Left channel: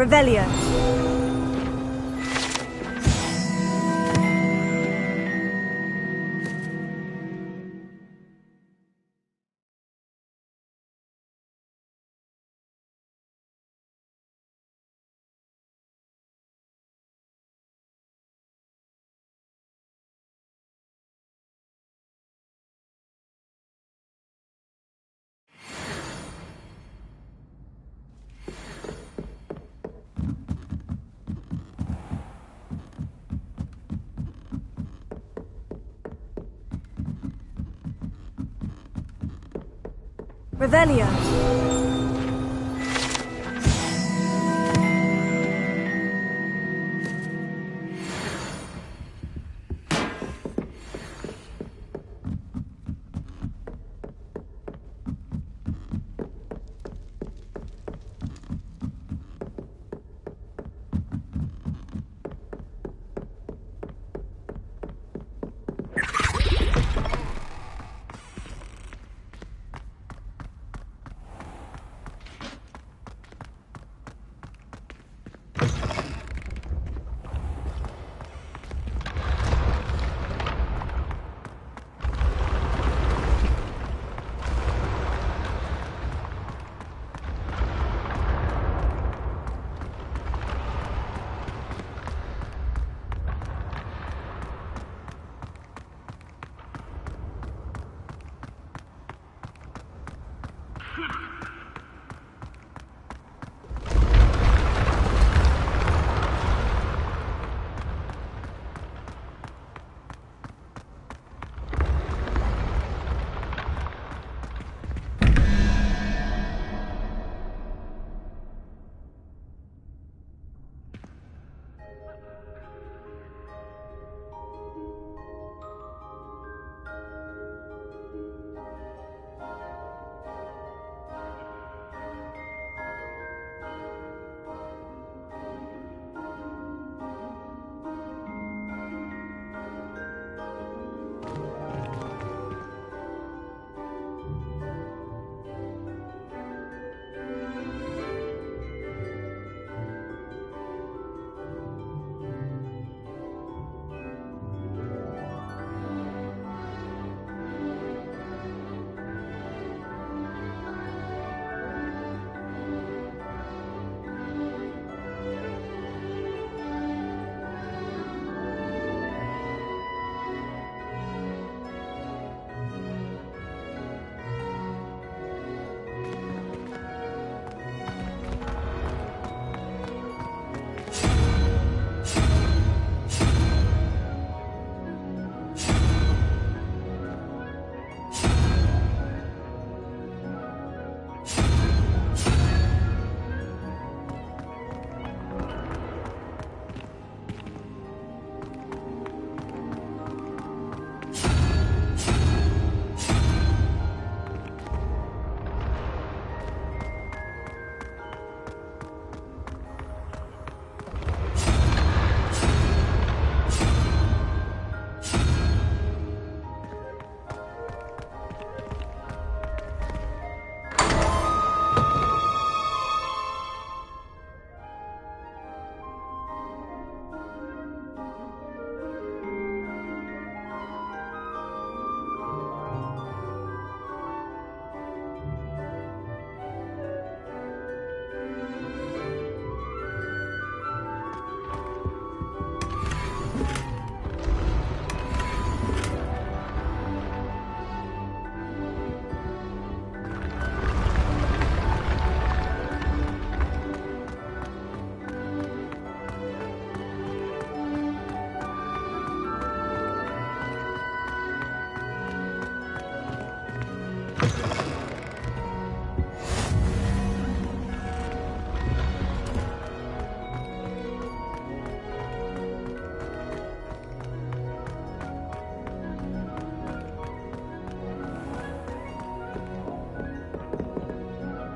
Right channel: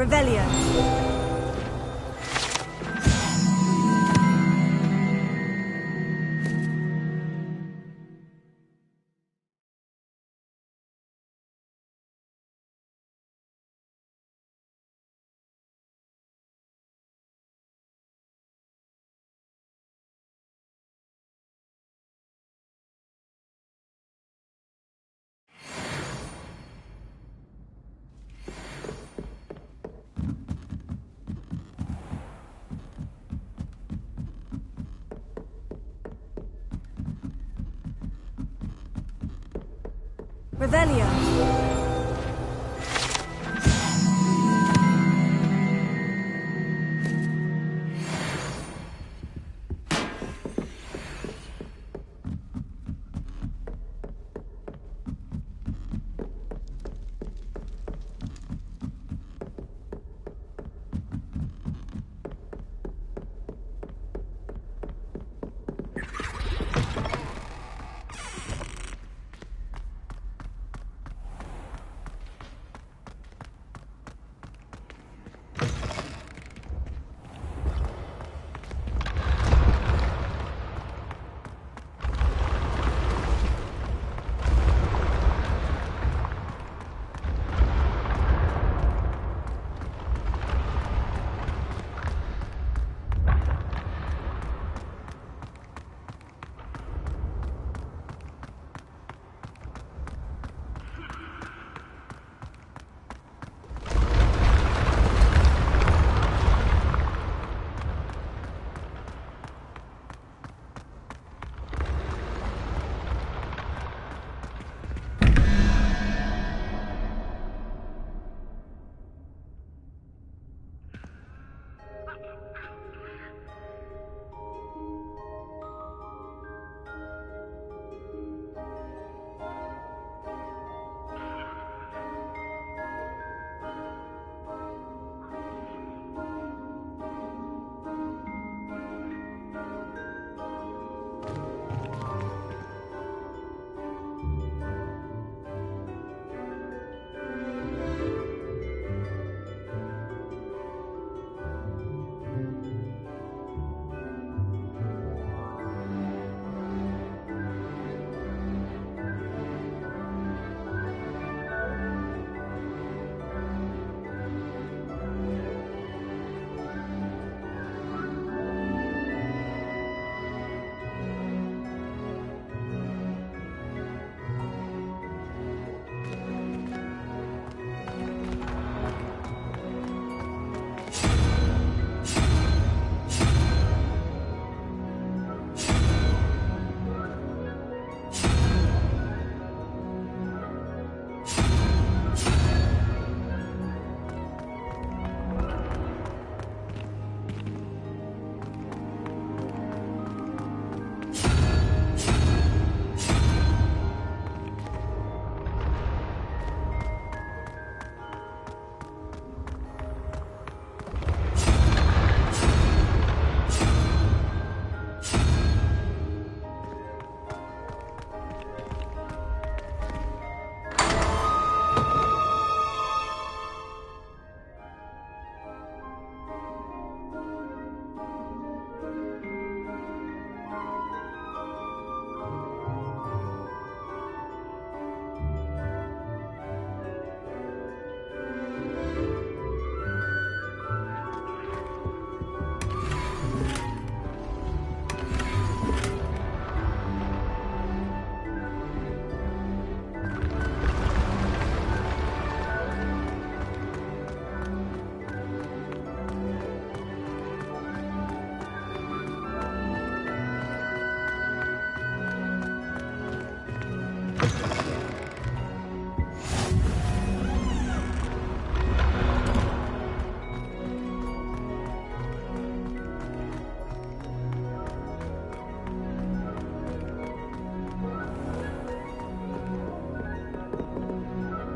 Revelio. Revelio.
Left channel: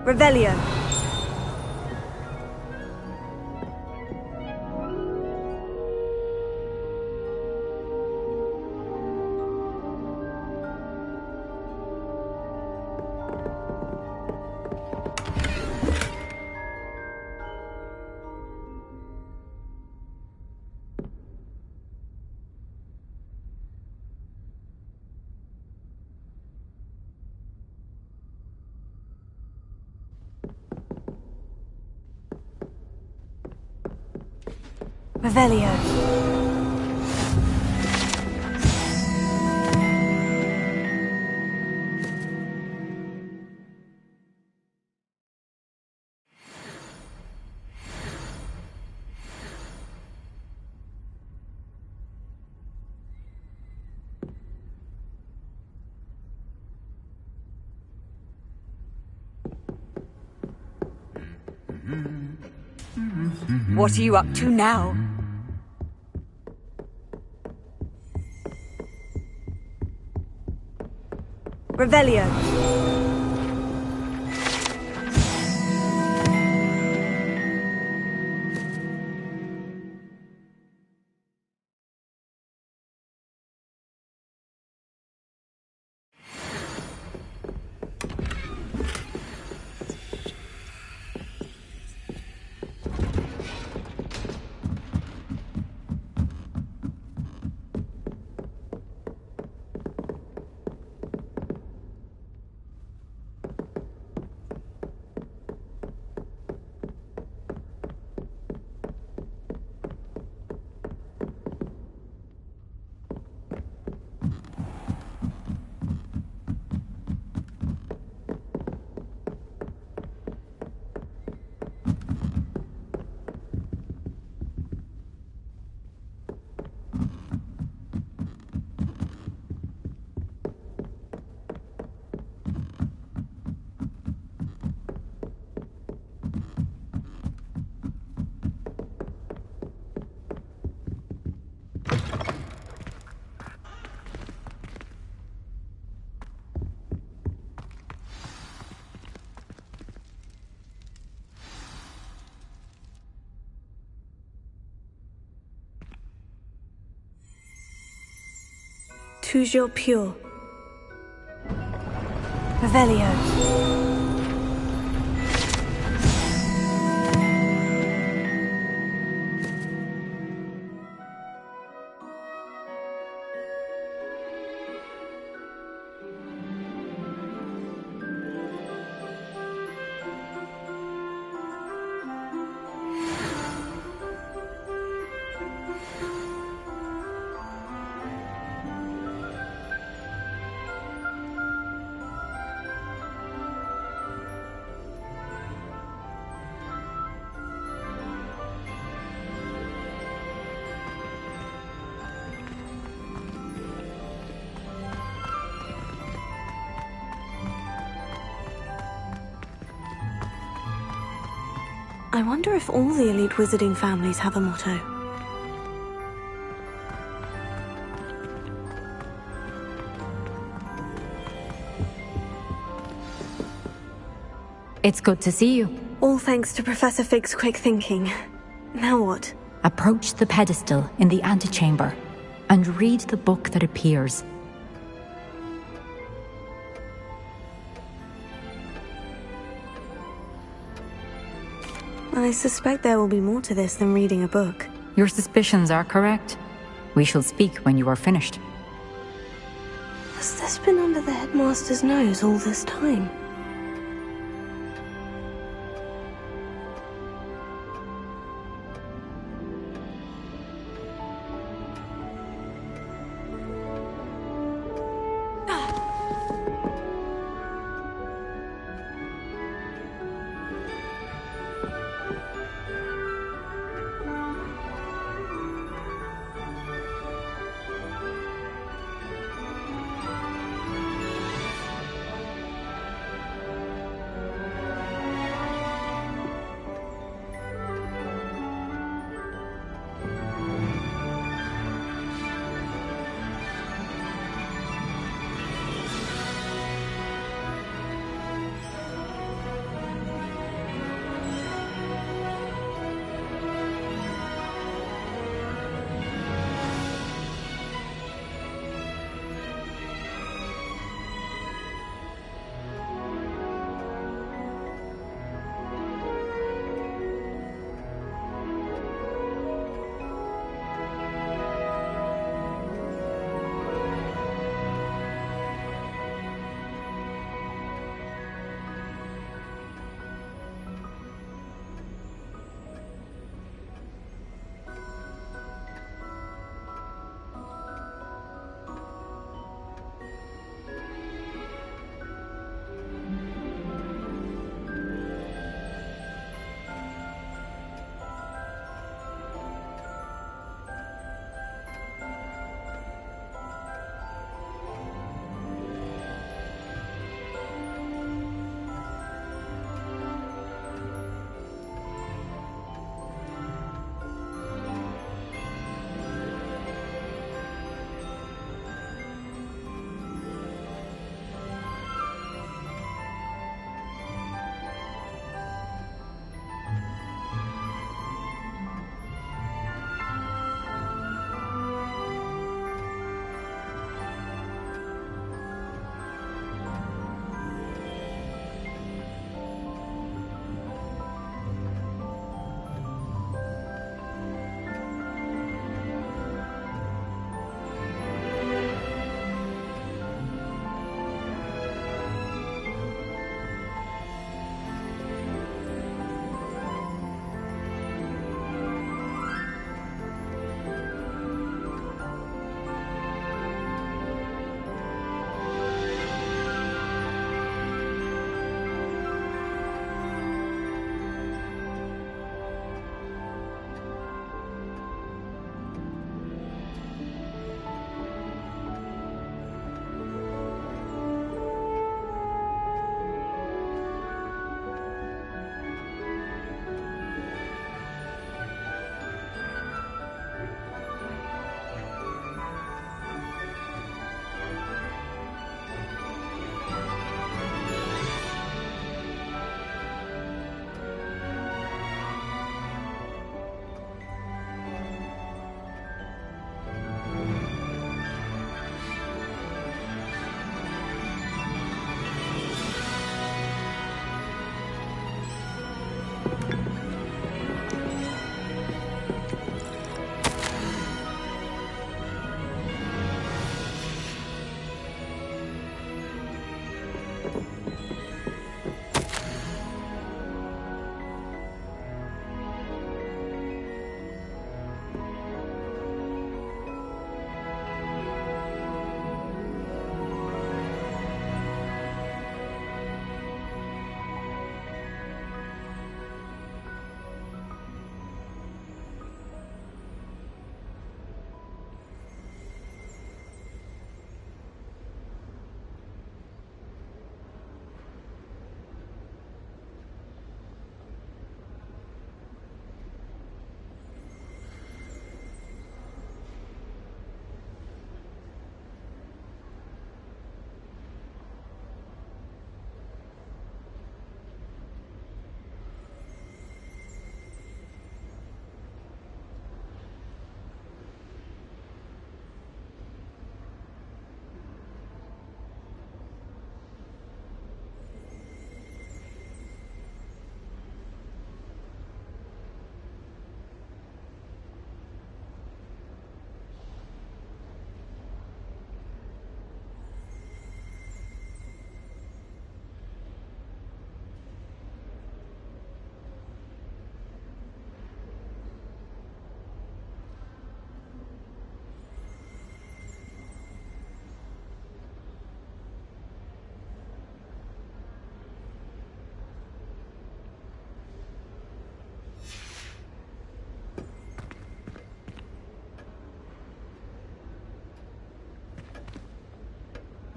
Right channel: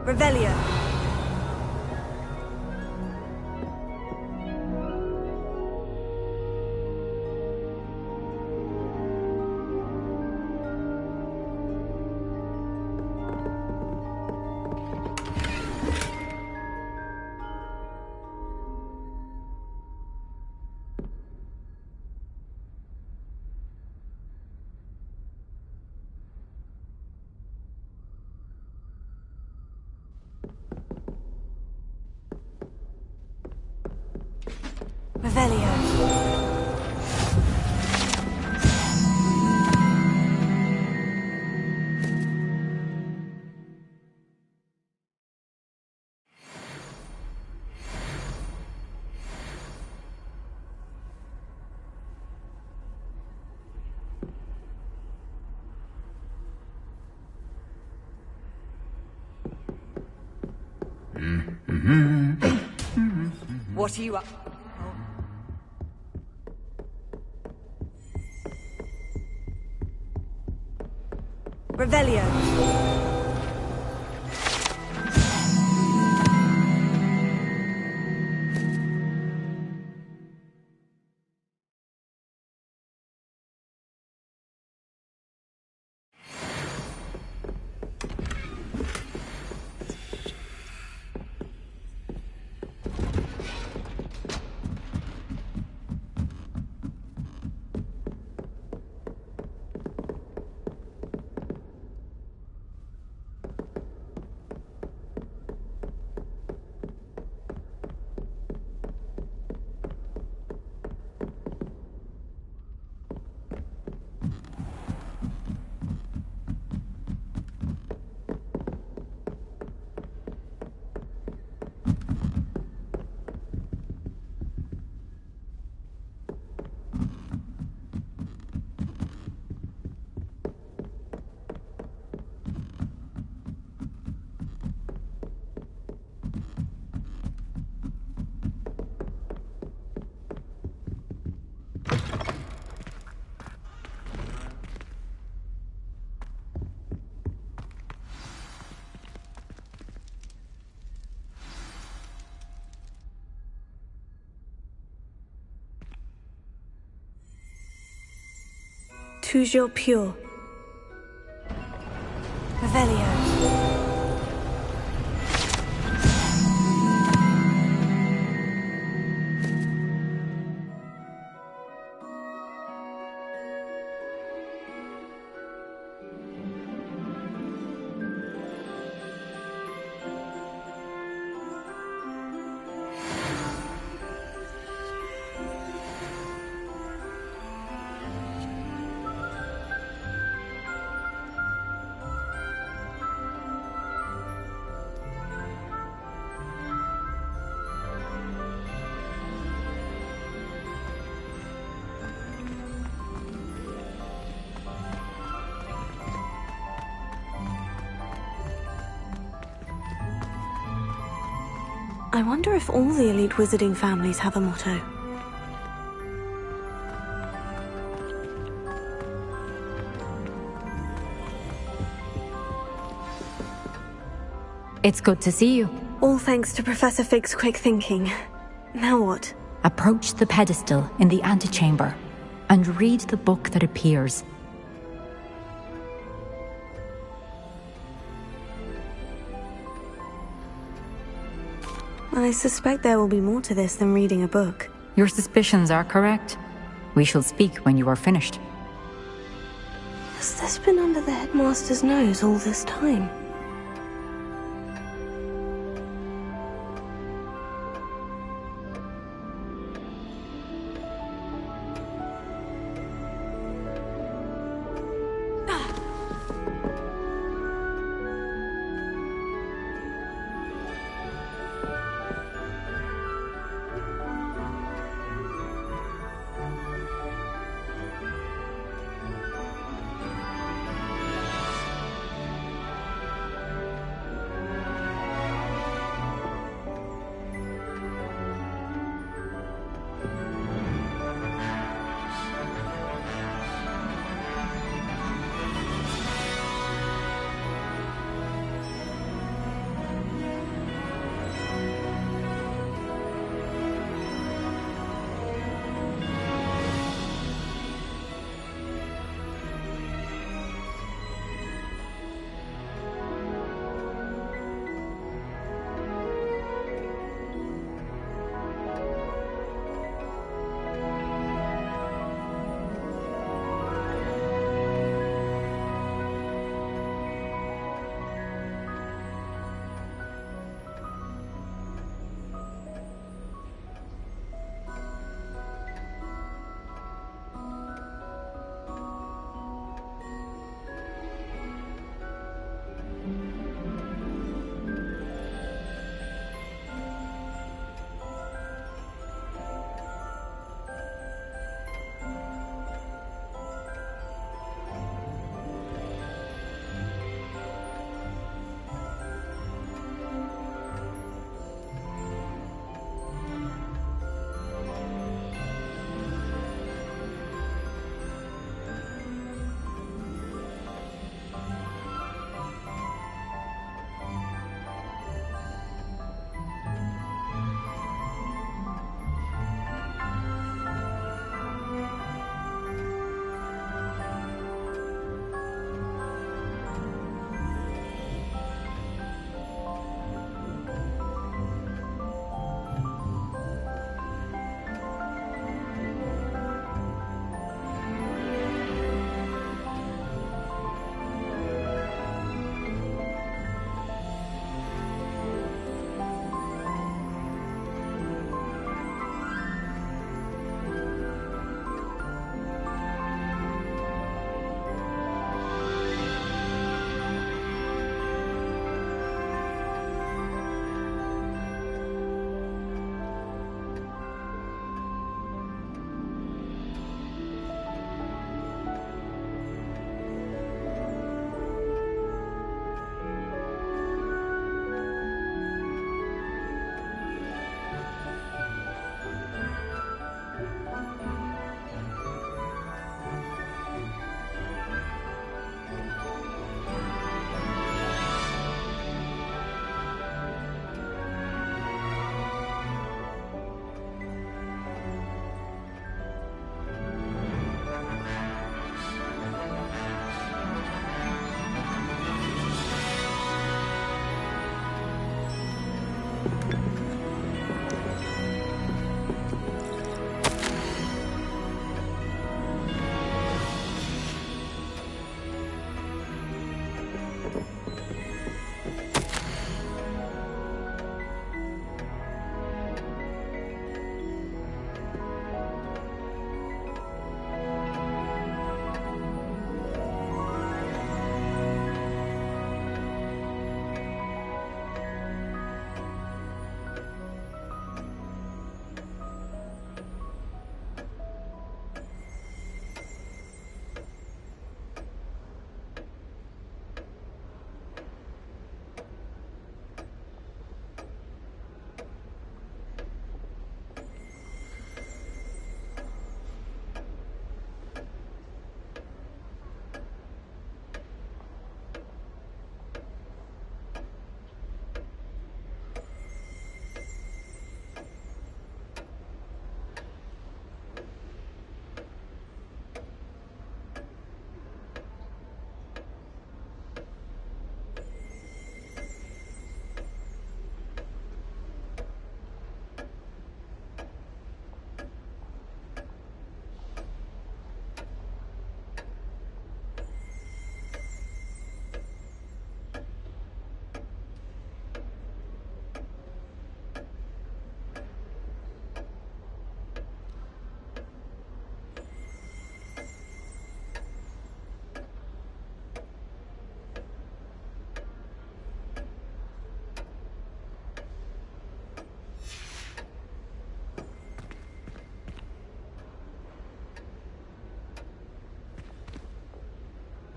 Revelio. Revelio. What are you up to now? Revelio. Toujours pure. Revelio. I wonder if all the elite wizarding families have a motto. It's good to see you. All thanks to Professor Fig's quick thinking. Now what? Approach the pedestal in the antechamber and read the book that appears. I suspect there will be more to this than reading a book. Your suspicions are correct. We shall speak when you are finished. Has this been under the headmaster's nose all this time?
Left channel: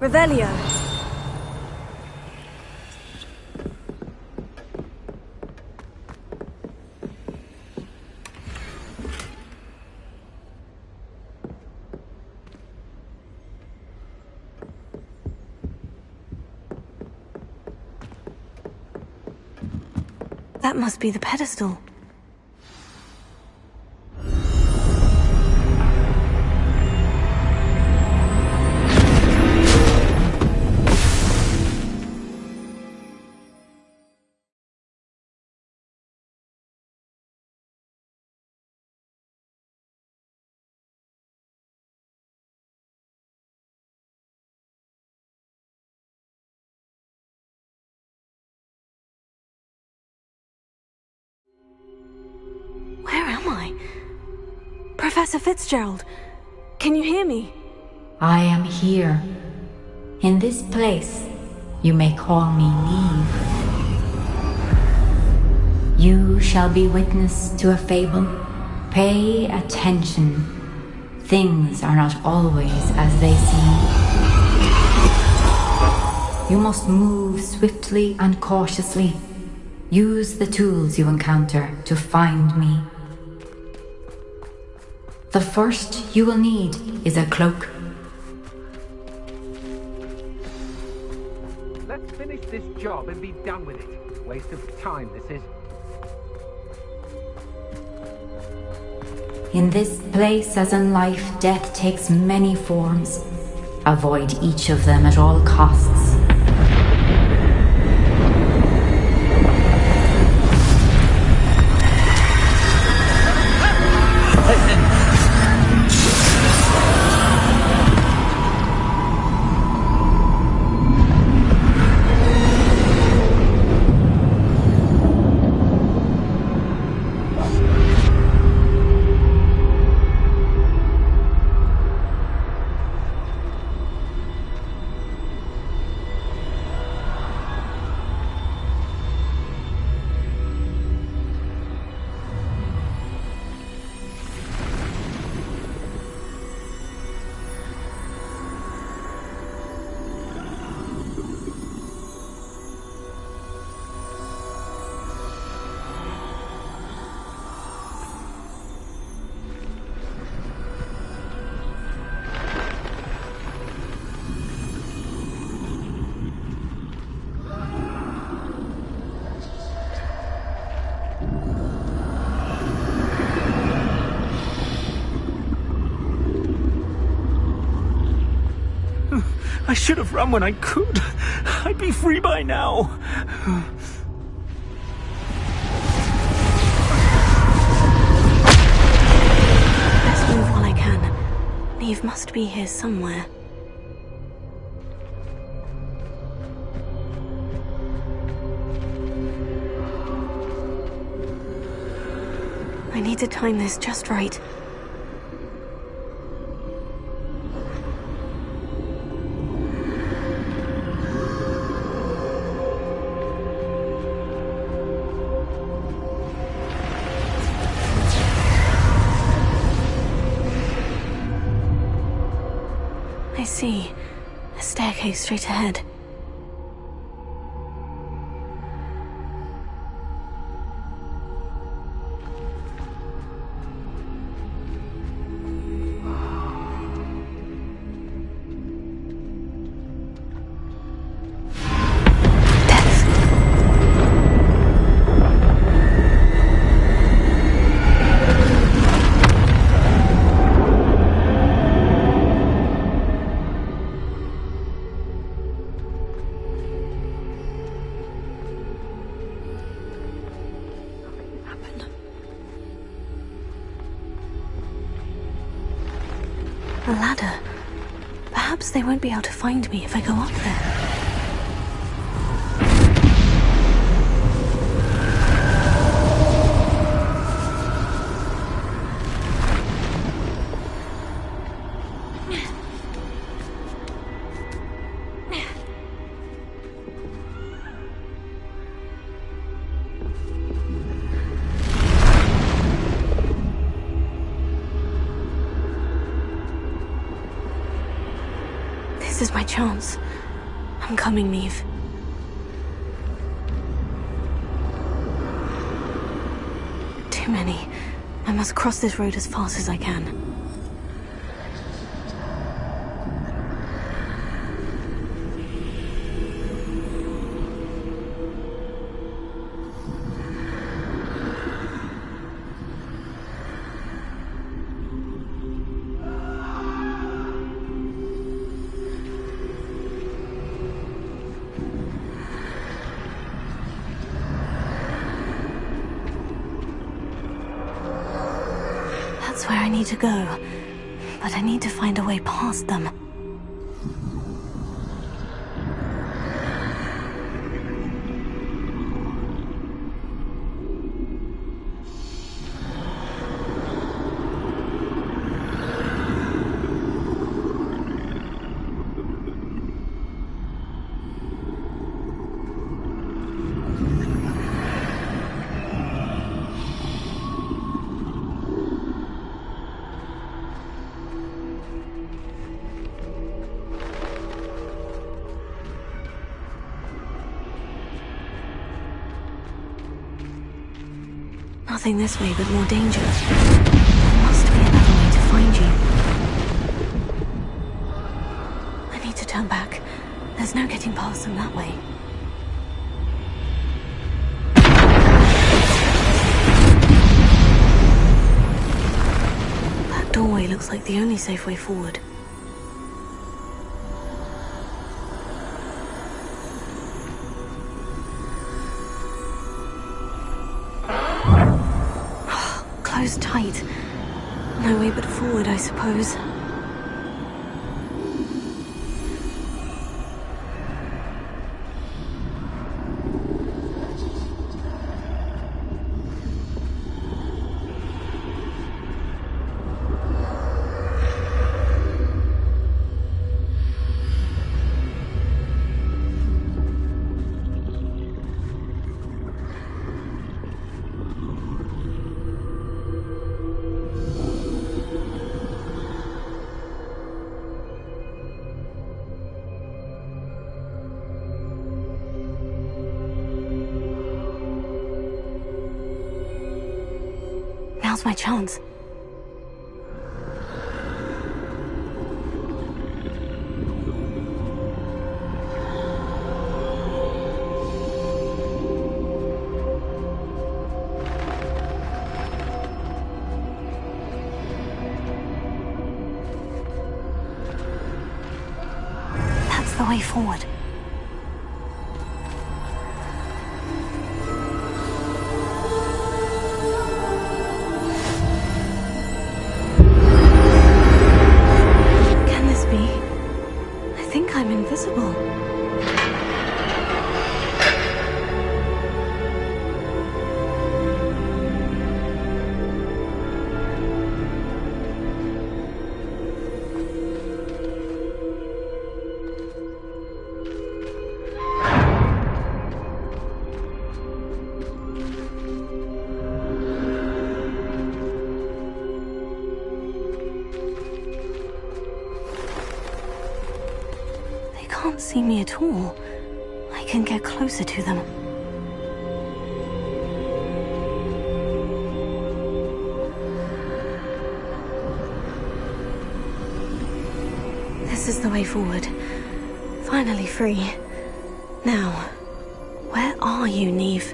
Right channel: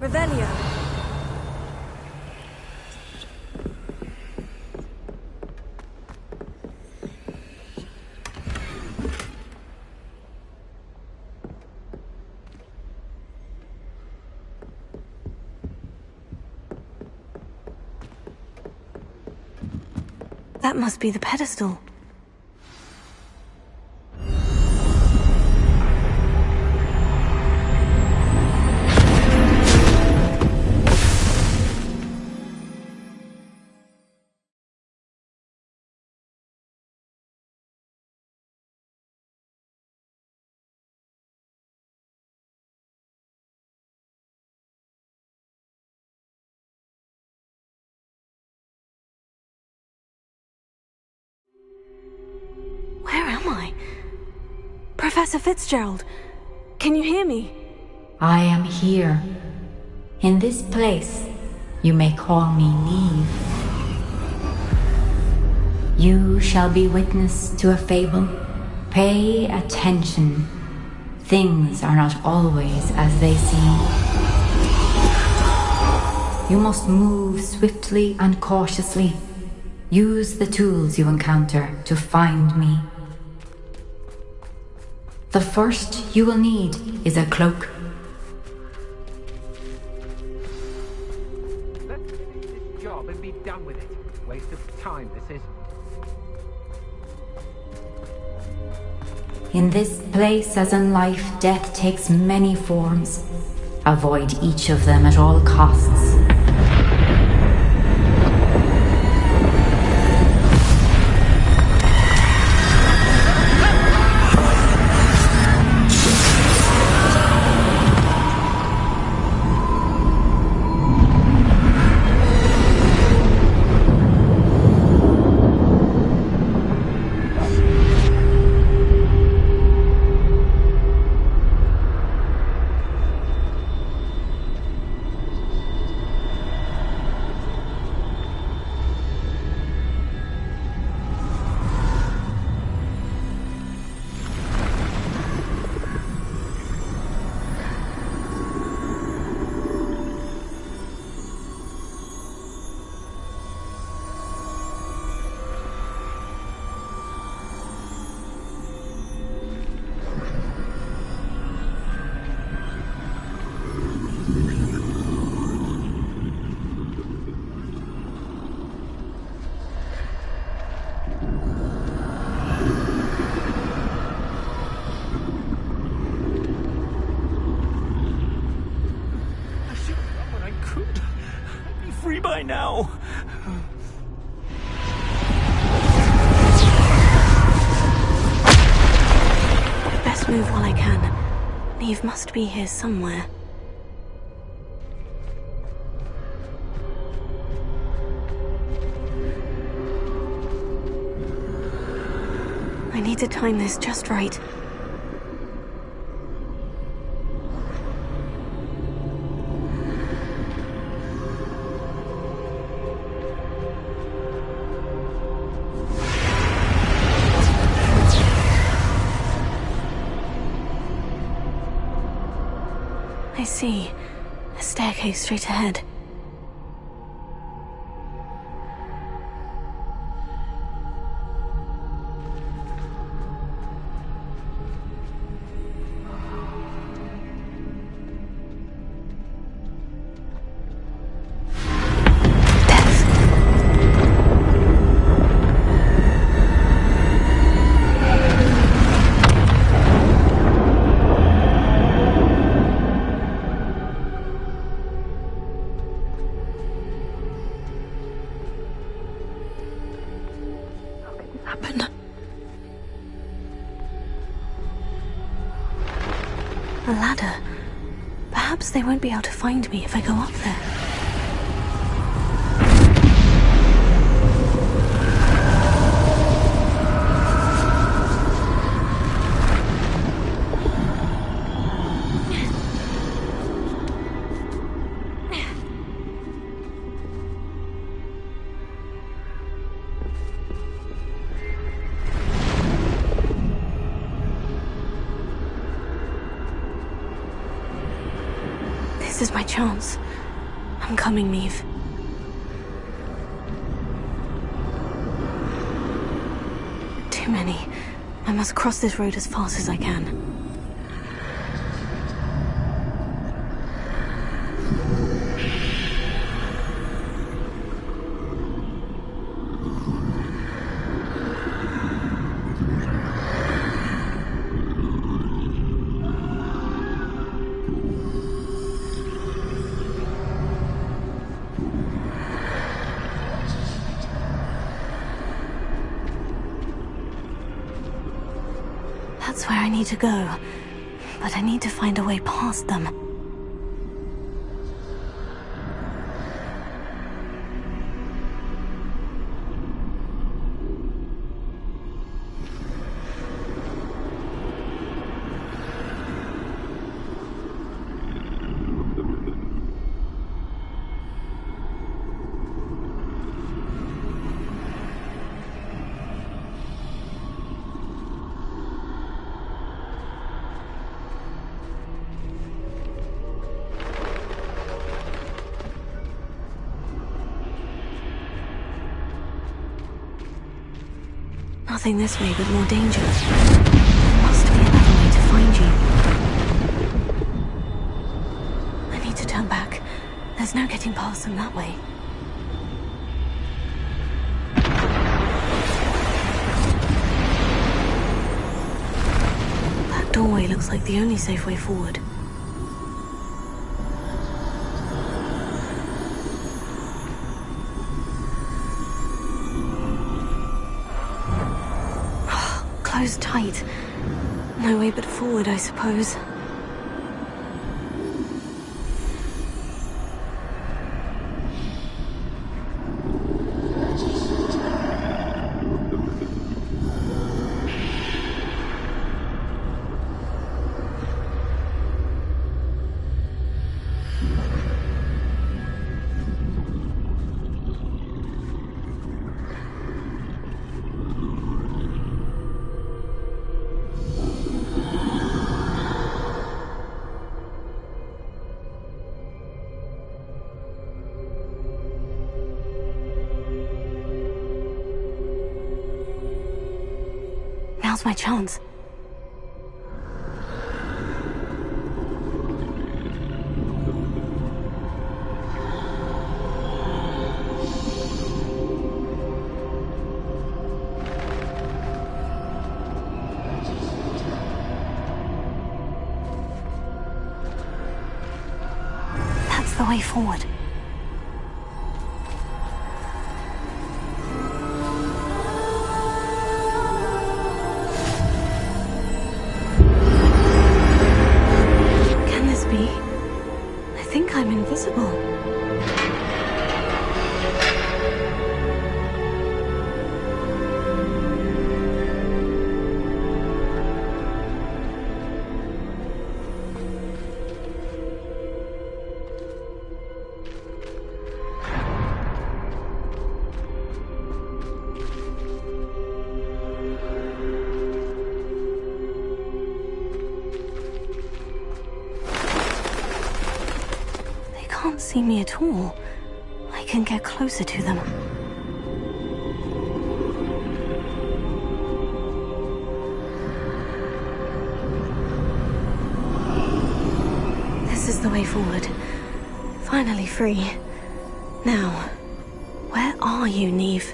Revelio. That must be the pedestal. Where am I? Professor Fitzgerald, can you hear me? I am here. In this place, you may call me Neve. You shall be witness to a fable. Pay attention. Things are not always as they seem. You must move swiftly and cautiously. Use the tools you encounter to find me. The first you will need is a cloak. Let's finish this job and be done with it. Waste of time, this is. In this place, as in life, death takes many forms. Avoid each of them at all costs. I should have run when I could. I'd be free by now. Best move while I can. Neve must be here somewhere. I need to time this just right. I see. A staircase straight ahead. A ladder. Perhaps they won't be able to find me if I go up there. This is my chance. I'm coming, Neve. Too many. I must cross this road as fast as I can. That's where I need to go, but I need to find a way past them. Nothing this way but more danger. There must be another way to find you. I need to turn back. There's no getting past them that way. That doorway looks like the only safe way forward. Closed tight. No way but forward, I suppose. Now's my chance. That's the way forward. I'm invisible. Can't see me at all. I can get closer to them. This is the way forward. Finally free. Now, where are you, Neve?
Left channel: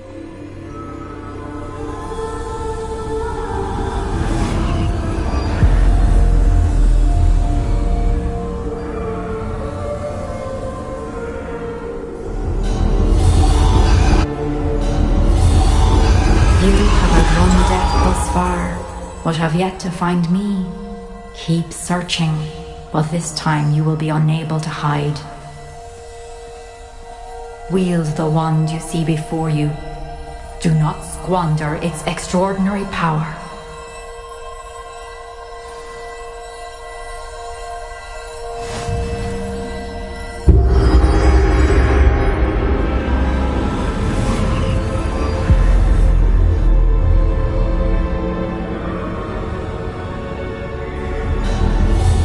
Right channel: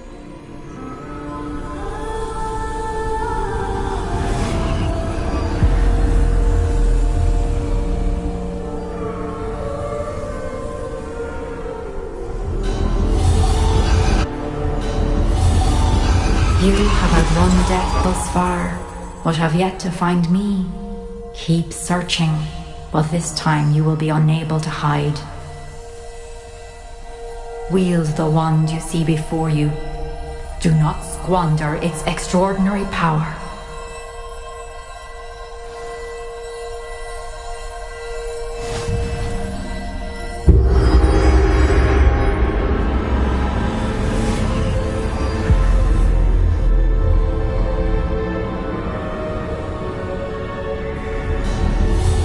You have outrun death thus far, but have yet to find me. Keep searching, but this time you will be unable to hide. Wield the wand you see before you. Do not squander its extraordinary power.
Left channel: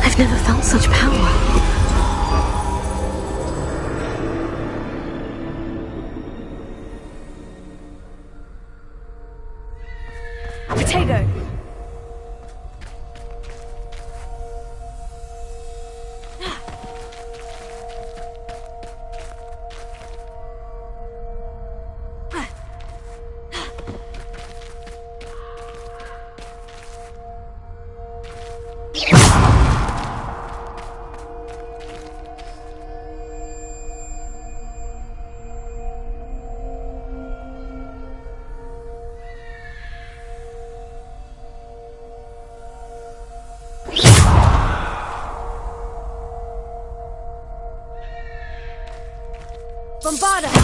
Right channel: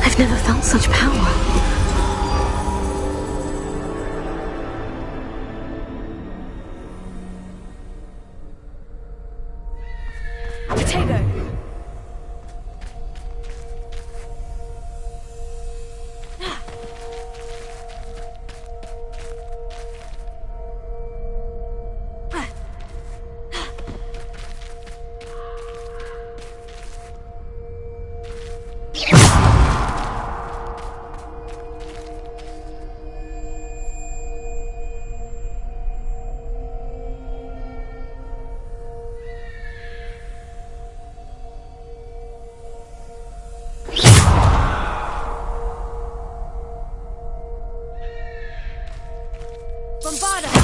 I've never felt such power. Potato! Bombarda!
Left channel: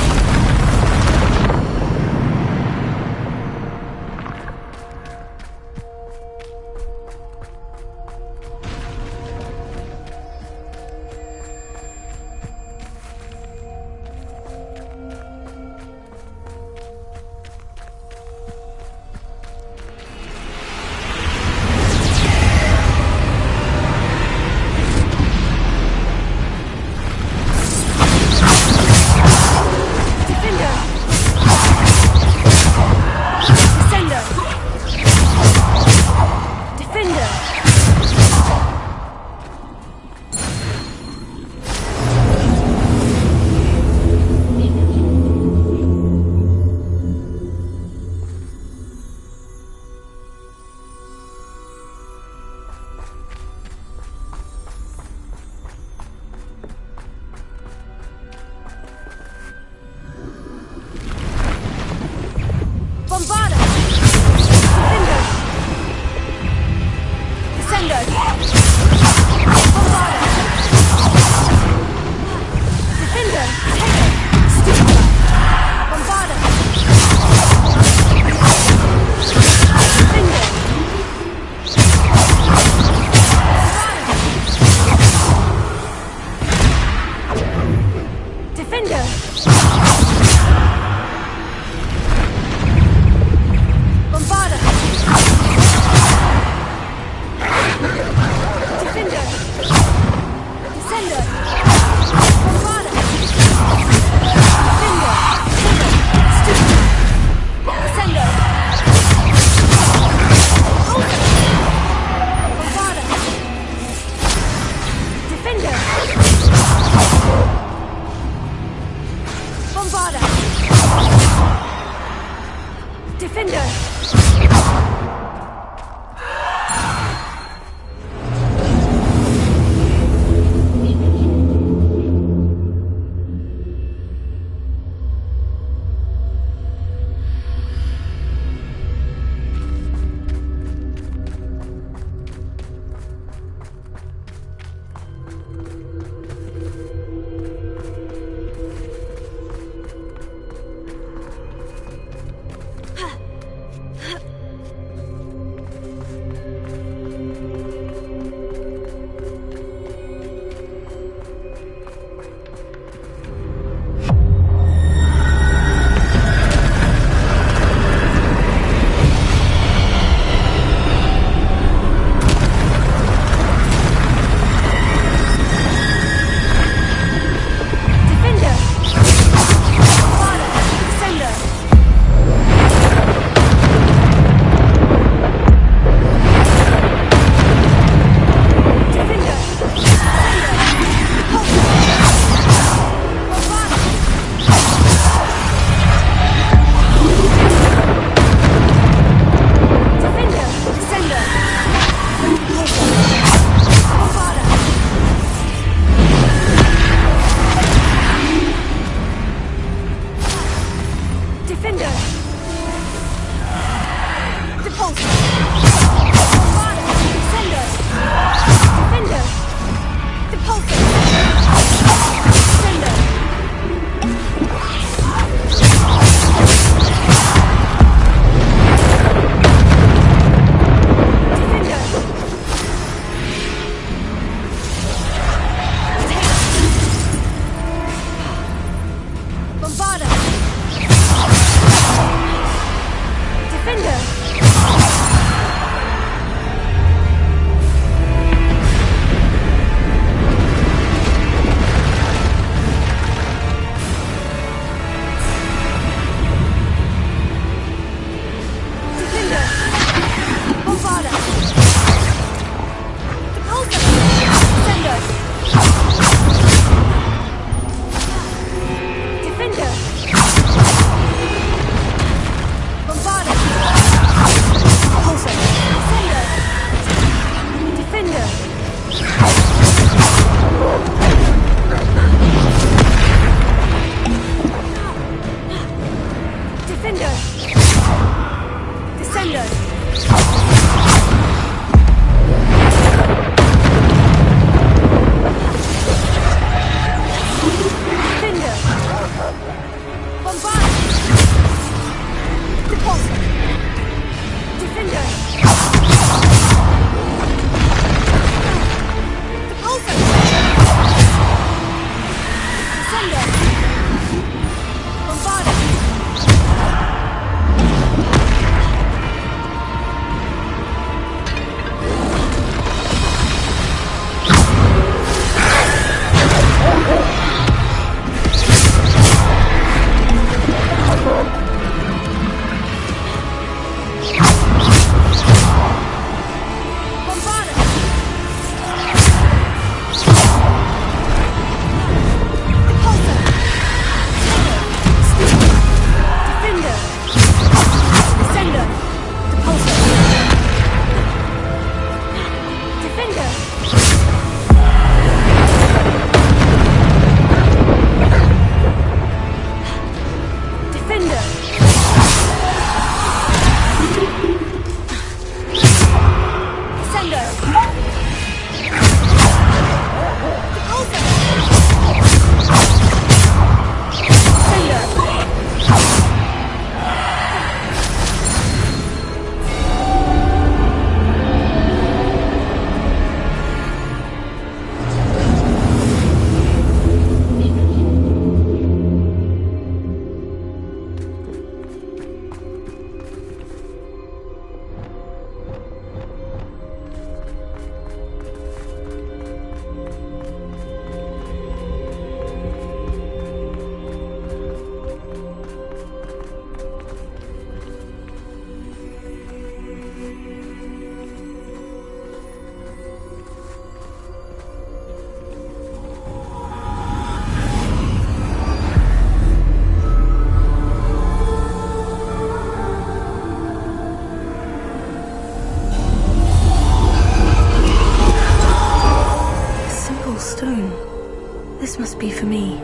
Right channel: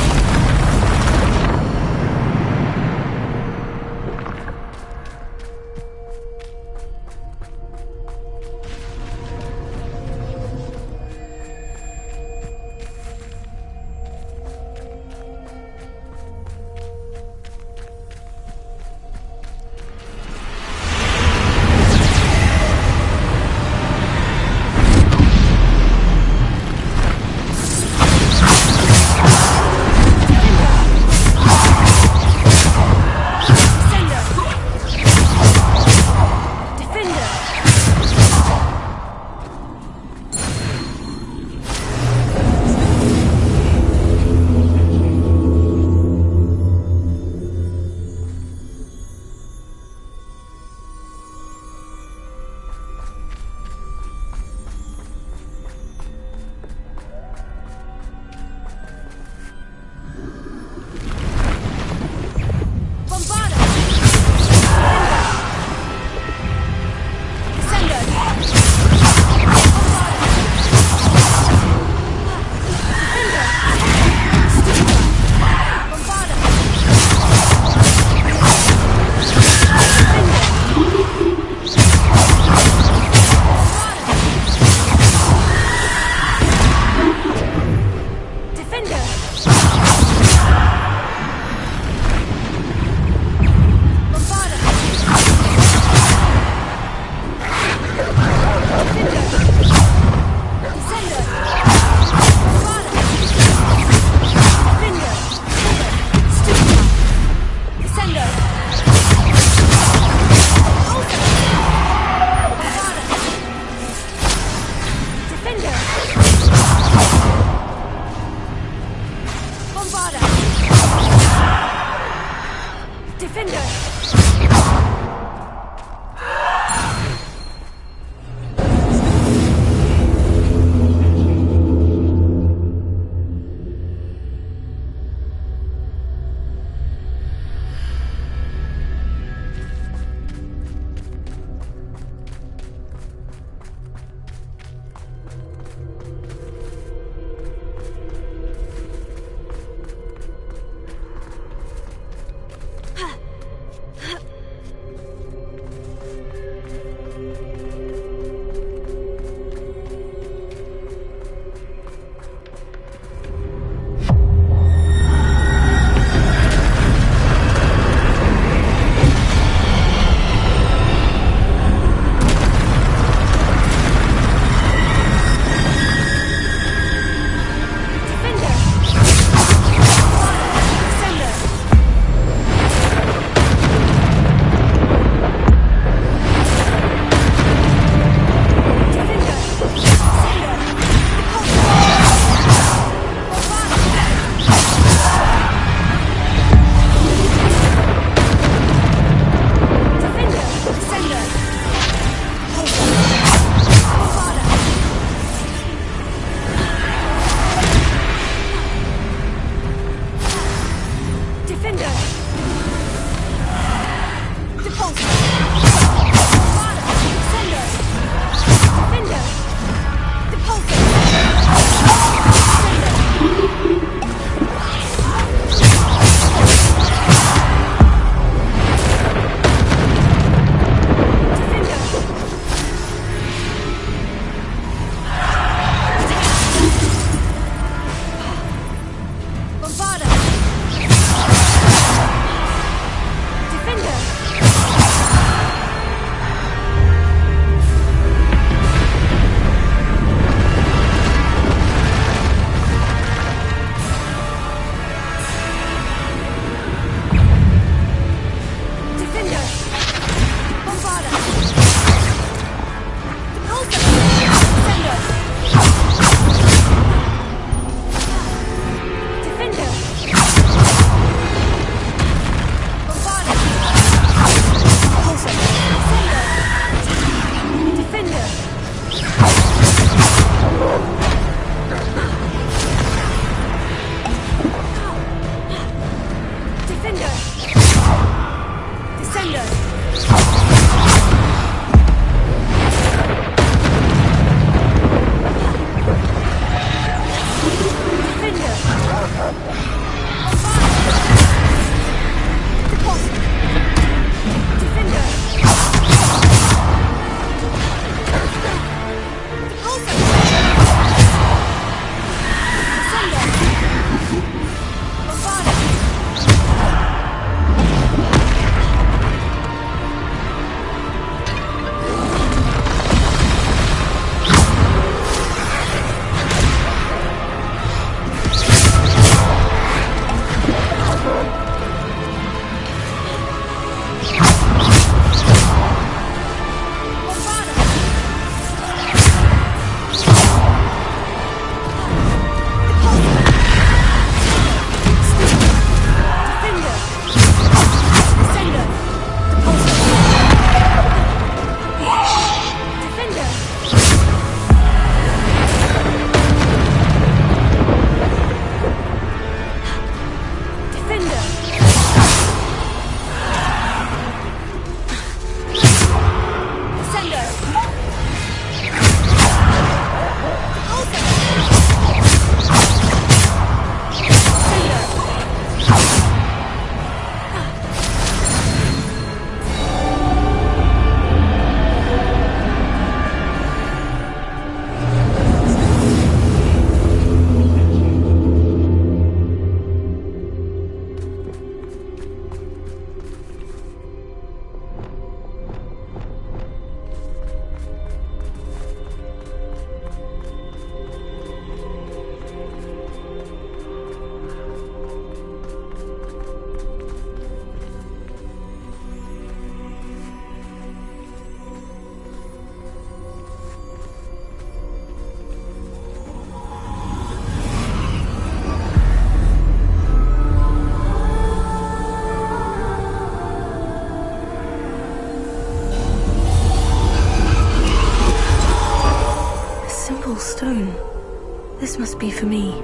be for me.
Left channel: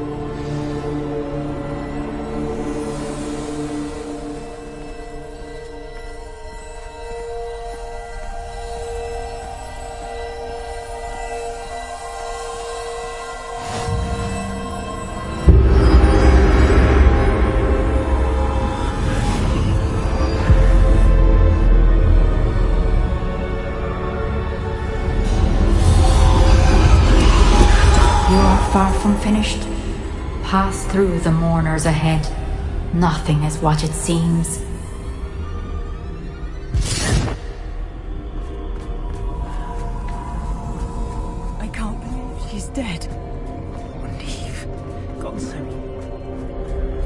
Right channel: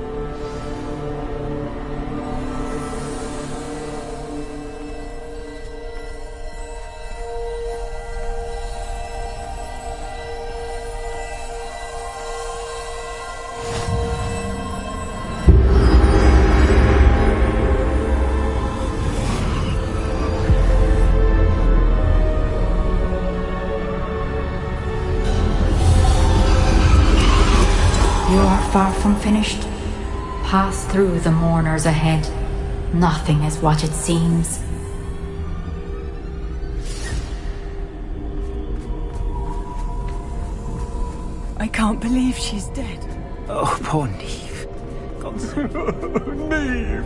You are far from finished. Pass through the mourners ahead. Nothing is what it seems. I can't believe she's dead. Oh, poor Neve. God save Neve.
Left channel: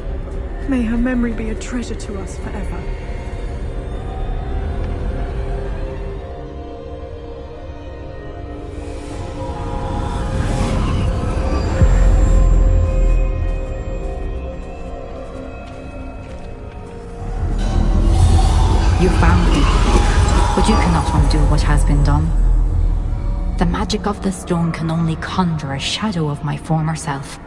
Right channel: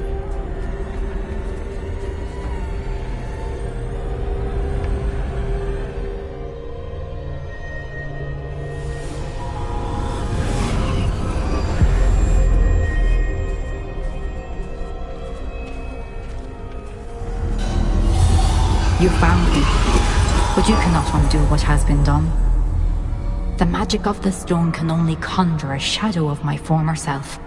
May her memory be a treasure to us forever. You found me, but you cannot undo what has been done. The magic of the stone can only conjure a shadow of my former self.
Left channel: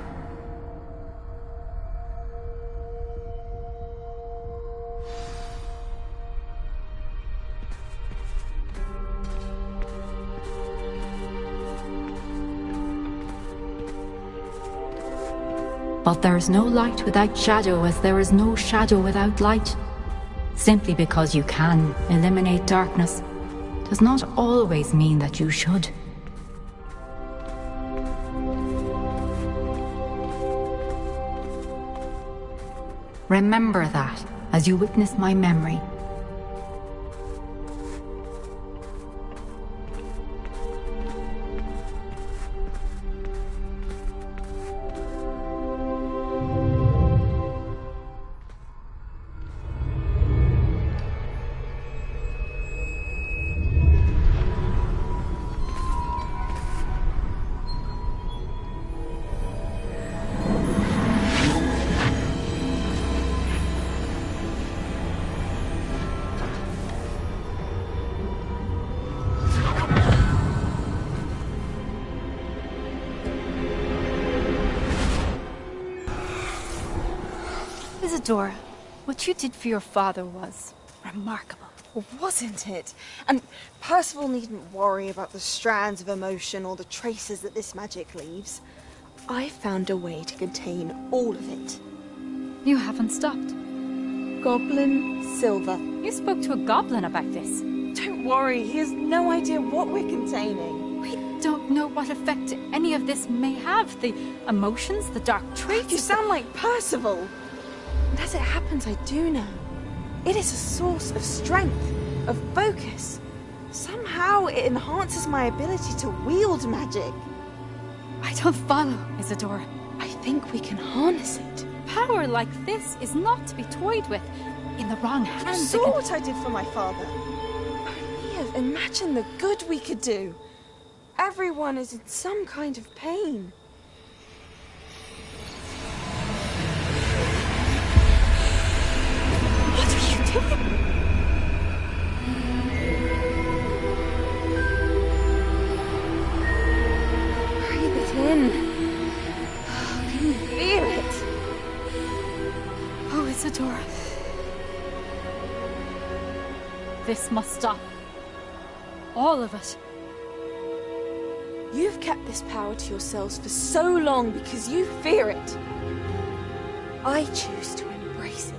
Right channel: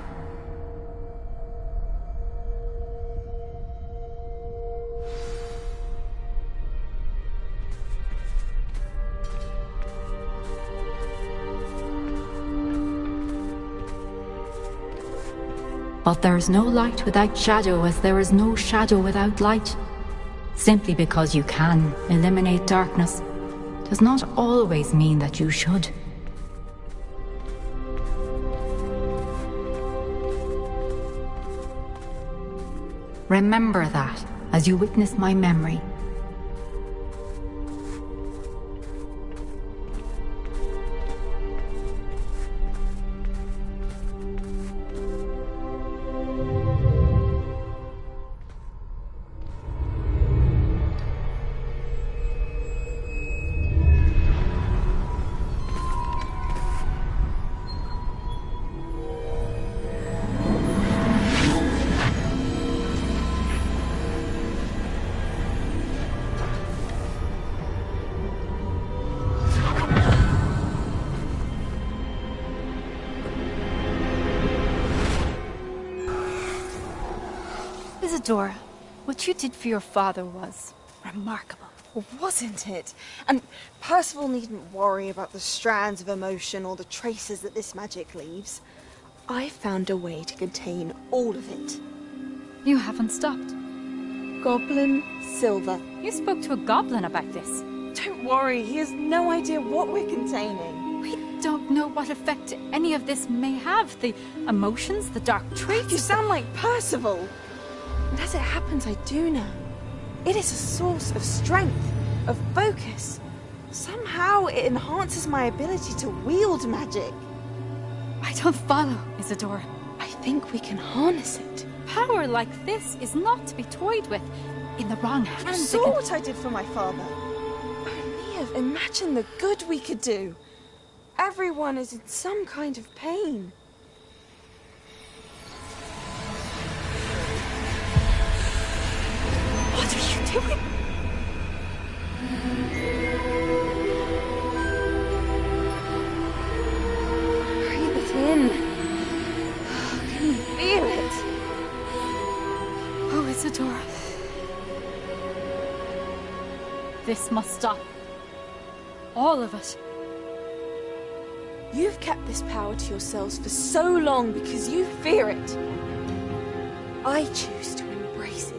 But there is no light without shadow, as there is no shadow without light. Simply because you can eliminate darkness does not always mean that you should. Remember that as you witness my memory. Isadora, what you did for your father was remarkable. Wasn't it? And Percival needn't worry about the strands of emotion or the traces that this magic leaves. I found a way to contain all of it. You haven't stopped. Goblin Silver. You spoke to a goblin about this. Don't worry, he has no idea what we're containing. We don't know what effect any of this may have. The emotions, the dark traits. You sound like Percival. And as it happens, I do know. It is a source of strength, of focus. Somehow it enhances my ability to wield magic. I don't follow, Isadora. I think we can harness it. Power like this is not to be toyed with. In the wrong You hands, saw what I did for my father. Only imagine the good we could do. Everyone is in some kind of pain. What are you doing? Breathe it in. Can you feel it? Oh, Isadora. This must stop. All of it. You've kept this power to yourselves for so long because you fear it. I choose to embrace it.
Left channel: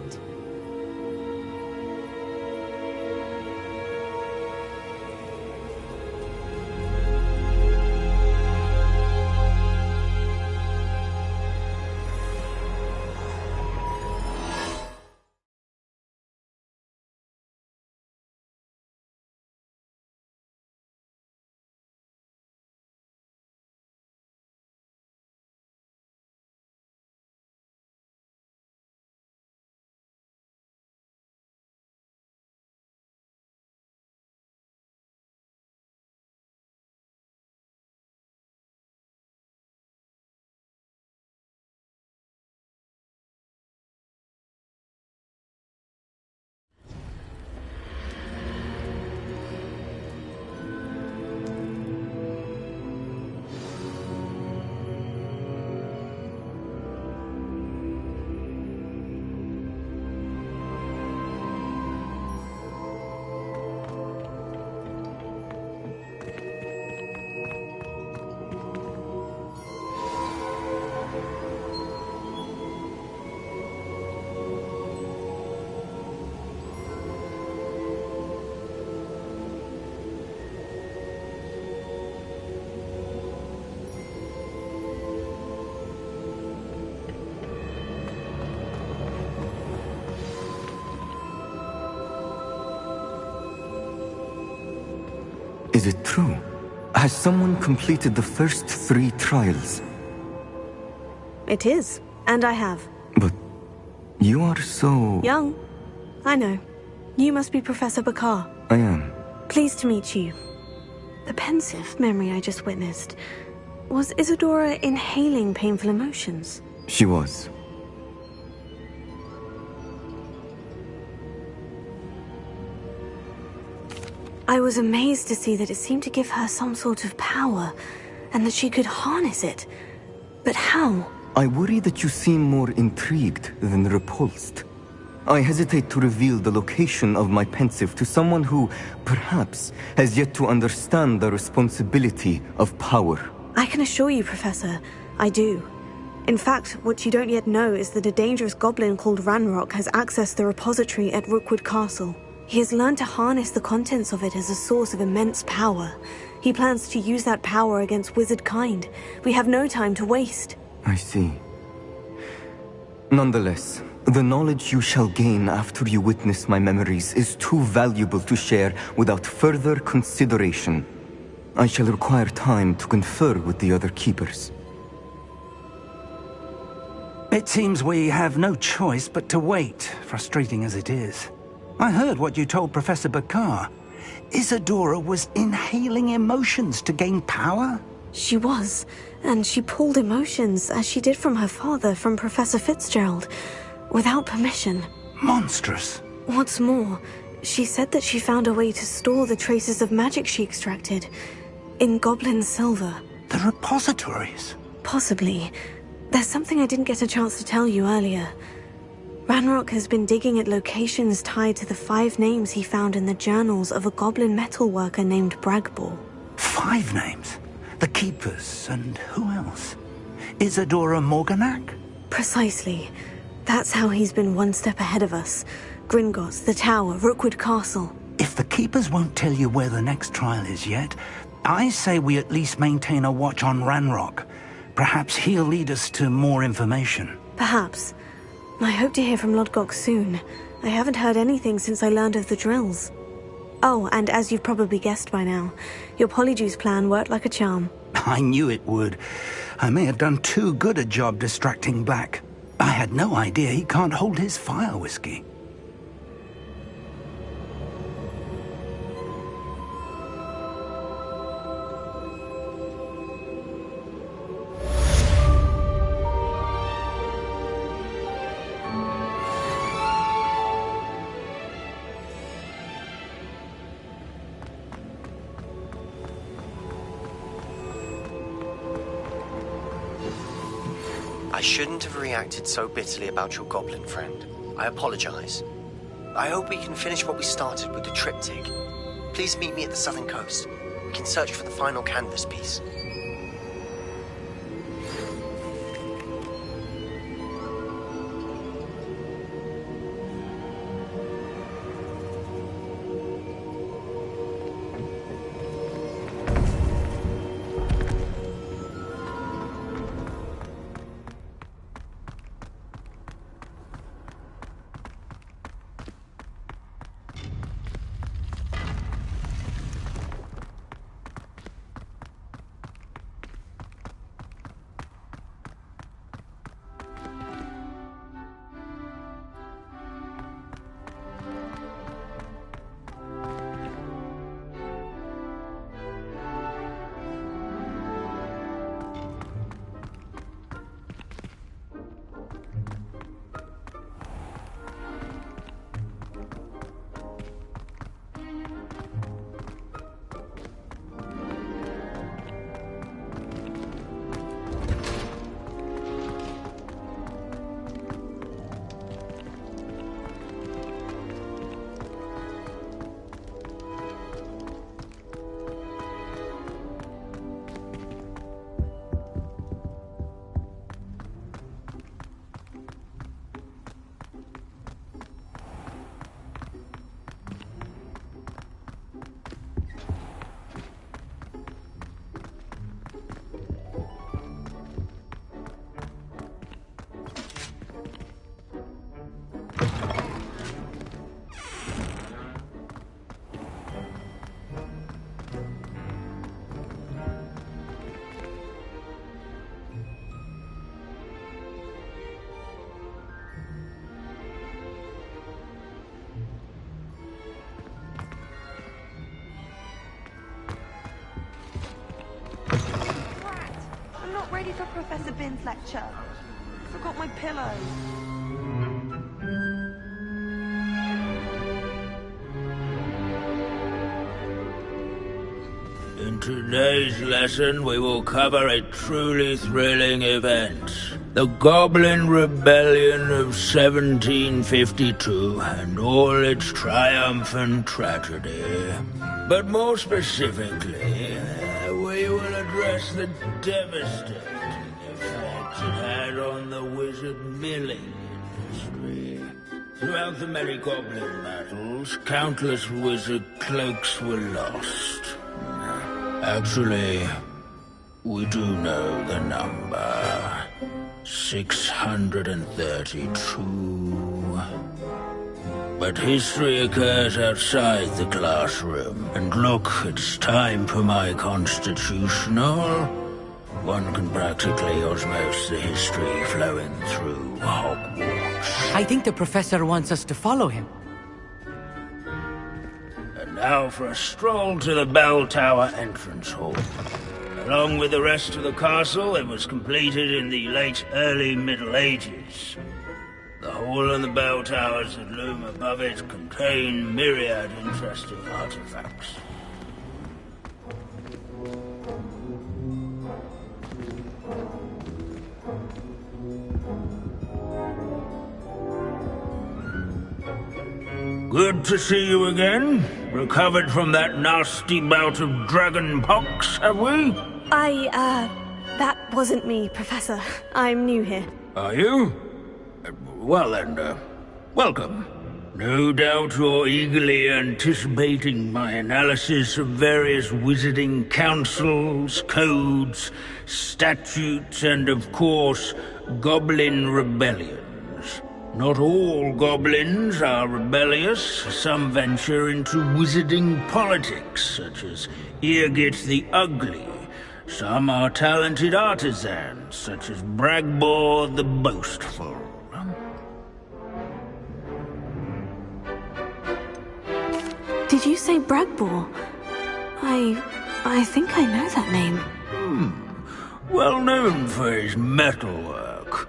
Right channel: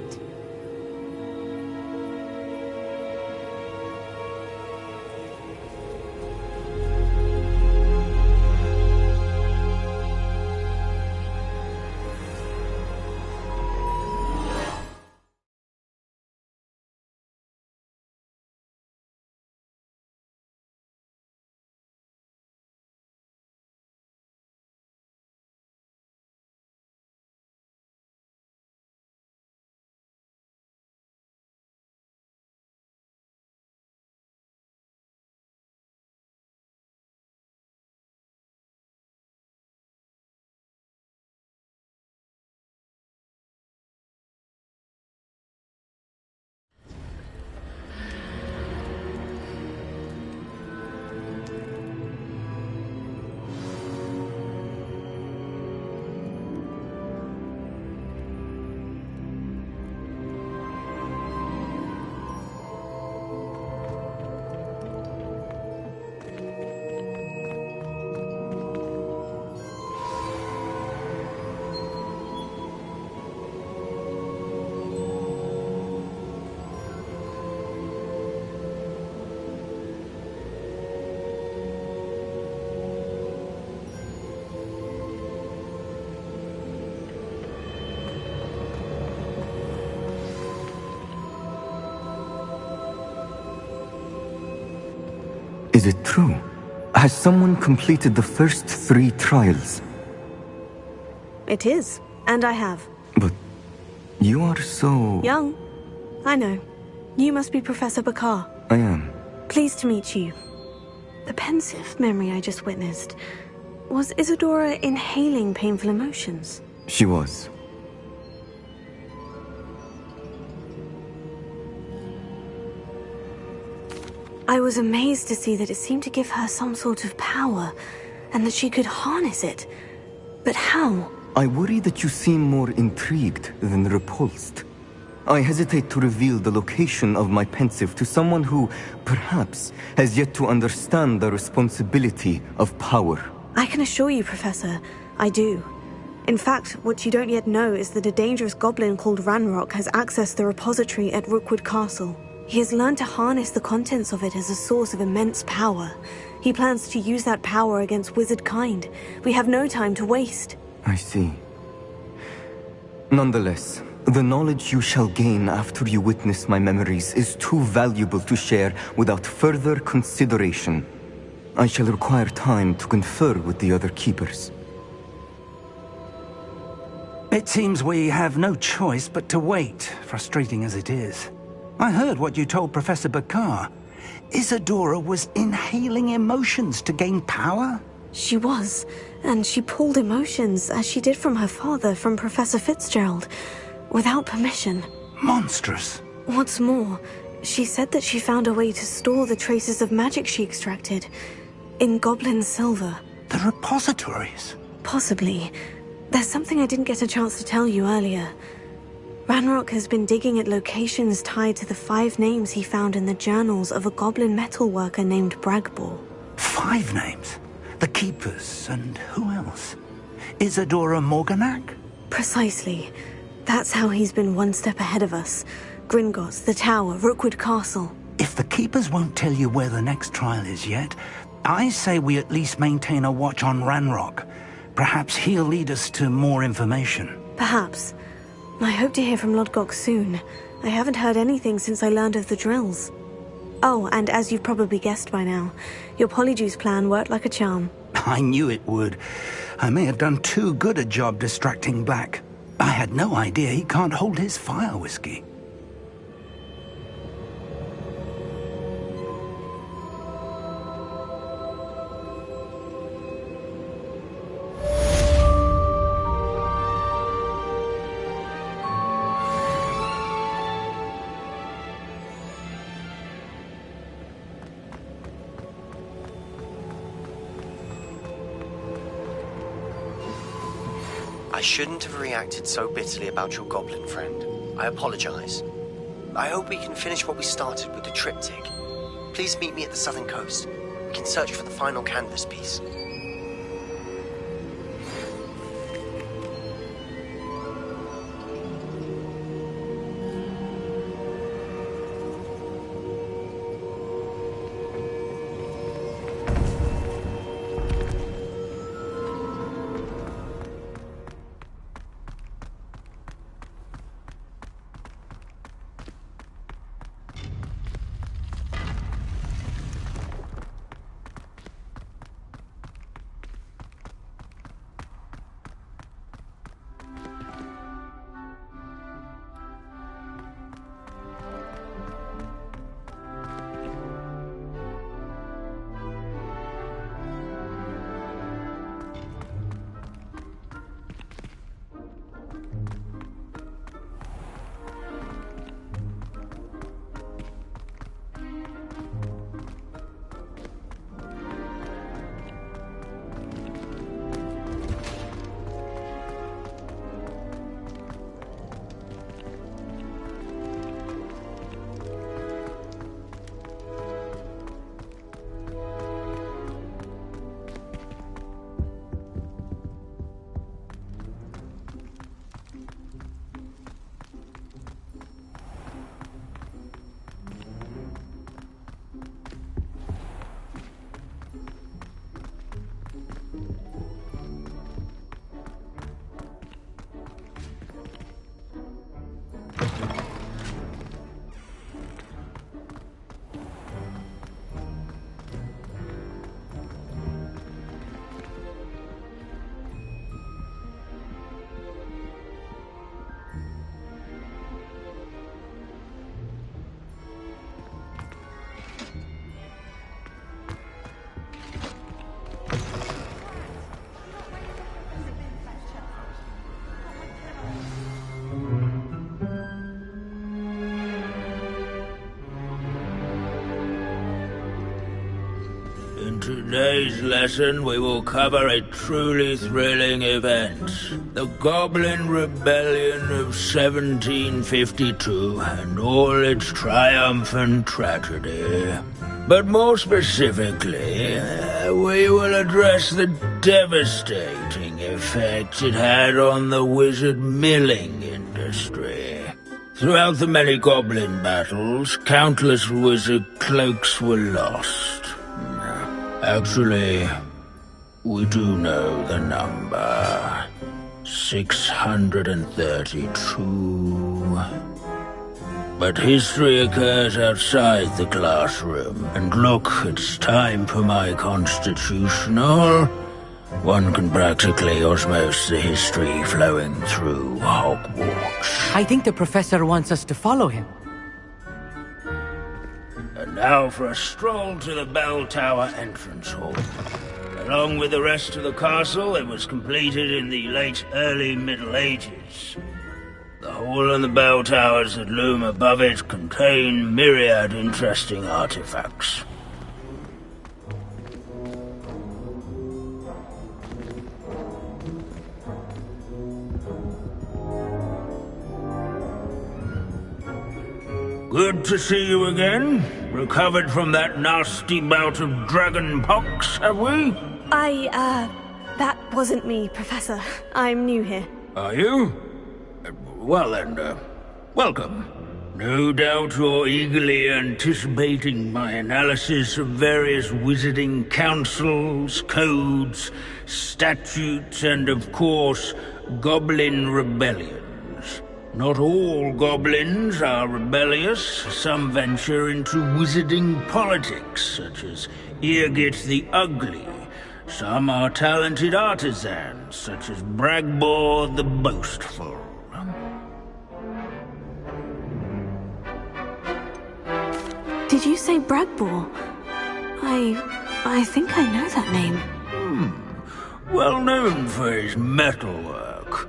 it true? Has someone completed the first 3 trials? It is, and I have. But you are so... Young. I know. You must be Professor Bakar. I am. Pleased to meet you. The pensive memory I just witnessed. Was Isadora inhaling painful emotions? She was. I was amazed to see that it seemed to give her some sort of power, and that she could harness it. But how? I worry that you seem more intrigued than repulsed. I hesitate to reveal the location of my pensive to someone who, perhaps, has yet to understand the responsibility of power. I can assure you, Professor, I do. In fact, what you don't yet know is that a dangerous goblin called Ranrock has accessed the repository at Rookwood Castle. He has learned to harness the contents of it as a source of immense power. He plans to use that power against wizard kind. We have no time to waste. I see. Nonetheless, the knowledge you shall gain after you witness my memories is too valuable to share without further consideration. I shall require time to confer with the other keepers. It seems we have no choice but to wait, frustrating as it is. I heard what you told Professor Bakar. Isadora was inhaling emotions to gain power? She was, and she pulled emotions, as she did from her father, from Professor Fitzgerald, without permission. Monstrous. What's more, she said that she found a way to store the traces of magic she extracted in goblin silver. The repositories? Possibly. There's something I didn't get a chance to tell you earlier. Ranrock has been digging at locations tied to the 5 names he found in the journals of a goblin metalworker named Bragbor. 5 names? The Keepers, and who else? Isadora Morganac? Precisely. That's how he's been one step ahead of us. Gringotts, the Tower, Rookwood Castle. If the Keepers won't tell you where the next trial is yet, I say we at least maintain a watch on Ranrock. Perhaps he'll lead us to more information. Perhaps. I hope to hear from Lodgok soon. I haven't heard anything since I learned of the drills. Oh, and as you've probably guessed by now, your Polyjuice plan worked like a charm. I knew it would. I may have done too good a job distracting Black. I had no idea he can't hold his fire whiskey. I shouldn't have reacted so bitterly about your goblin friend. I apologize. I hope we can finish what we started with the triptych. Please meet me at the southern coast. We can search for the final canvas piece. Professor Binns' lecture. Forgot my pillow. In today's lesson, we will cover a truly thrilling event. The Goblin Rebellion of 1752 and all its triumphant tragedy. But more specifically, we will address the devastating effects it had on the wizard milling industry. Throughout the many goblin battles, countless wizard cloaks were lost. Actually, we do know the number. 632. But history occurs outside the classroom. And look, it's time for my constitutional. One can practically osmose the history flowing through Hogwarts. I think the professor wants us to follow him. And now for a stroll to the bell tower entrance hall. Along with the rest of the castle, it was completed in the late early Middle Ages. The hall and the bell towers that loom above it contain myriad interesting artifacts. Good to see you again. Recovered from that nasty bout of dragon pox, have we? That wasn't me, Professor. I'm new here. Are you? Well then, welcome. No doubt you're eagerly anticipating my analysis of various wizarding councils, codes, statutes, and of course, goblin rebellions. Not all goblins are rebellious. Some venture into wizarding politics, such as Irgit the Ugly. Some are talented artisans, such as Bragbor the Boastful. Did you say Bragbor? I think I know that name. Well known for his metalwork.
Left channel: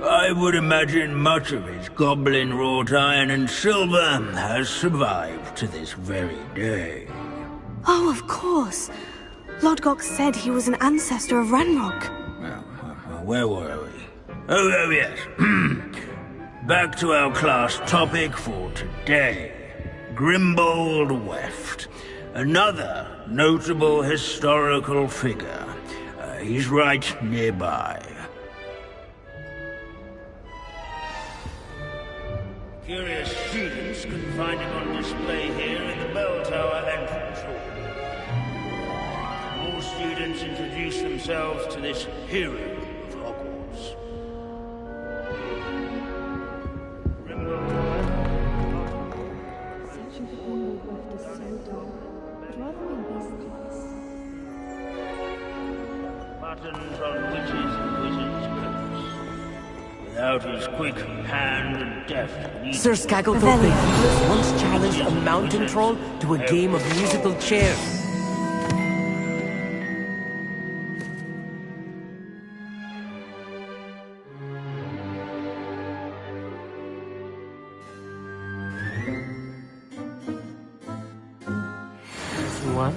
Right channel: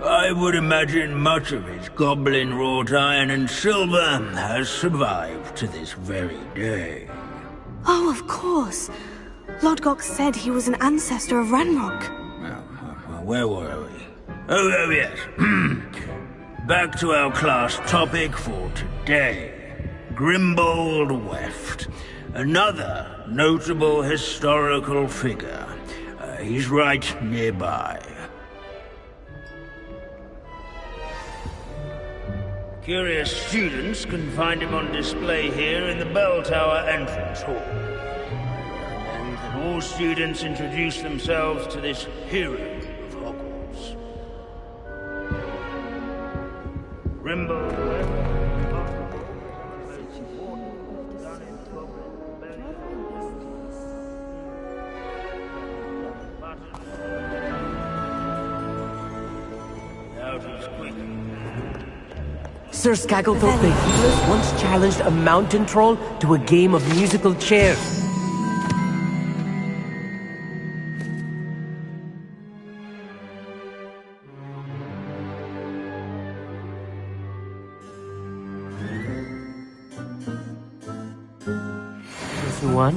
I would imagine much of his goblin wrought iron and silver has survived to this very day. Oh, of course. Lodgok said he was an ancestor of Ranrock. Where were we? Oh yes. Back to our class topic for today. Grimbold Weft. Another notable historical figure. He's right nearby. Curious students can find him on display here in the bell tower entrance hall. And can all students introduce themselves to this hero of Hogwarts. Grimbold Weft. Without his quick hand and deft. Sir Skagglethorpe the Heedless once challenged a mountain troll to a game of musical chairs. Missing one?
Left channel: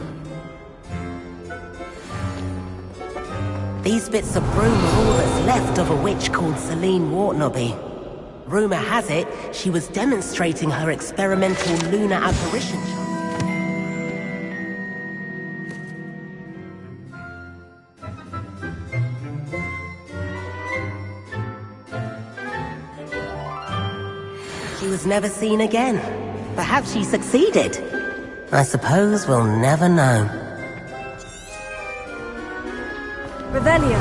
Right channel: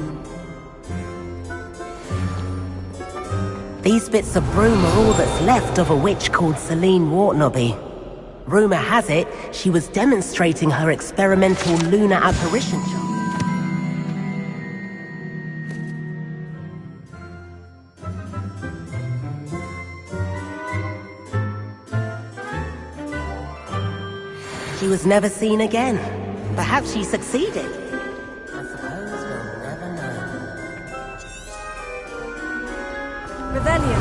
These bits of broom are all that's left of a witch called Celine Wartnobby. Rumour has it, she was demonstrating her experimental lunar apparition charm. She was never seen again. Perhaps she succeeded. I suppose we'll never know. Revelio.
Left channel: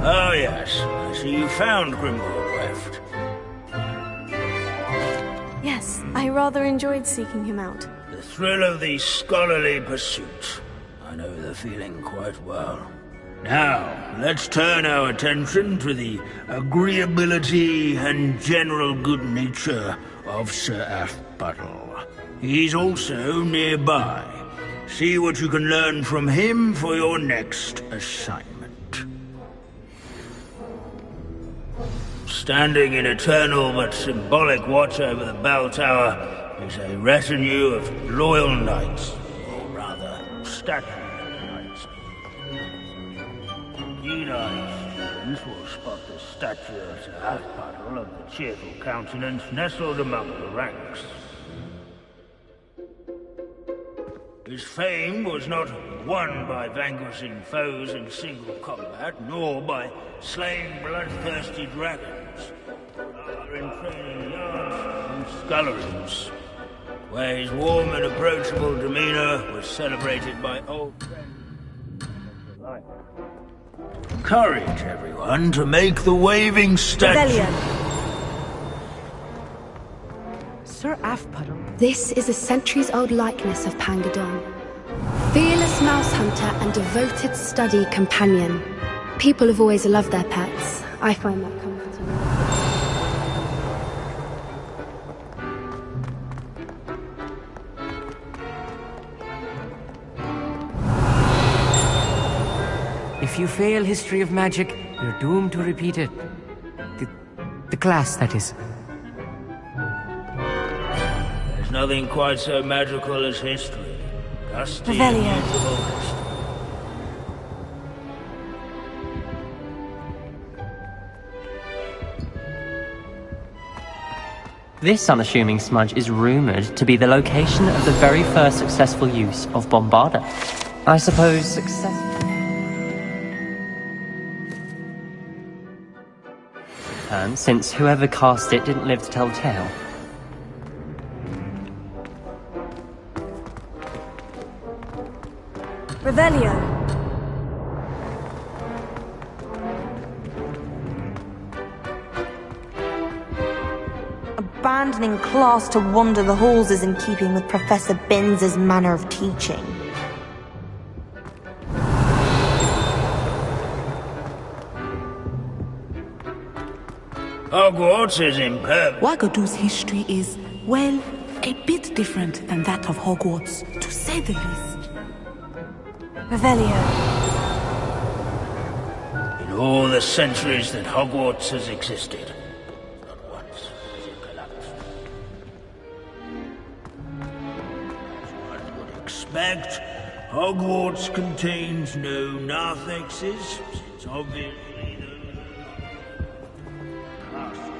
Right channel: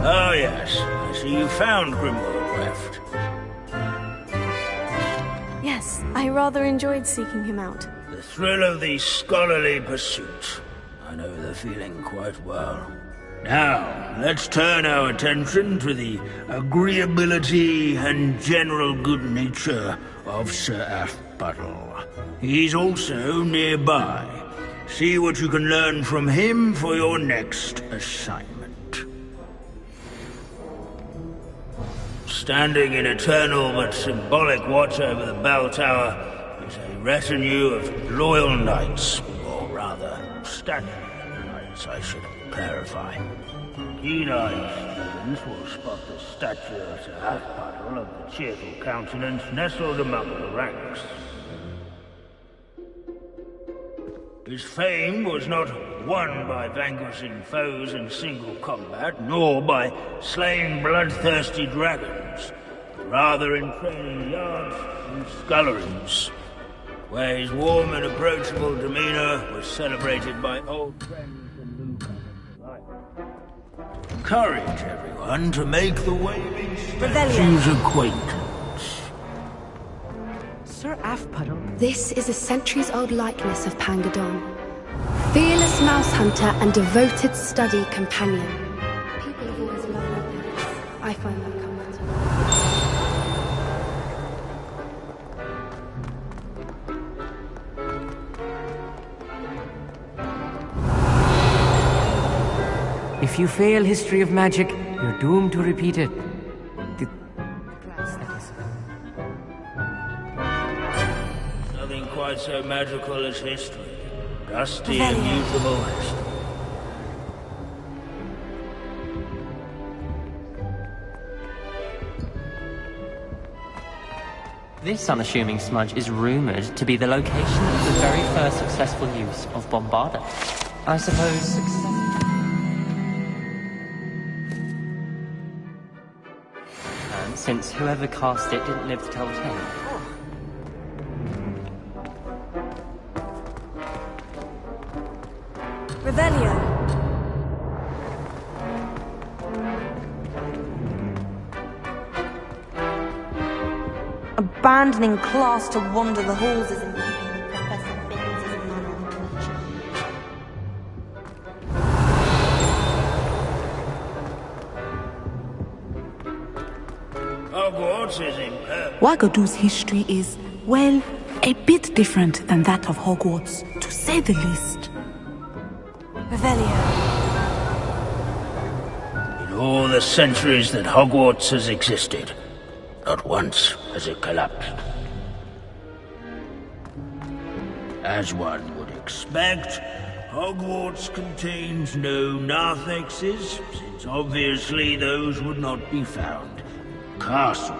Oh yes, I see you found Grimbold Weft. Yes, I rather enjoyed seeking him out. The thrill of the scholarly pursuit. I know the feeling quite well. Now, let's turn our attention to the agreeability and general good nature of Sir Athbuttle. He's also nearby. See what you can learn from him for your next assignment. Standing in eternal but symbolic watch over the bell tower is a retinue of loyal knights, or rather, statues of knights, I should clarify. Keen-eyed students will spot the statue of Sir Athbuttle of the cheerful countenance nestled among the ranks. His fame was not won by vanquishing foes in single combat, nor by slaying bloodthirsty dragons, but rather in training yards and sculleries, where his warm and approachable demeanor was celebrated by old friends and newcomers alike. Encourage everyone to make the waving statue's acquaintance. Sir Athbuttle. This is a centuries-old likeness of Pangadon. Fearless mouse hunter and devoted study companion. People have always loved their pets. I find that comforting. If you fail history of magic, you're doomed to repeat it. The class, that is. There's nothing quite so magical as history. Dusty, immutable history. This unassuming smudge is rumored to be the location of the very first successful use of Bombarda. I suppose success... And since whoever cast it didn't live to tell the tale. Revelio. Abandoning class to wander the halls is in keeping with Professor Binns' manner of teaching. Hogwarts is impervious. Wagadu's history is, well, a bit different than that of Hogwarts, to say the least. Revelio. In all the centuries that Hogwarts has existed, not once has it collapsed. As one would expect, Hogwarts contains no narthexes, since obviously those would not be found. Castles.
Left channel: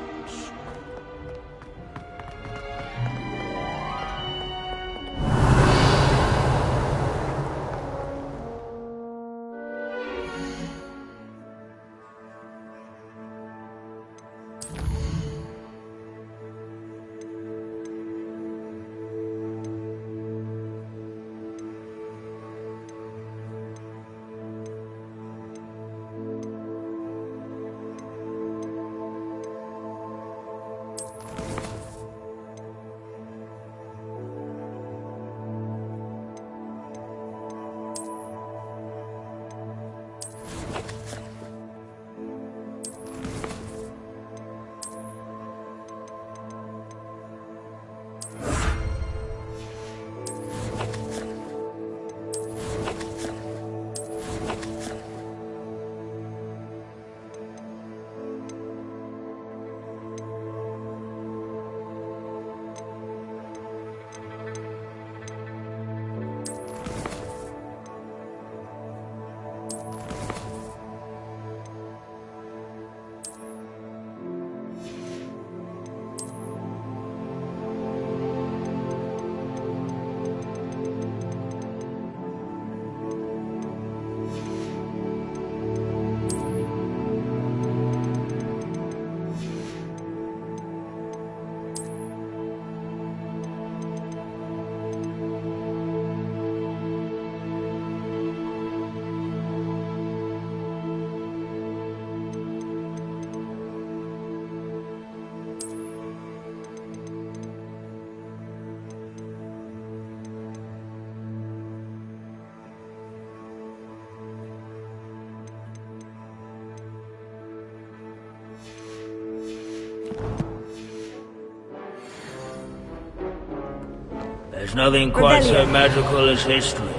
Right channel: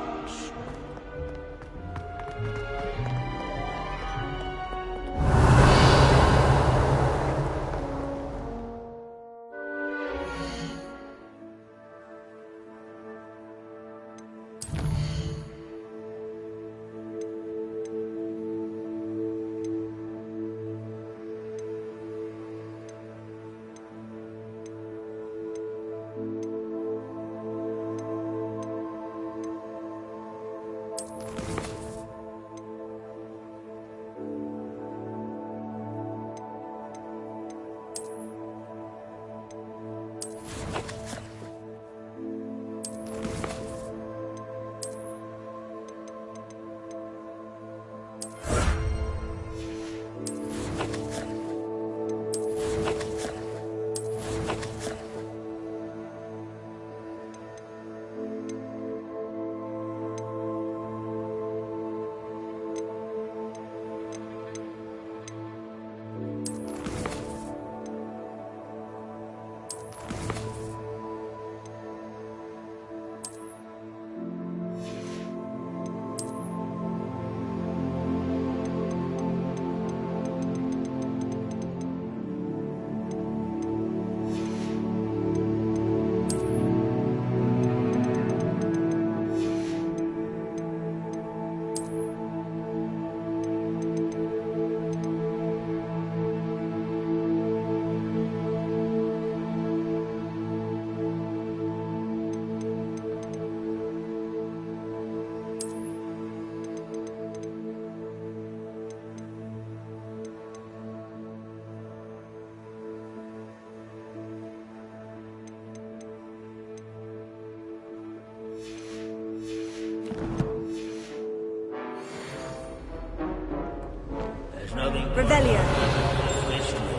There's nothing quite so magical as history.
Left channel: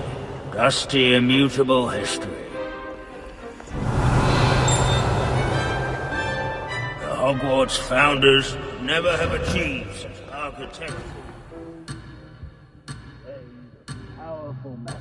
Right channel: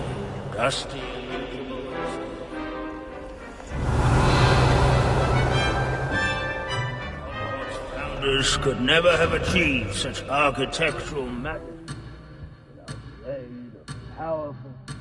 Dusty, immutable history. The Hogwarts founders could never have achieved such architectural magic. Powerful magic.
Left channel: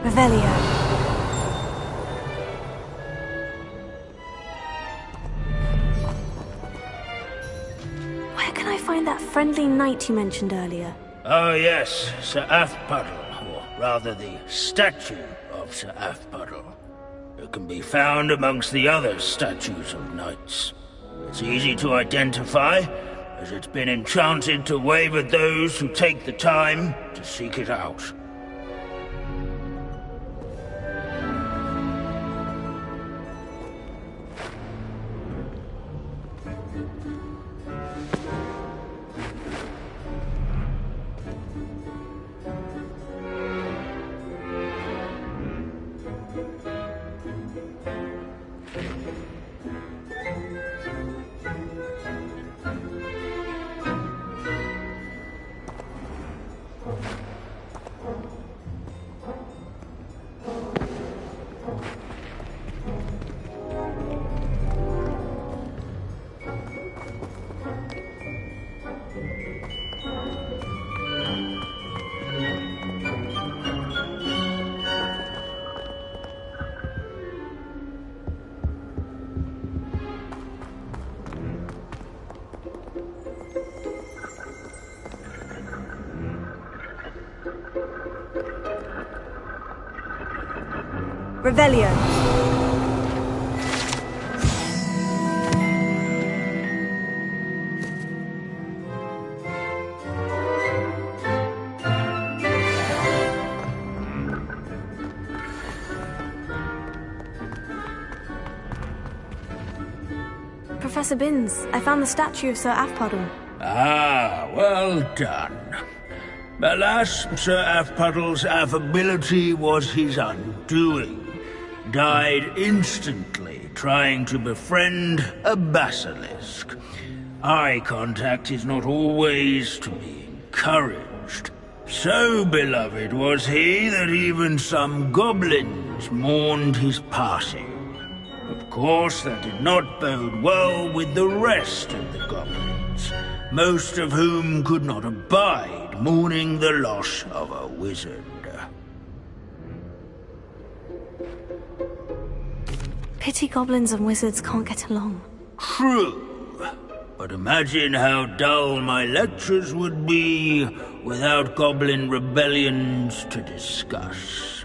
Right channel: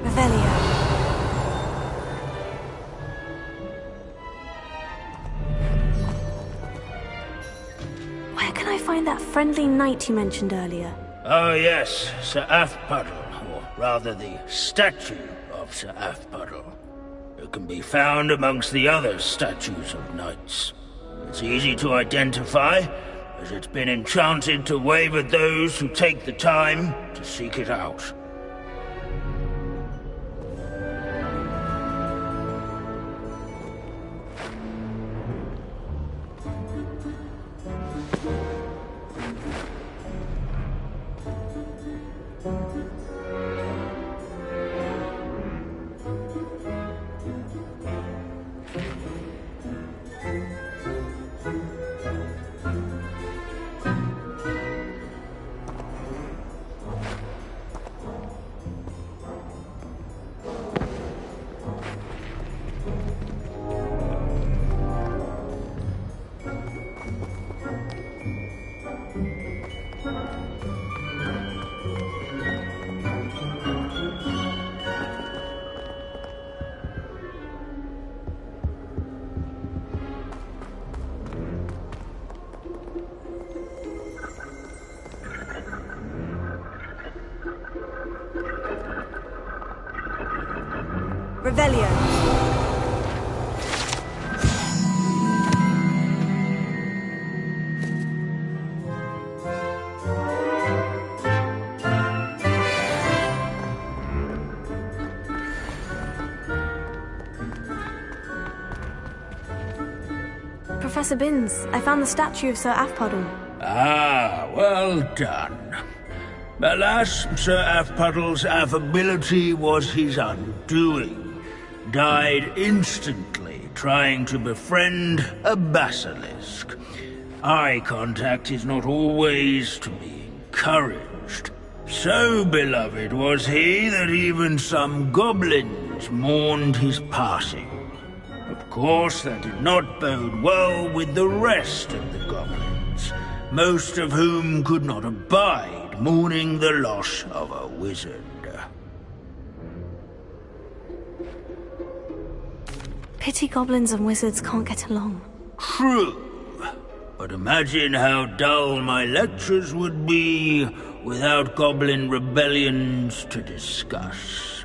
Revelio. Where can I find that friendly knight you mentioned earlier? Oh yes, Sir Afpuddle, or rather the statue of Sir Afpuddle. It can be found amongst the other statues of knights. It's easy to identify, as it's been enchanted to wave at those who take the time to seek it out. Revelio. Professor Binns, I found the statue of Sir Afpuddle. Ah, well done. Alas, Sir Afpuddle's affability was his undoing. Died instantly trying to befriend a basilisk. Eye contact is not always to be encouraged. So beloved was he that even some goblins mourned his passing. Of course, that did not bode well with the rest of the goblins, most of whom could not abide mourning the loss of a wizard. Pity goblins and wizards can't get along. True. But imagine how dull my lectures would be without goblin rebellions to discuss.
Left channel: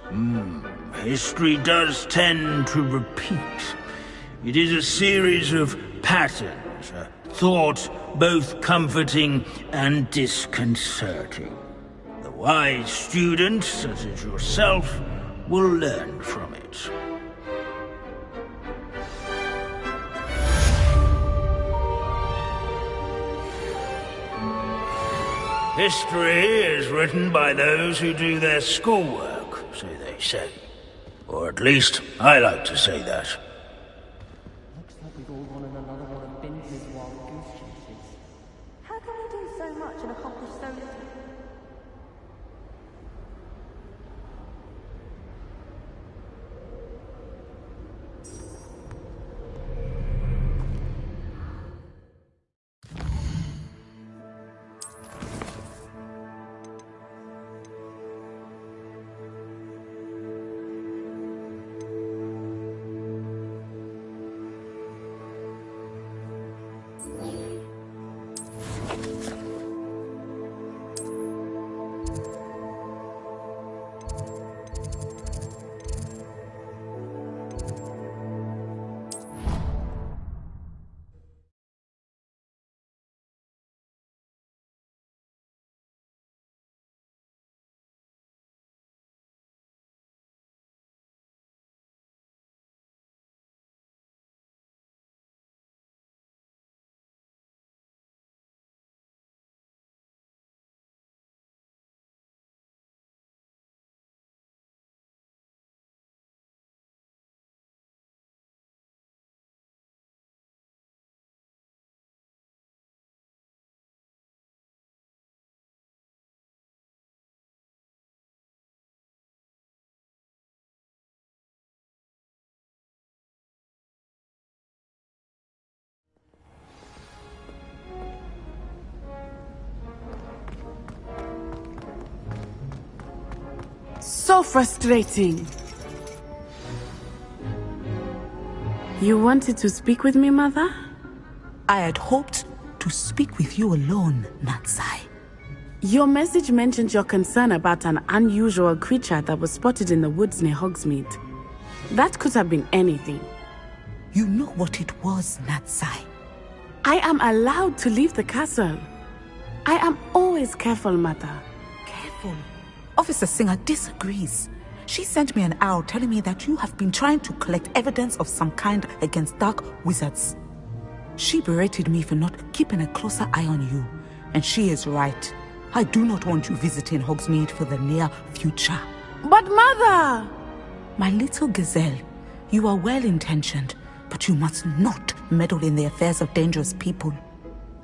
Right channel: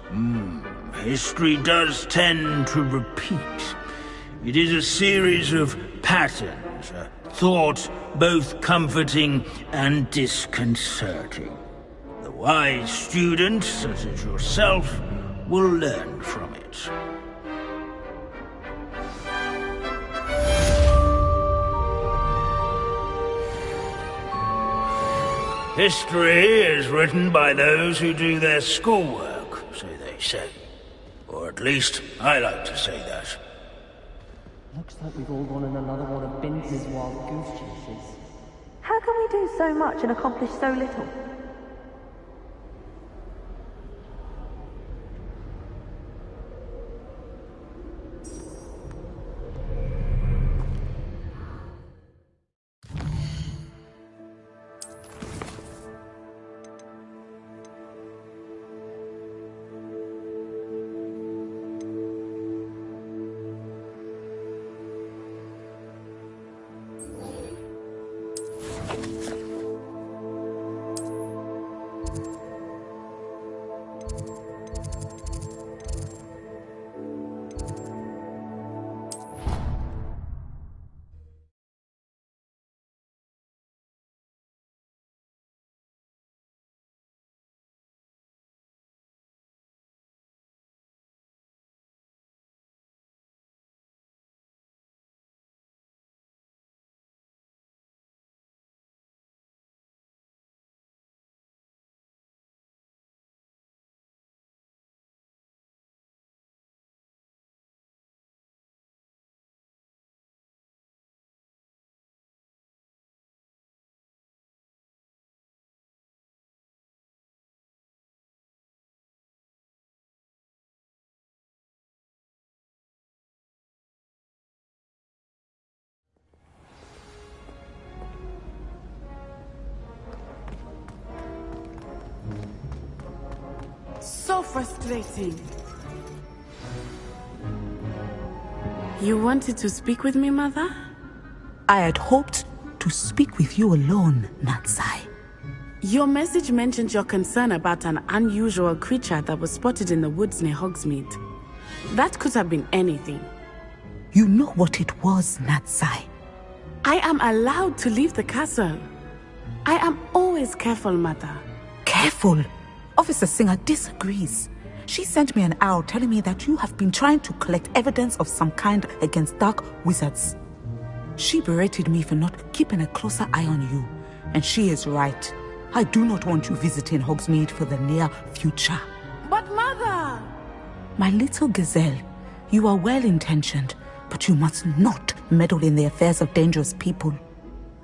History does tend to repeat. It is a series of patterns, a thought both comforting and disconcerting. The wise student, such as yourself, will learn from it. History is written by those who do their schoolwork, so they say. Or at least, I like to say that. Looks like we've all gone on another one of Binns' wild goose chases. How can we do so much and accomplish so little? So frustrating. You wanted to speak with me, Mother? I had hoped to speak with you alone, Natsai. Your message mentioned your concern about an unusual creature that was spotted in the woods near Hogsmeade. That could have been anything. You know what it was, Natsai. I am allowed to leave the castle. I am always careful, Mother. Careful? Officer Singer disagrees. She sent me an owl telling me that you have been trying to collect evidence of some kind against dark wizards. She berated me for not keeping a closer eye on you, and she is right. I do not want you visiting Hogsmeade for the near future. But Mother! My little gazelle, you are well-intentioned, but you must not meddle in the affairs of dangerous people.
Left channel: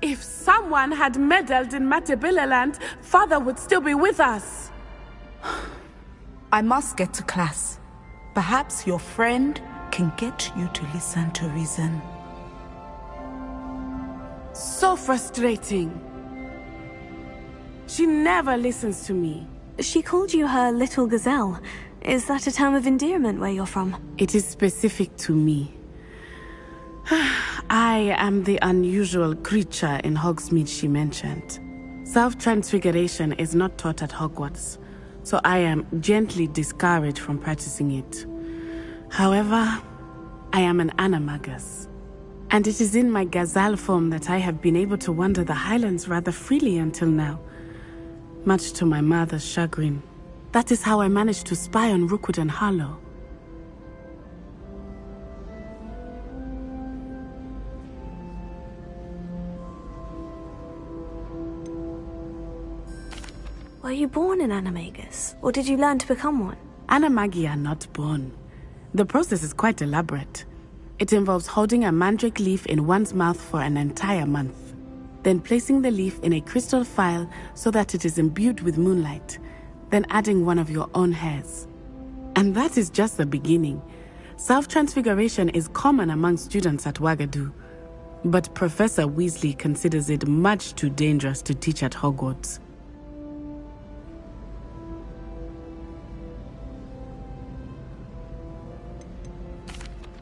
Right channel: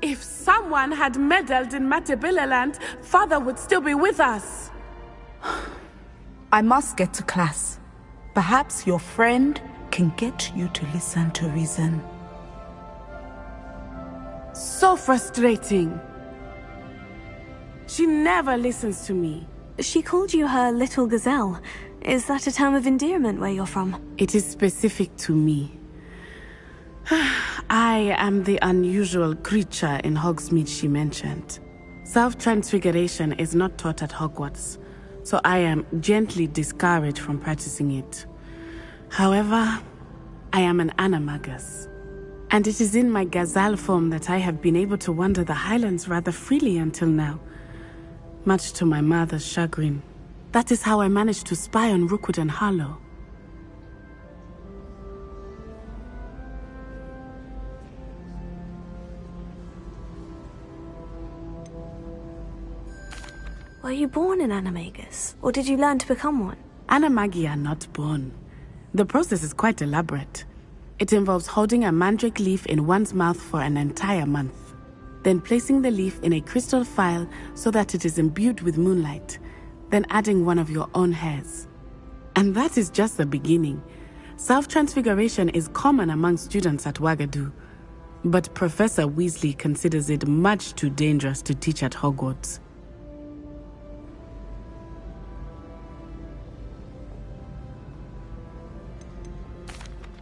If someone had meddled in Matabeleland, Father would still be with us. I must get to class. Perhaps your friend can get you to listen to reason. So frustrating. She never listens to me. She called you her little gazelle. Is that a term of endearment where you're from? It is specific to me. I am the unusual creature in Hogsmeade she mentioned. Self-transfiguration is not taught at Hogwarts, so I am gently discouraged from practicing it. However, I am an animagus, and it is in my gazelle form that I have been able to wander the Highlands rather freely until now, much to my mother's chagrin. That is how I managed to spy on Rookwood and Harlow. Were you born an animagus, or did you learn to become one? Animagi are not born. The process is quite elaborate. It involves holding a mandrake leaf in one's mouth for an entire month, then placing the leaf in a crystal phial so that it is imbued with moonlight, then adding one of your own hairs. And that is just the beginning. Self-transfiguration is common among students at Wagadu, but Professor Weasley considers it much too dangerous to teach at Hogwarts.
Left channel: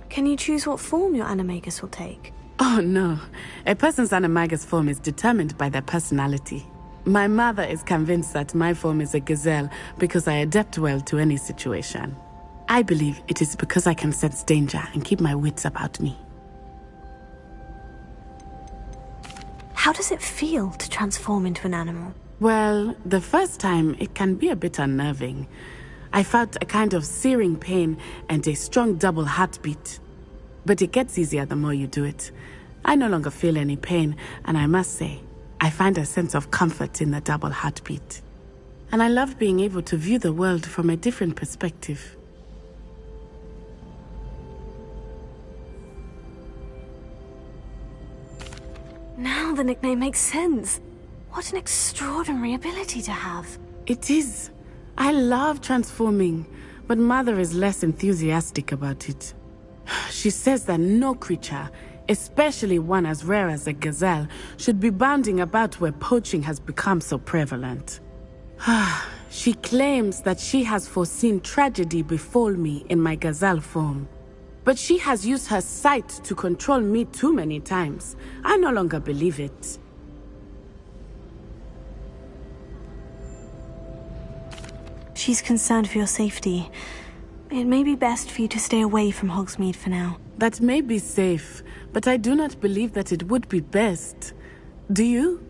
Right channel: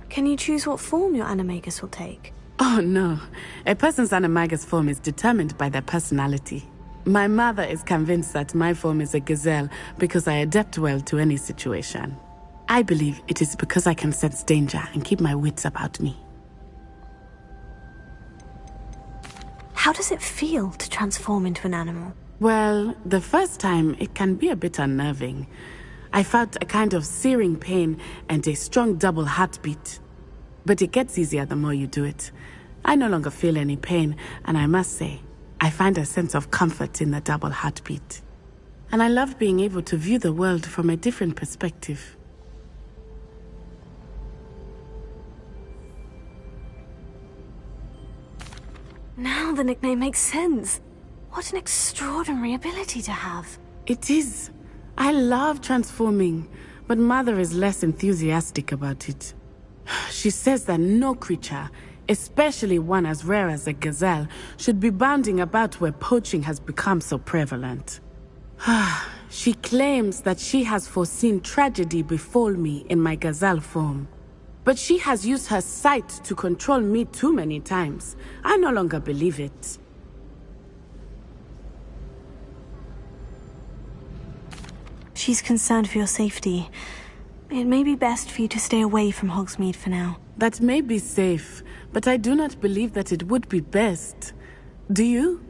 Can you choose what form your animagus will take? Oh no, a person's animagus form is determined by their personality. My mother is convinced that my form is a gazelle because I adapt well to any situation. I believe it is because I can sense danger and keep my wits about me. How does it feel to transform into an animal? Well, the first time it can be a bit unnerving. I felt a kind of searing pain and a strong double heartbeat. But it gets easier the more you do it. I no longer feel any pain, and I must say, I find a sense of comfort in the double heartbeat. And I love being able to view the world from a different perspective. Now the nickname makes sense. What an extraordinary ability to have. It is. I love transforming, but Mother is less enthusiastic about it. She says that no creature, especially one as rare as a gazelle, should be bounding about where poaching has become so prevalent. She claims that she has foreseen tragedy befall me in my gazelle form. But she has used her sight to control me too many times. I no longer believe it. She's concerned for your safety. It may be best for you to stay away from Hogsmeade for now. That may be safe, but I do not believe that it would be best. Do you?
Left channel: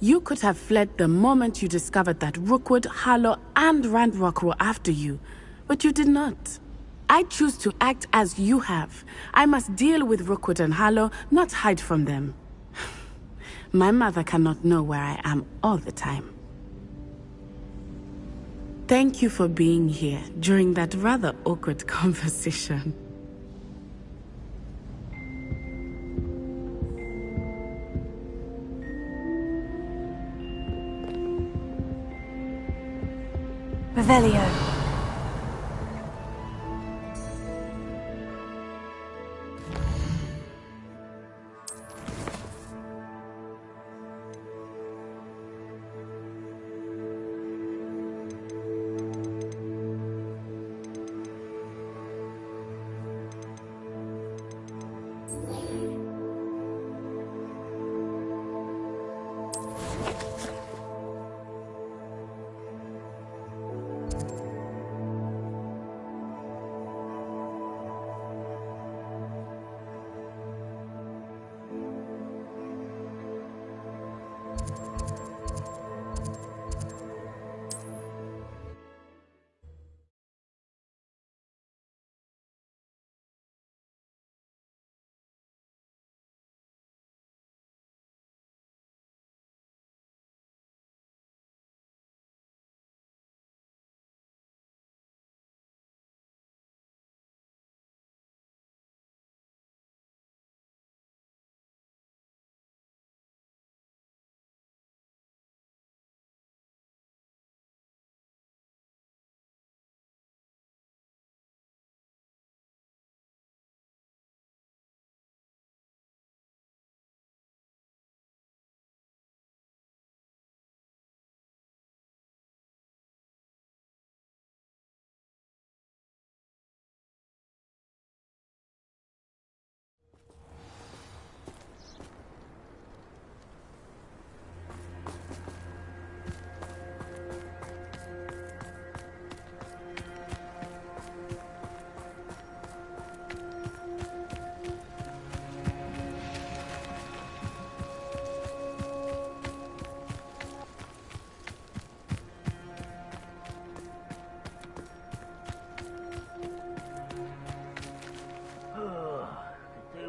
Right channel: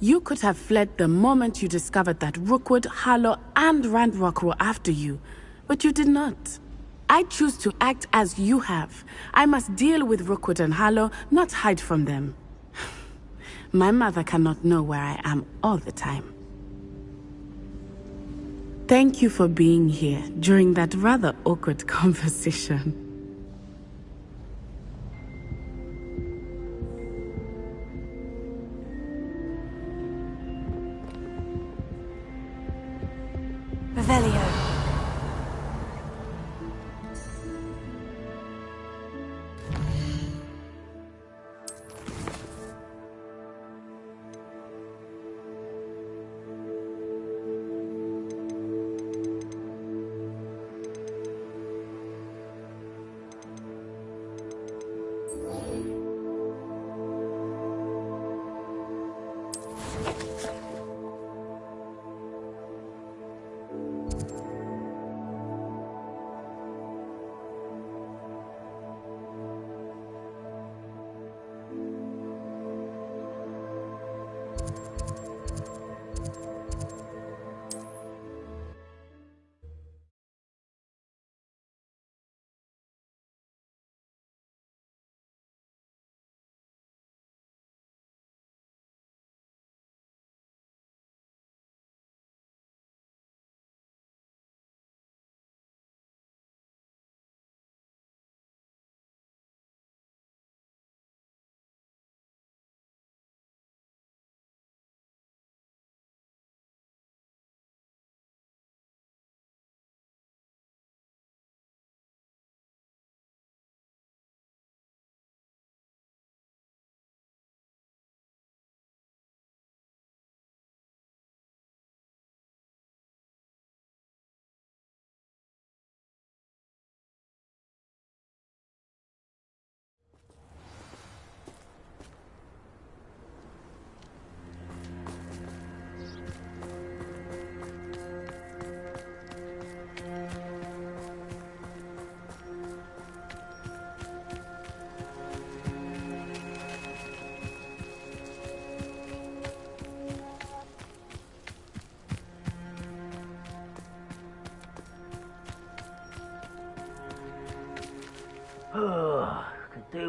You could have fled the moment you discovered that Rookwood, Harlow, and Ranrock were after you, but you did not. I choose to act as you have. I must deal with Rookwood and Harlow, not hide from them. My mother cannot know where I am all the time. Thank you for being here during that rather awkward conversation. Revelio.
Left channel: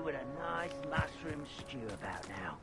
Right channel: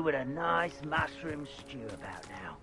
with a nice mushroom stew about now.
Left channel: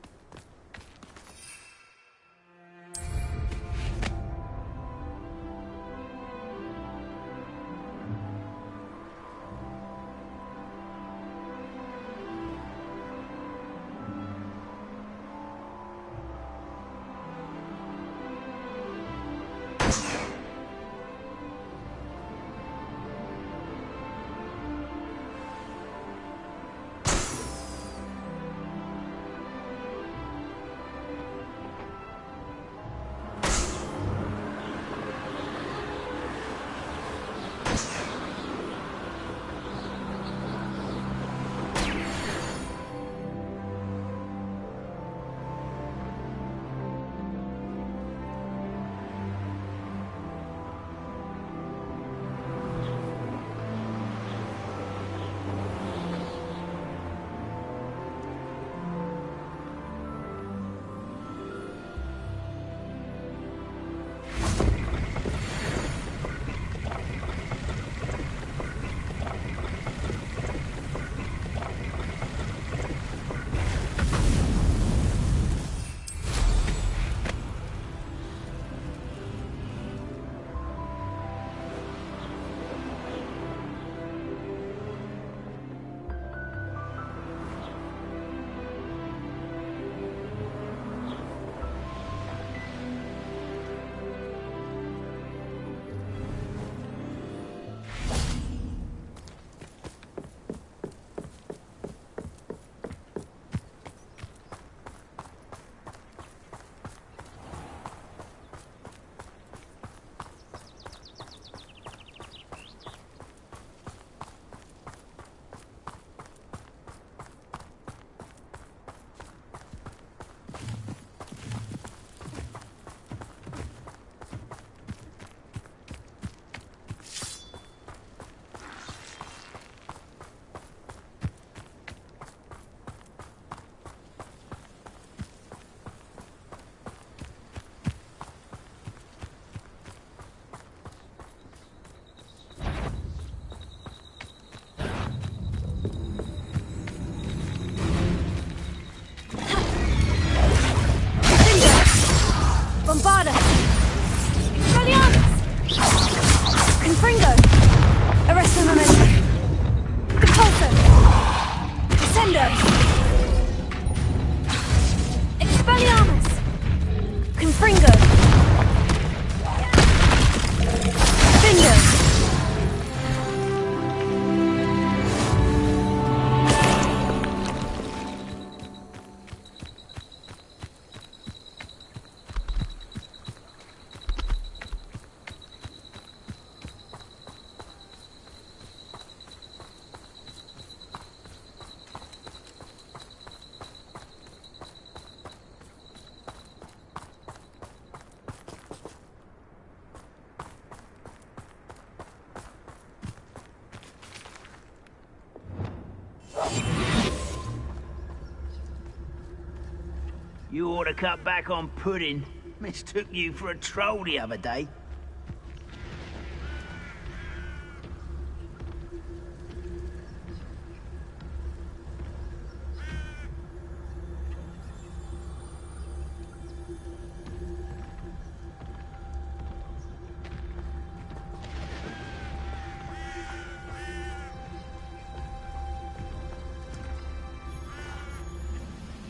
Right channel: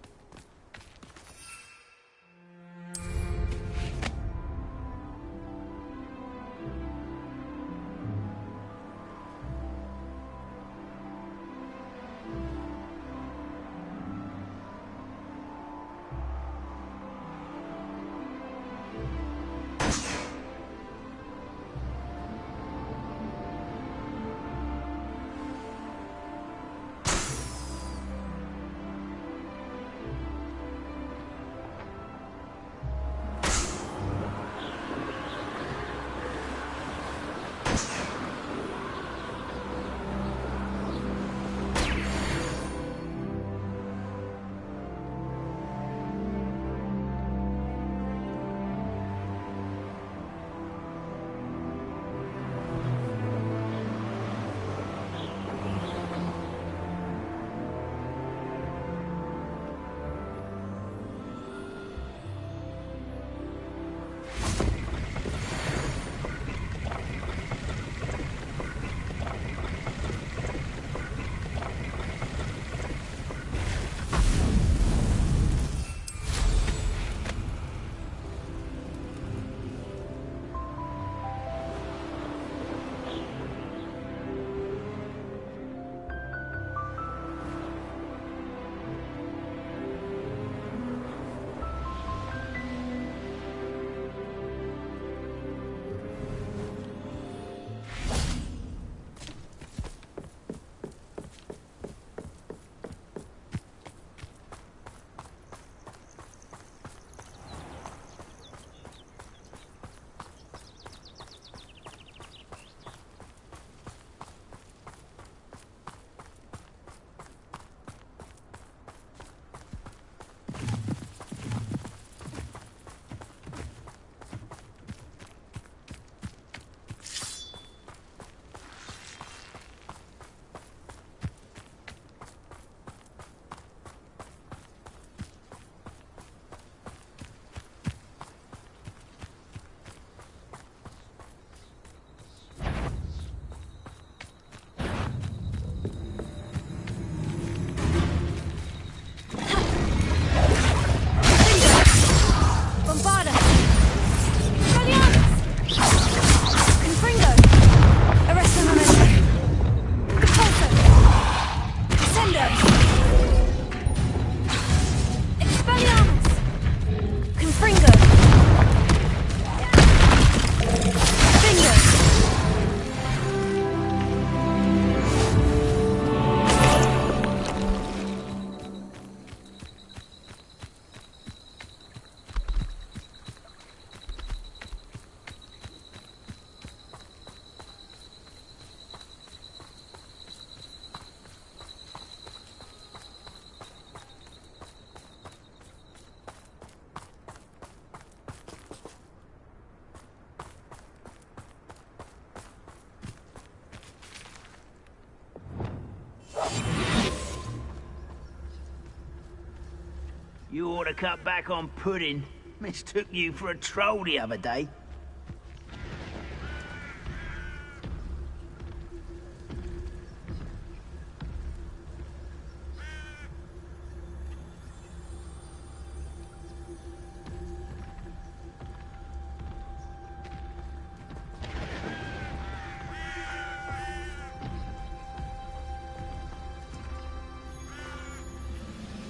You ought to cut back on pudding. Mistook you for a troll the other day.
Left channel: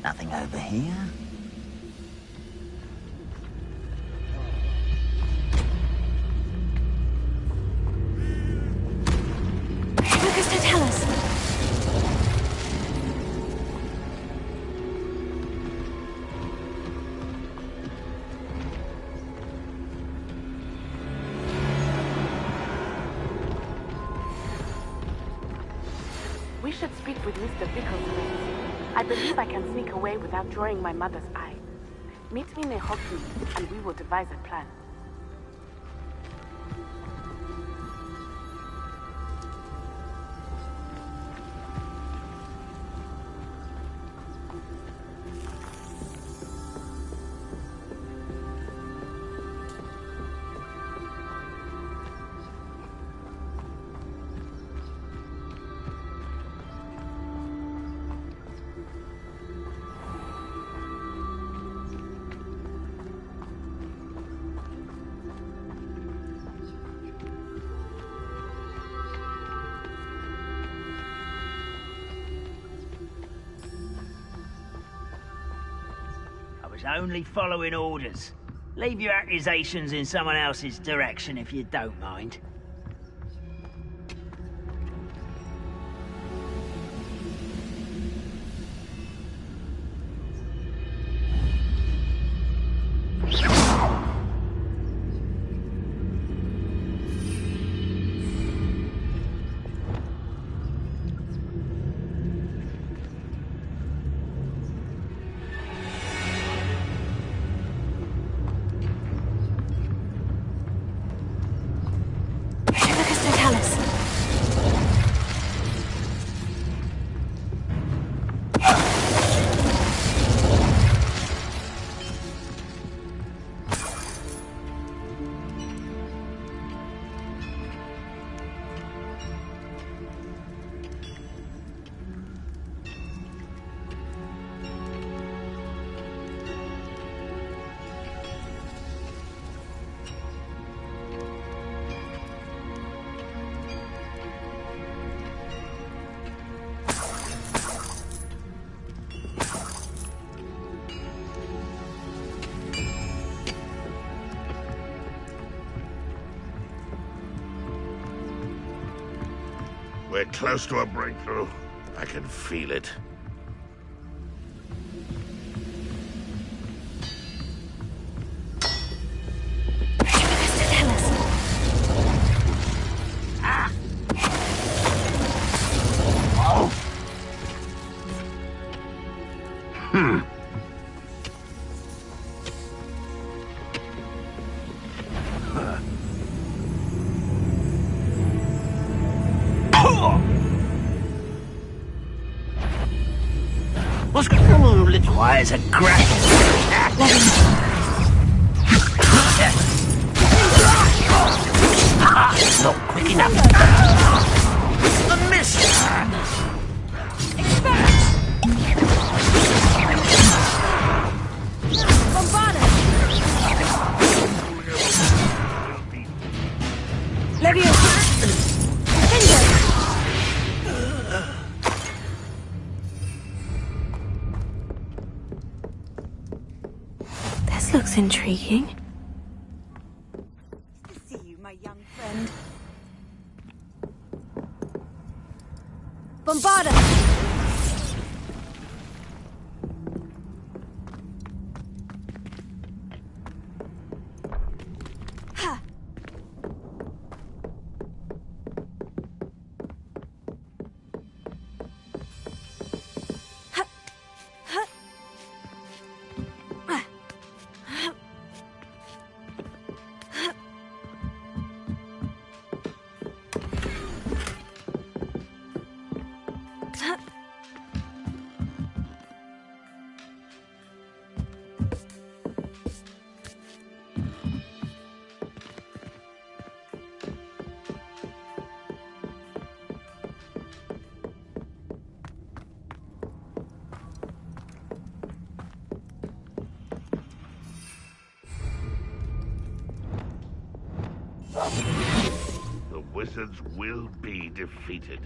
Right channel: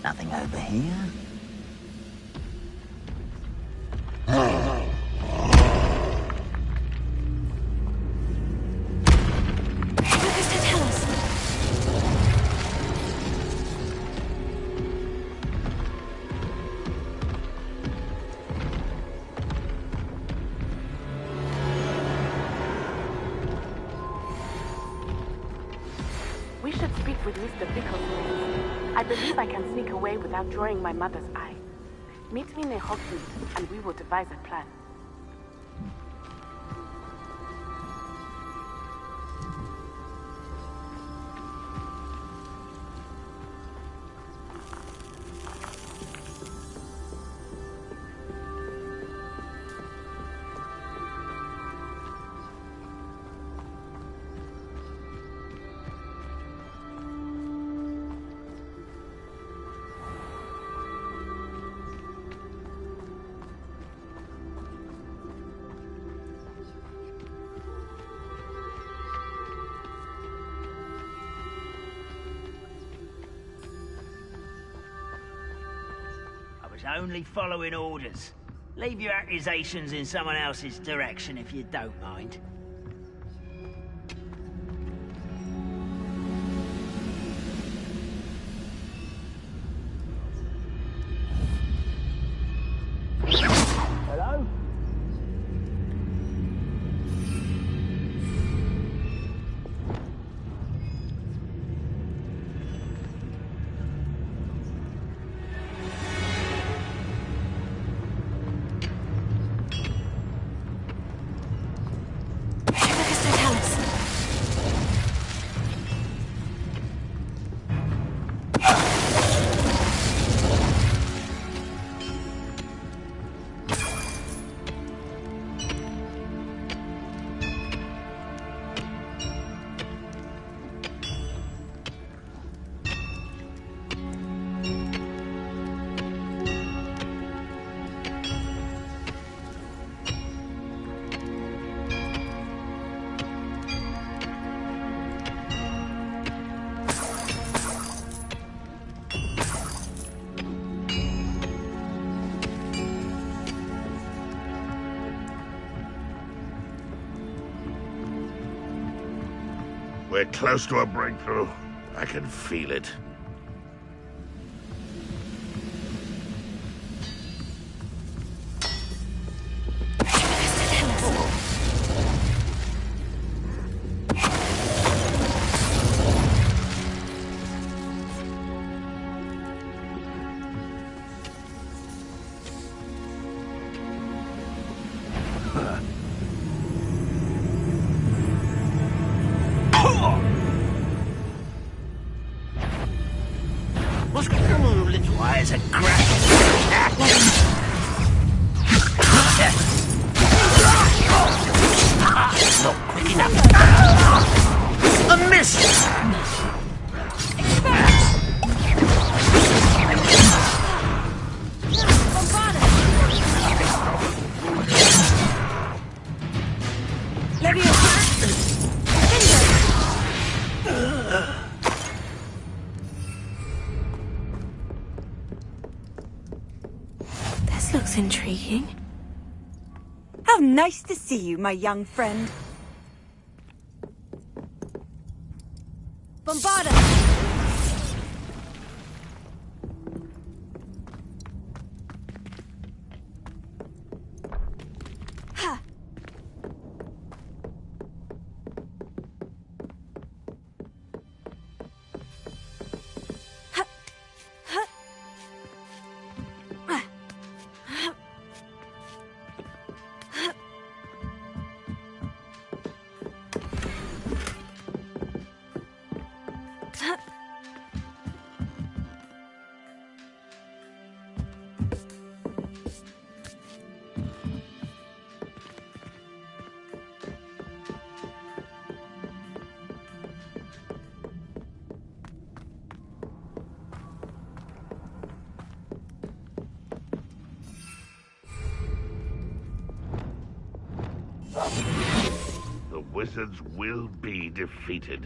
Nothing over here. Lucas, to tell us. We should speak with Mr. Bicklesmith. I believe I can sneak away without drawing my mother's eye. Meet me near Hogsmeade, and we will devise a plan. was only following orders. Leave your accusations in someone else's direction if you don't mind. We're close to a breakthrough. I can feel it. What's going on, little eyes are cracking? Not quick enough. A miss! This looks intriguing. How nice to see you, my young friend. Bombarda! Ha! The wizards will be defeated.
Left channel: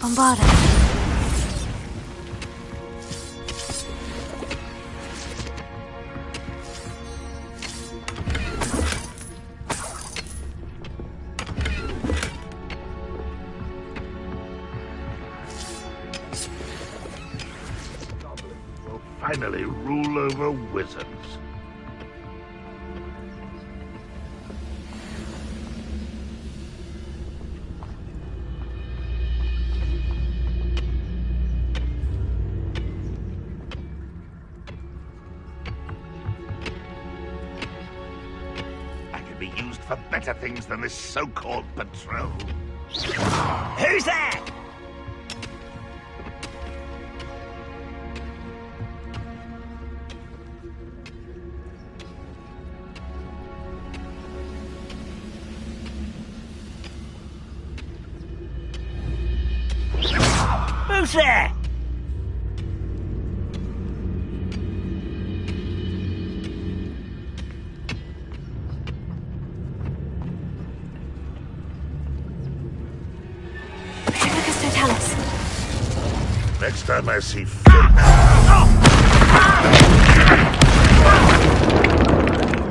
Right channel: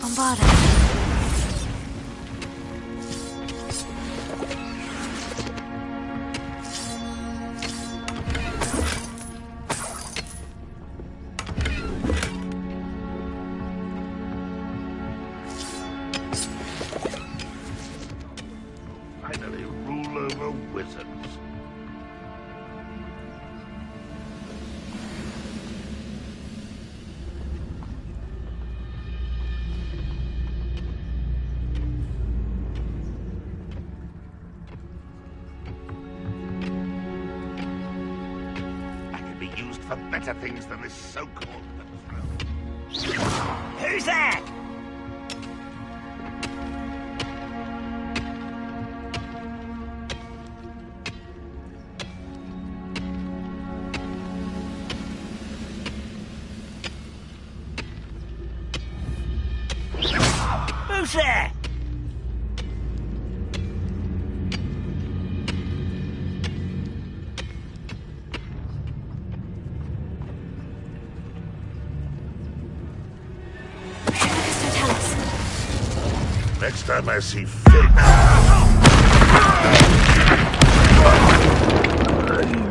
Bombarda. Will finally rule over wizards. be used for better things than this so-called patrol. Who's there? Who's there? Next time I see fit.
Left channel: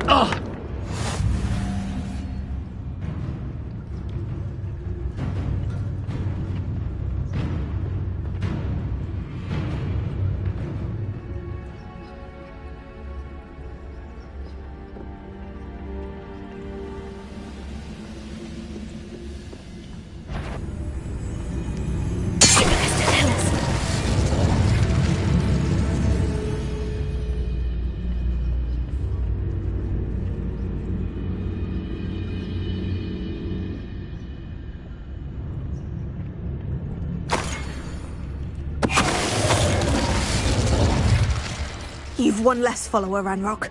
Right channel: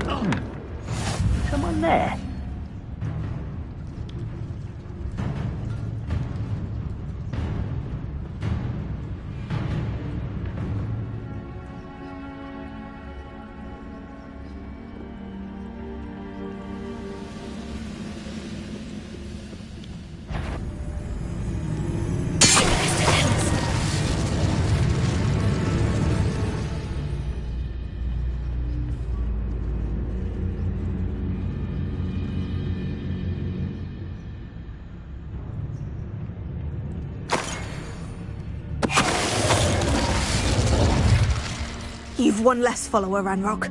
Oh, come on there. You've one less follower, Ranrock.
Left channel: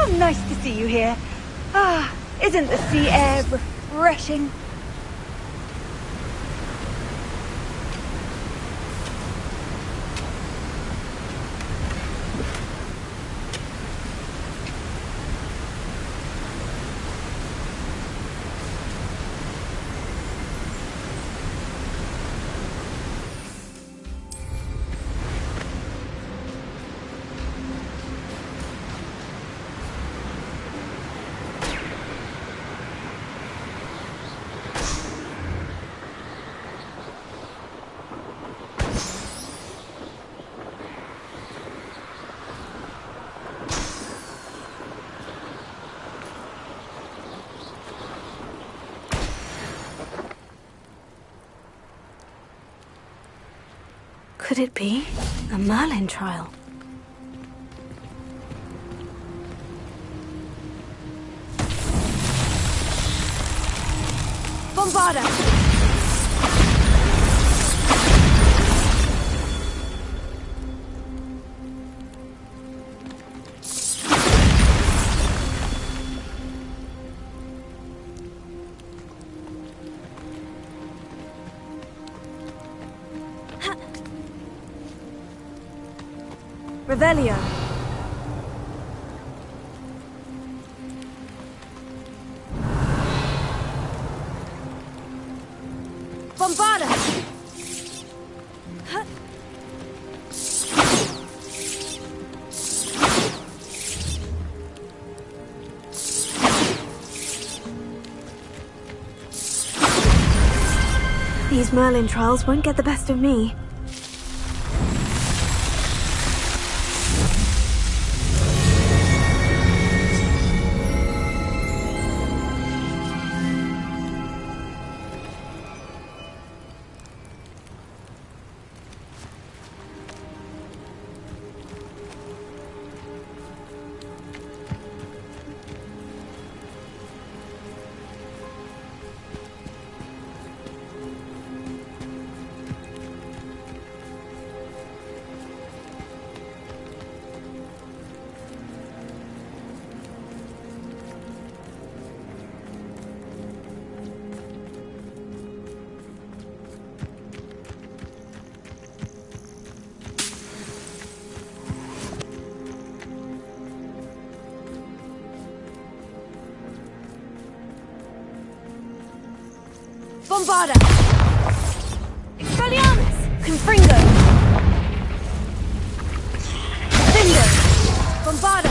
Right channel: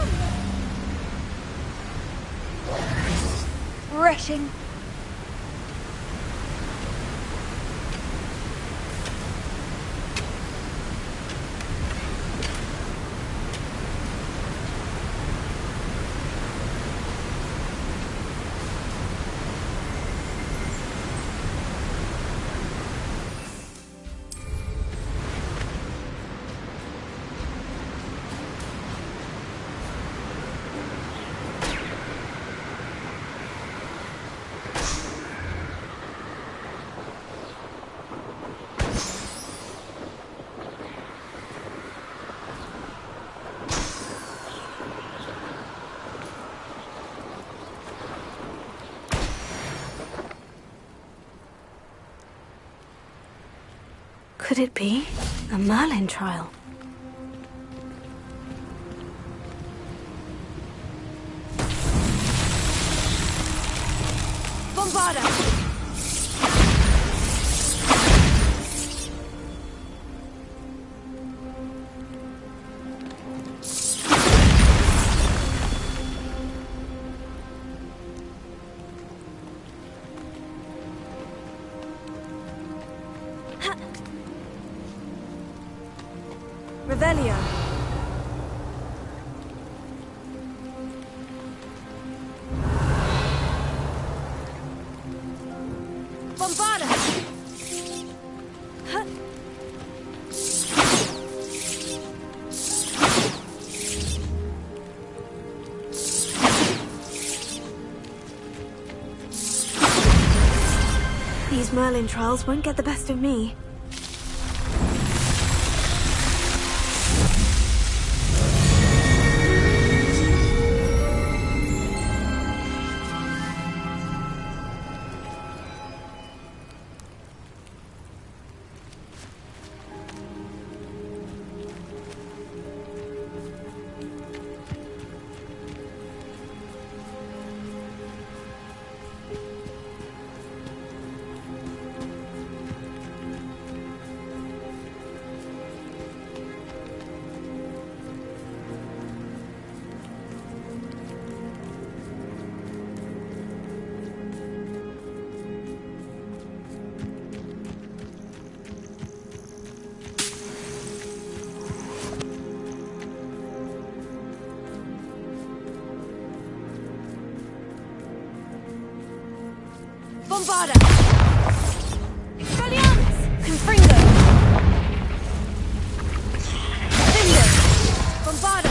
Oh, nice to see you here. Ah, isn't the sea air refreshing? Could it be a Merlin trial? Bombarda! Revelio. Bombarda! These Merlin trials won't get the best of me. Bombarda! Expelliarmus! Confringo! Vindo! Bombarda!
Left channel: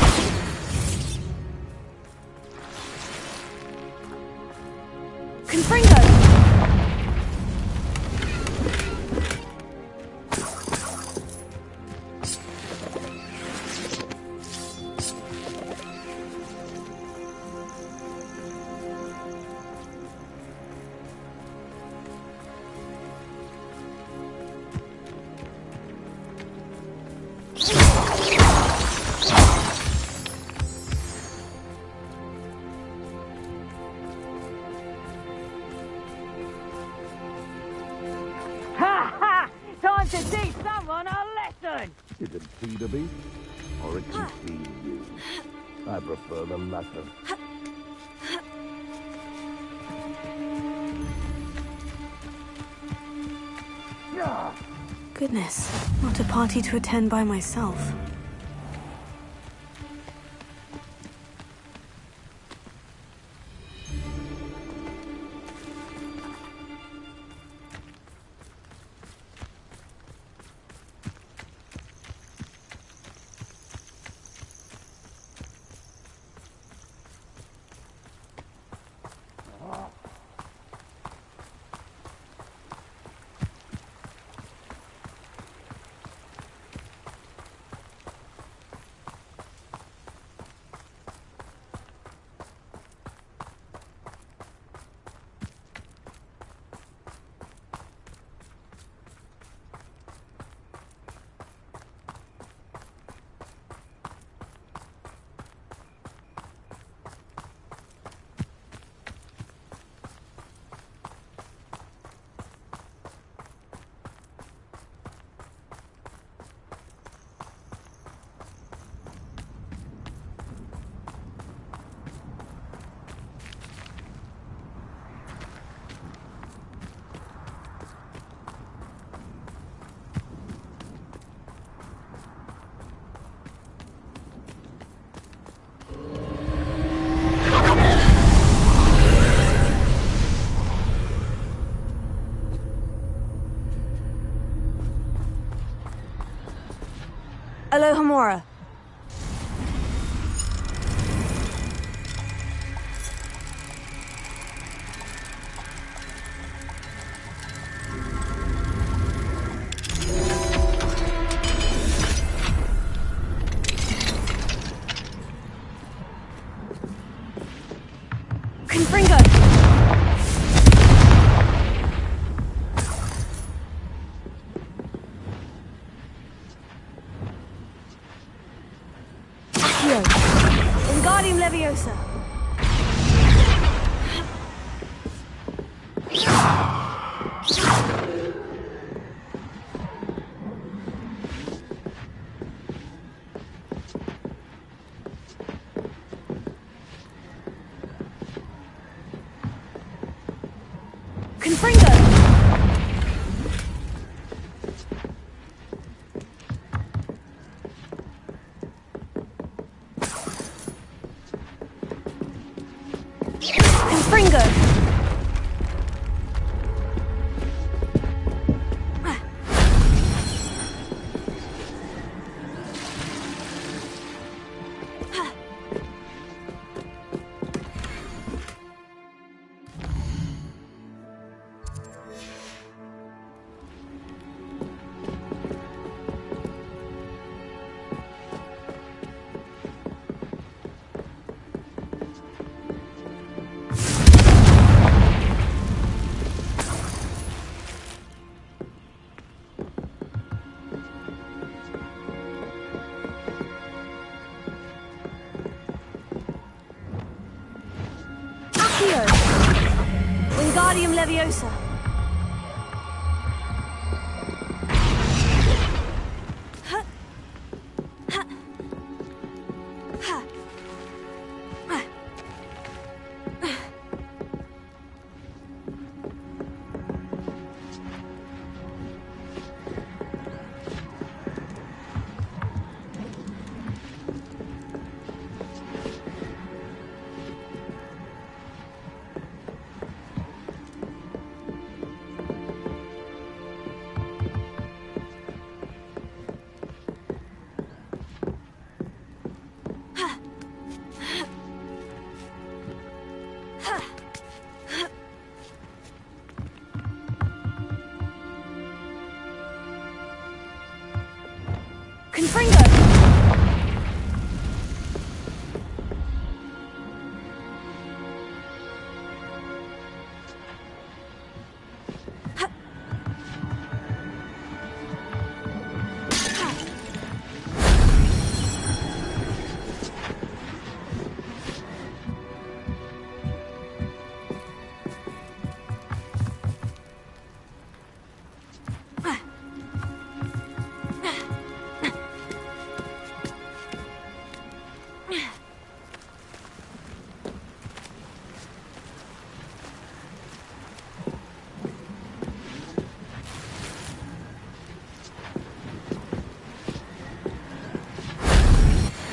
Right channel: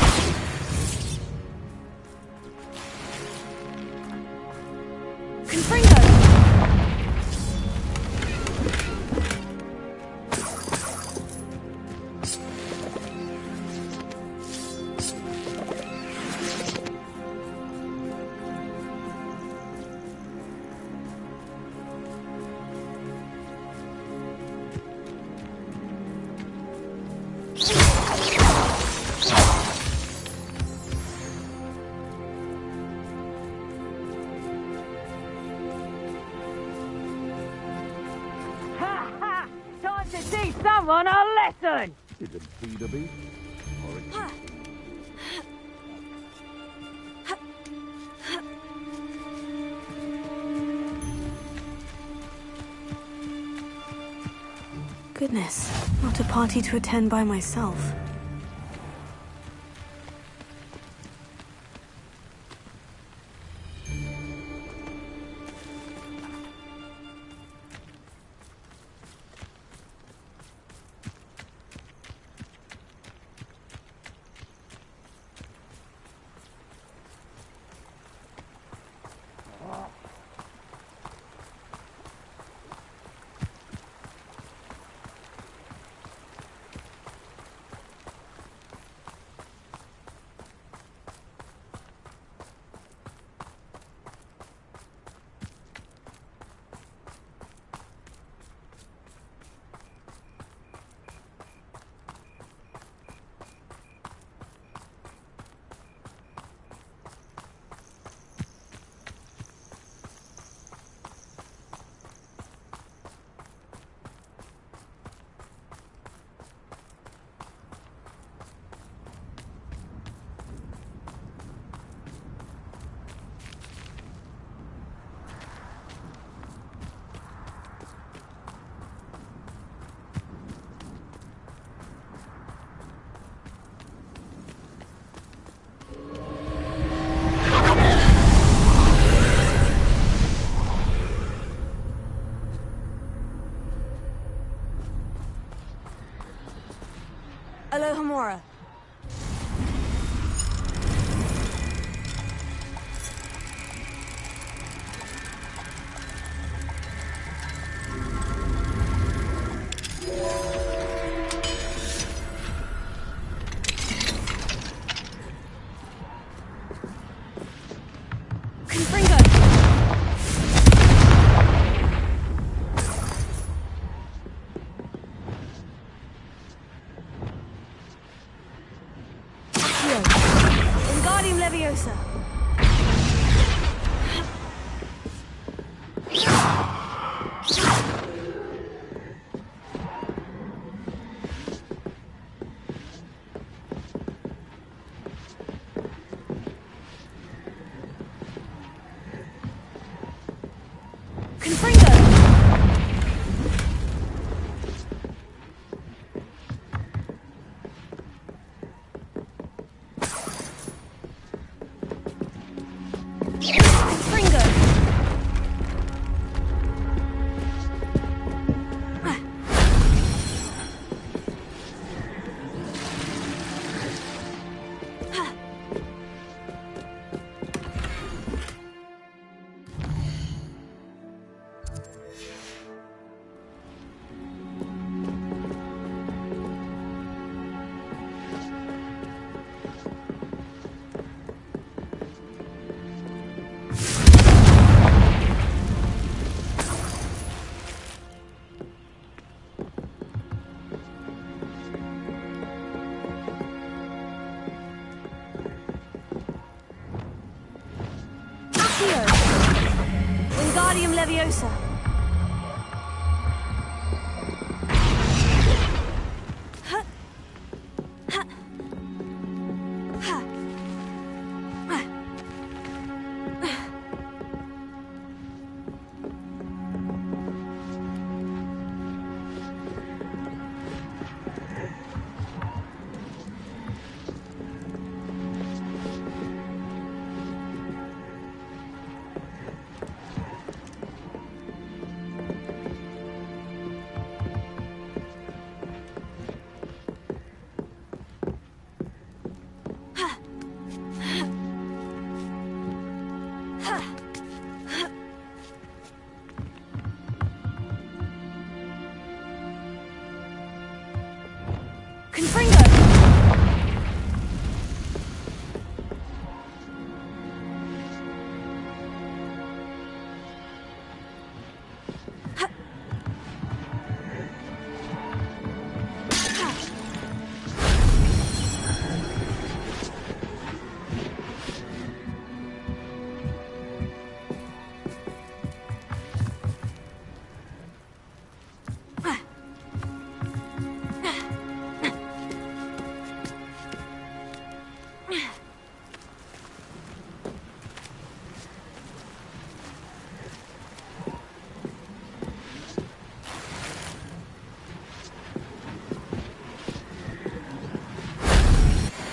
Confringo! Time to teach someone a lesson! Didn't feed a beast, or it can feed you. I prefer the latter. Goodness, not a party to attend by myself. Alohomora. Confringo. Wingardium Leviosa. Confringo. Leviosa.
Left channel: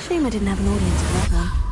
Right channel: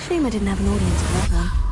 Shame I didn't have an audience for that one.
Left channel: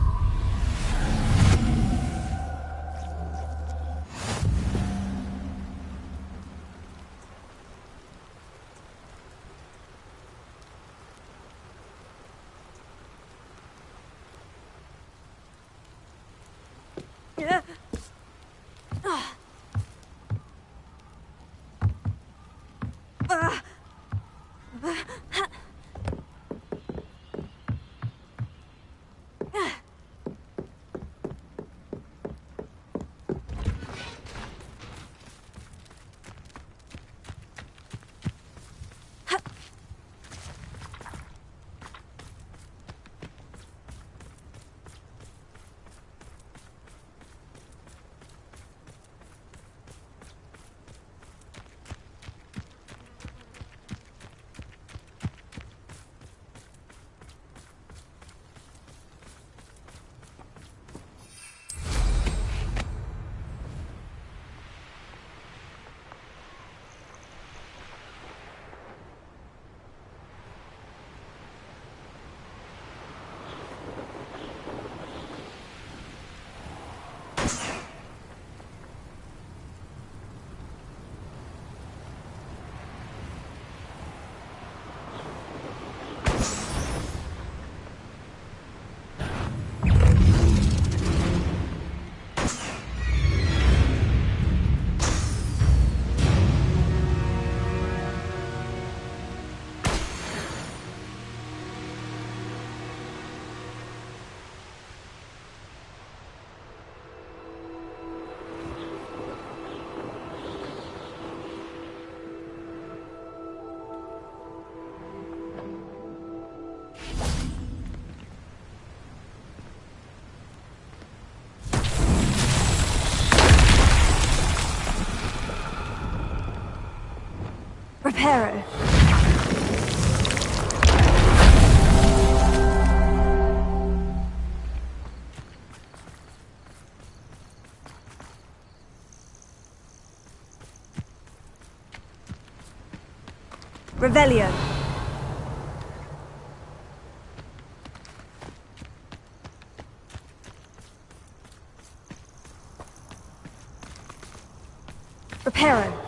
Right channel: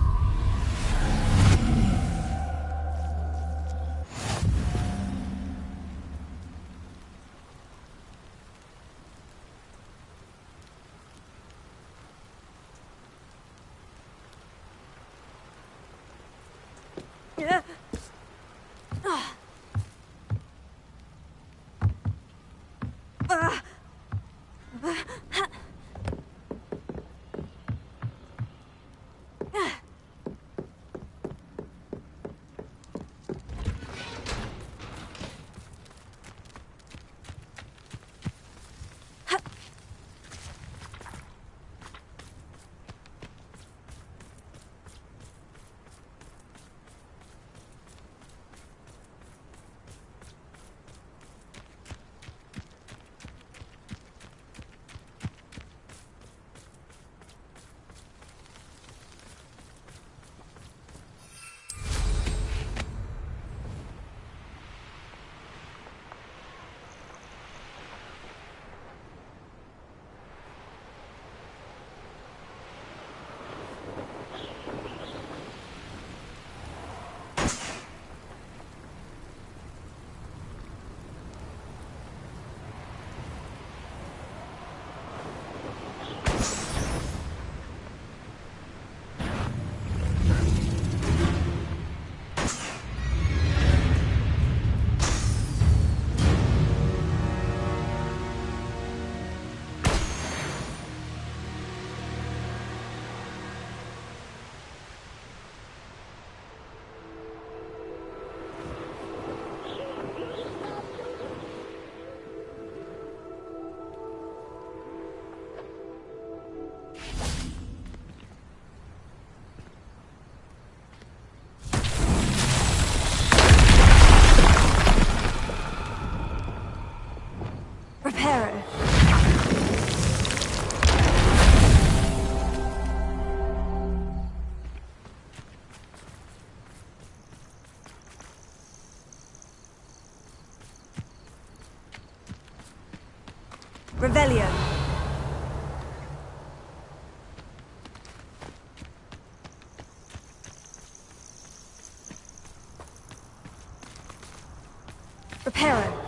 Reparo. Revelio. Reparo.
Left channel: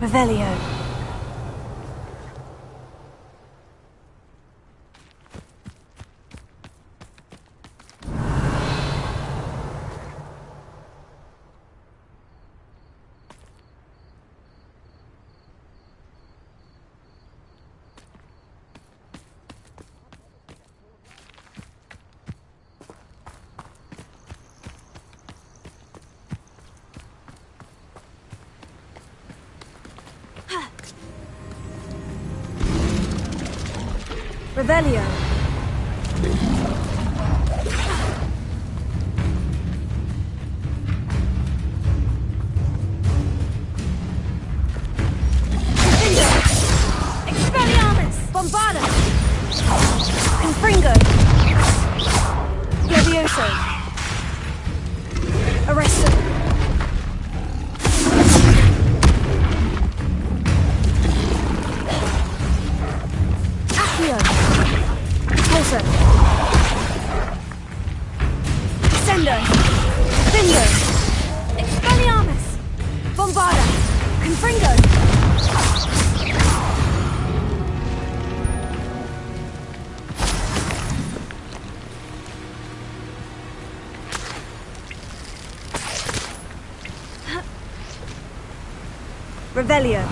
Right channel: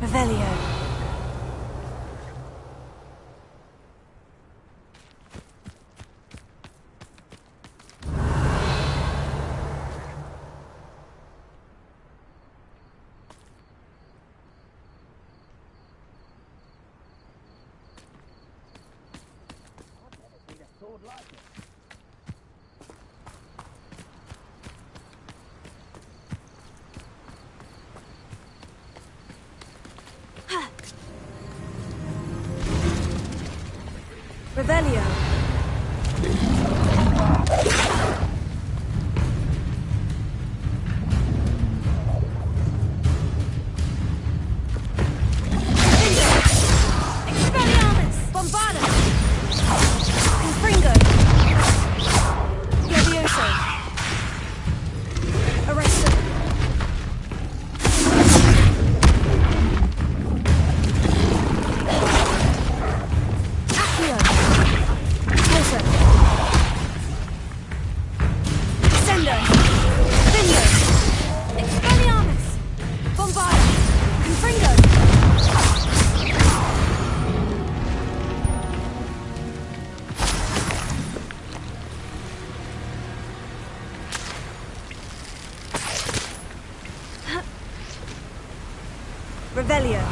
Revelio. Revelio. Revelio.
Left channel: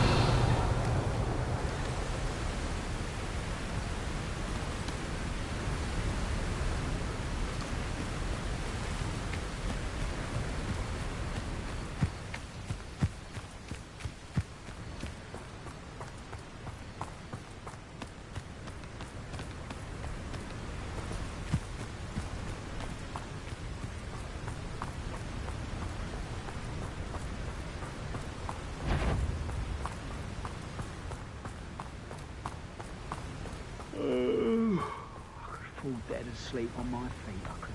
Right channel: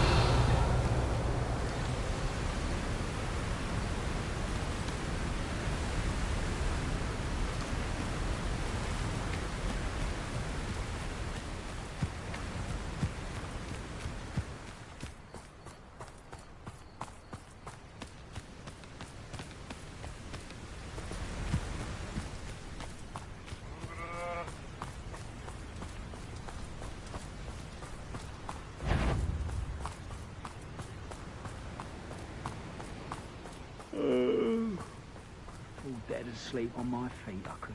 Fall dead asleep on my feet, I could.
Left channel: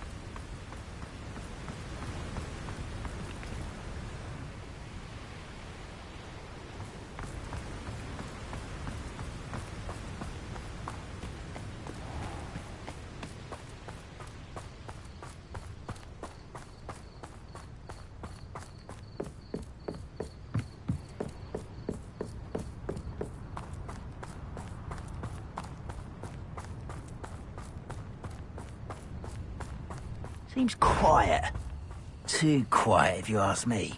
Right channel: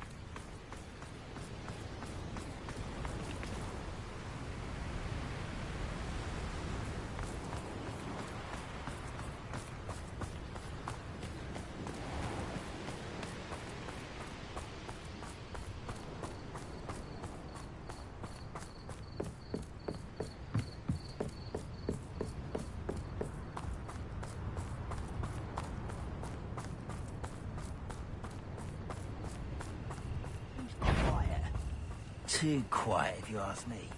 Seems quiet. Too quiet, if you ask me.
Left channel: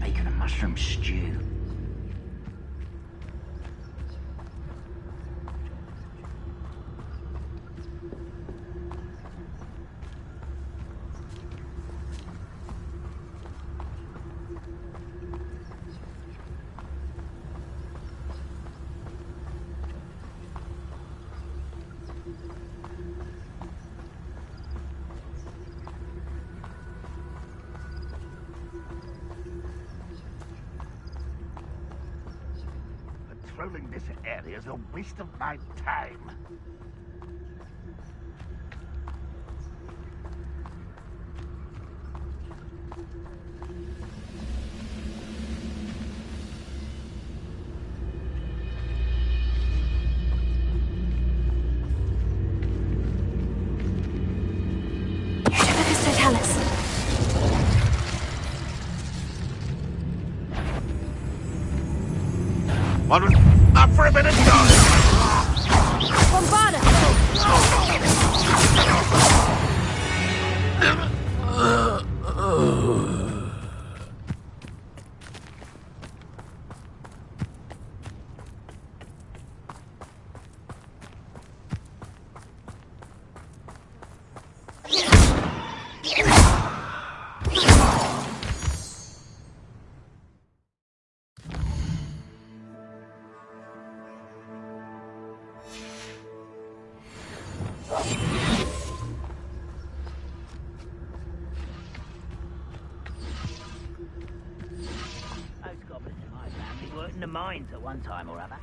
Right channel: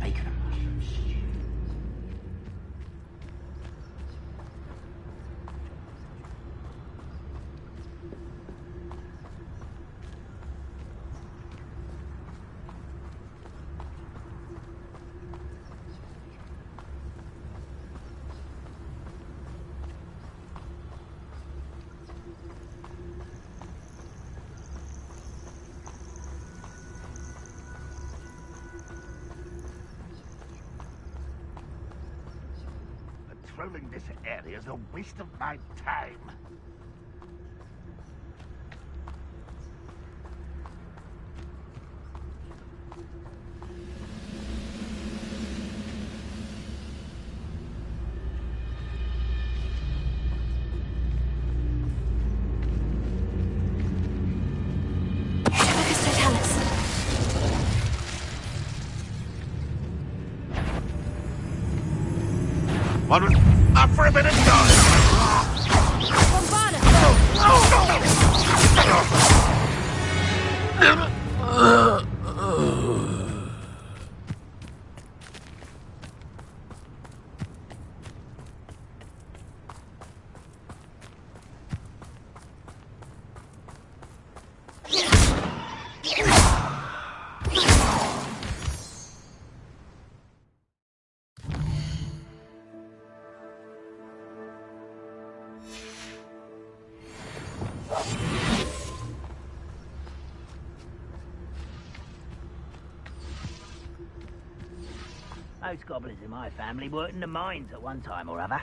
Bacon and mushroom stew. Patrolling this area is a waste of my time. Up for a bit of time! Bombarda! Most goblins in my family worked in the mines at one time or other.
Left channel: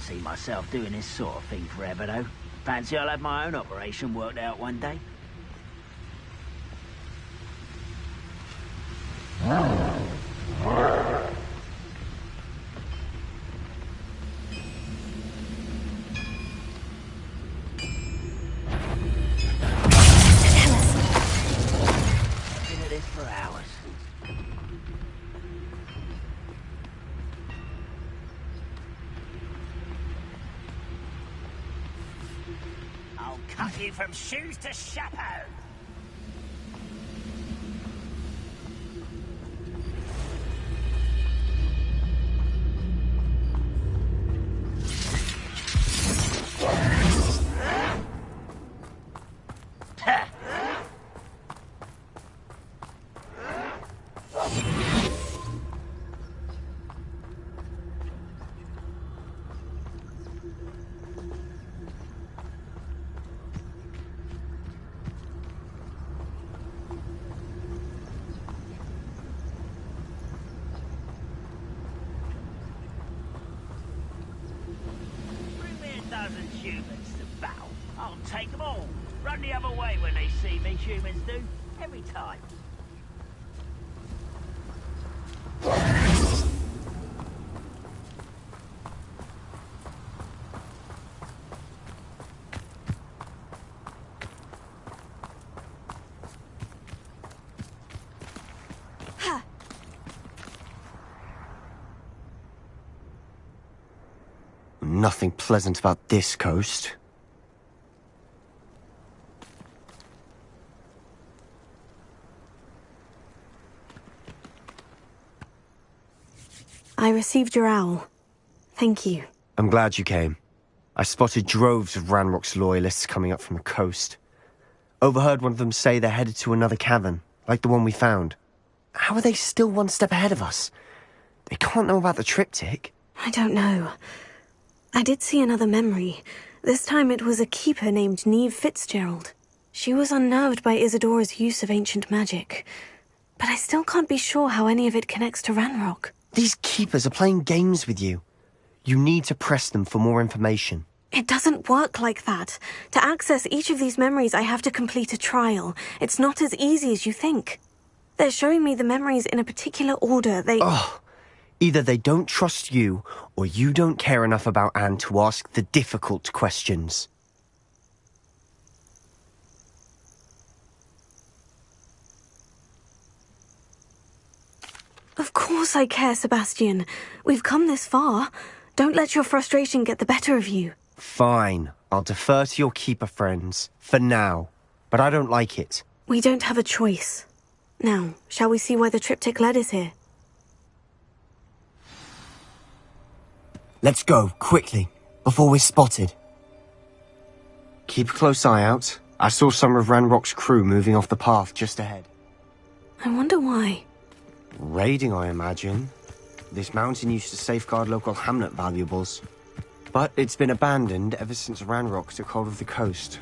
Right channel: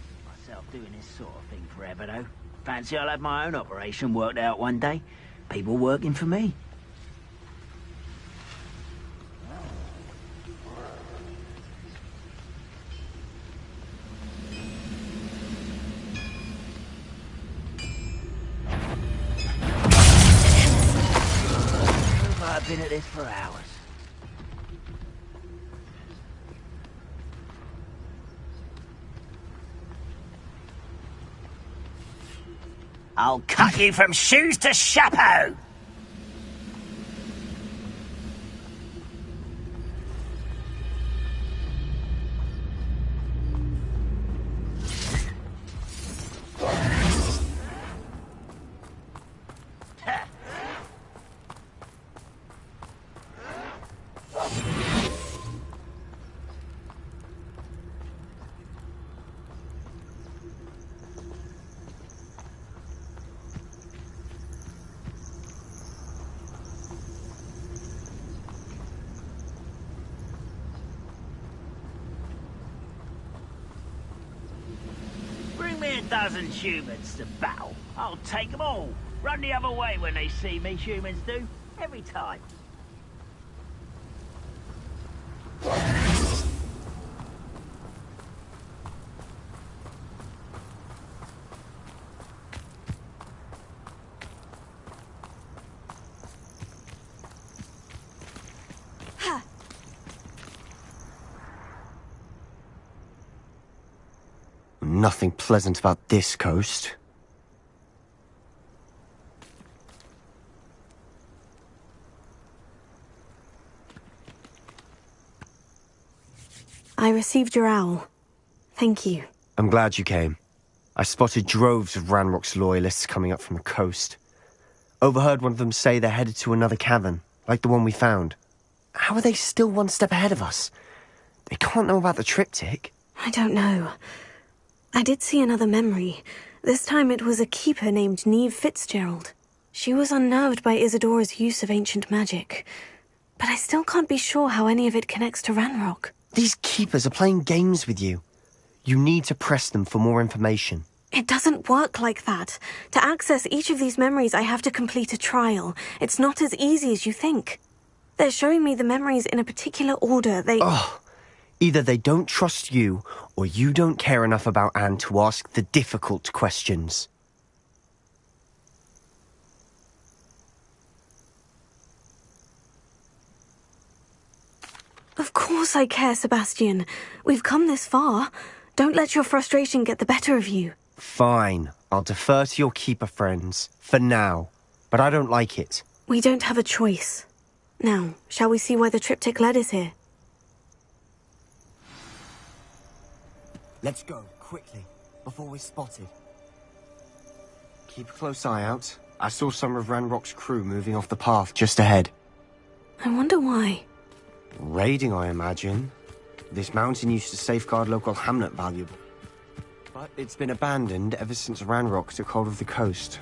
See myself doing this sort of thing forever, though. Fancy I'll have my own operation worked out one day. People working for me. I've been at this for hours. I'll cut you from shoes to chapeau! dozen humans to battle. I'll take them all. Run the other way when they see me, humans do. Every time. Nothing pleasant about this coast. I received your owl. Thank you. I'm glad you came. I spotted droves of Ranrock's loyalists coming up from the coast. Overheard one of them say they're headed to another cavern, like the one we found. How are they still one step ahead of us? They can't know about the triptych. I don't know. I did see another memory. This time it was a keeper named Neve Fitzgerald. She was unnerved by Isadora's use of ancient magic. But I still can't be sure how any of it connects to Ranrock. These keepers are playing games with you. You need to press them for more information. It doesn't work like that. To access each of these memories, I have to complete a trial. It's not as easy as you think. They're showing me the memories in a particular order. Either they don't trust you, or you don't care enough about Anne to ask the difficult questions. Of course I care, Sebastian. We've come this far. Don't let your frustration get the better of you. Fine. I'll defer to your keeper friends, for now. But I don't like it. We don't have a choice. Now, shall we see why the triptych led us here? Let's go, quickly, before we're spotted. Keep a close eye out. I saw some of Ranrock's crew moving off the path just ahead. I wonder why. Raiding, I imagine. This mountain used to safeguard local hamlet valuables. But it's been abandoned ever since Ranrock took hold of the coast.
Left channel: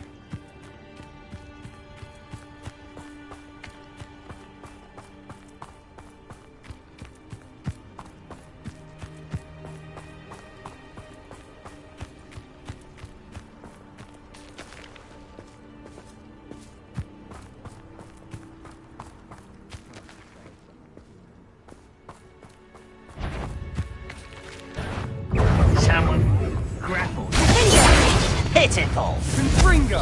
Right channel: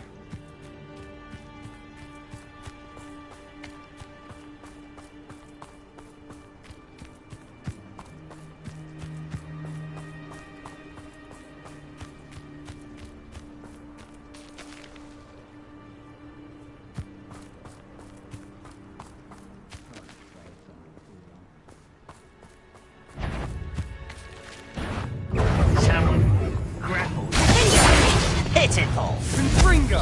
Pitiful! Confringo!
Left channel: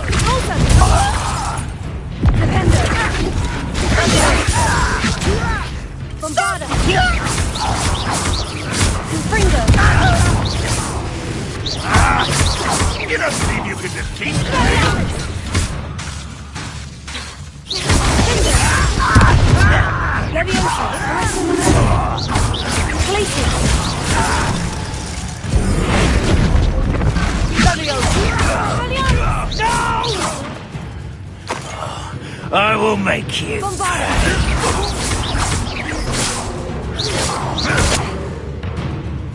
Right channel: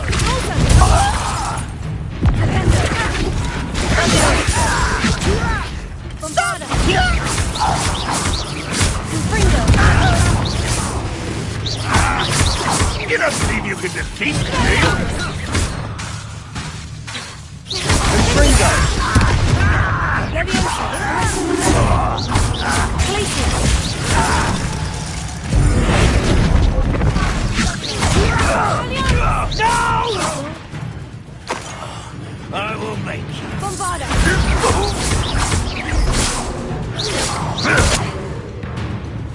Bombarda! Confringo! You don't believe you can defeat me? Leviosa! Glacier! No! I will make you. Bombarda!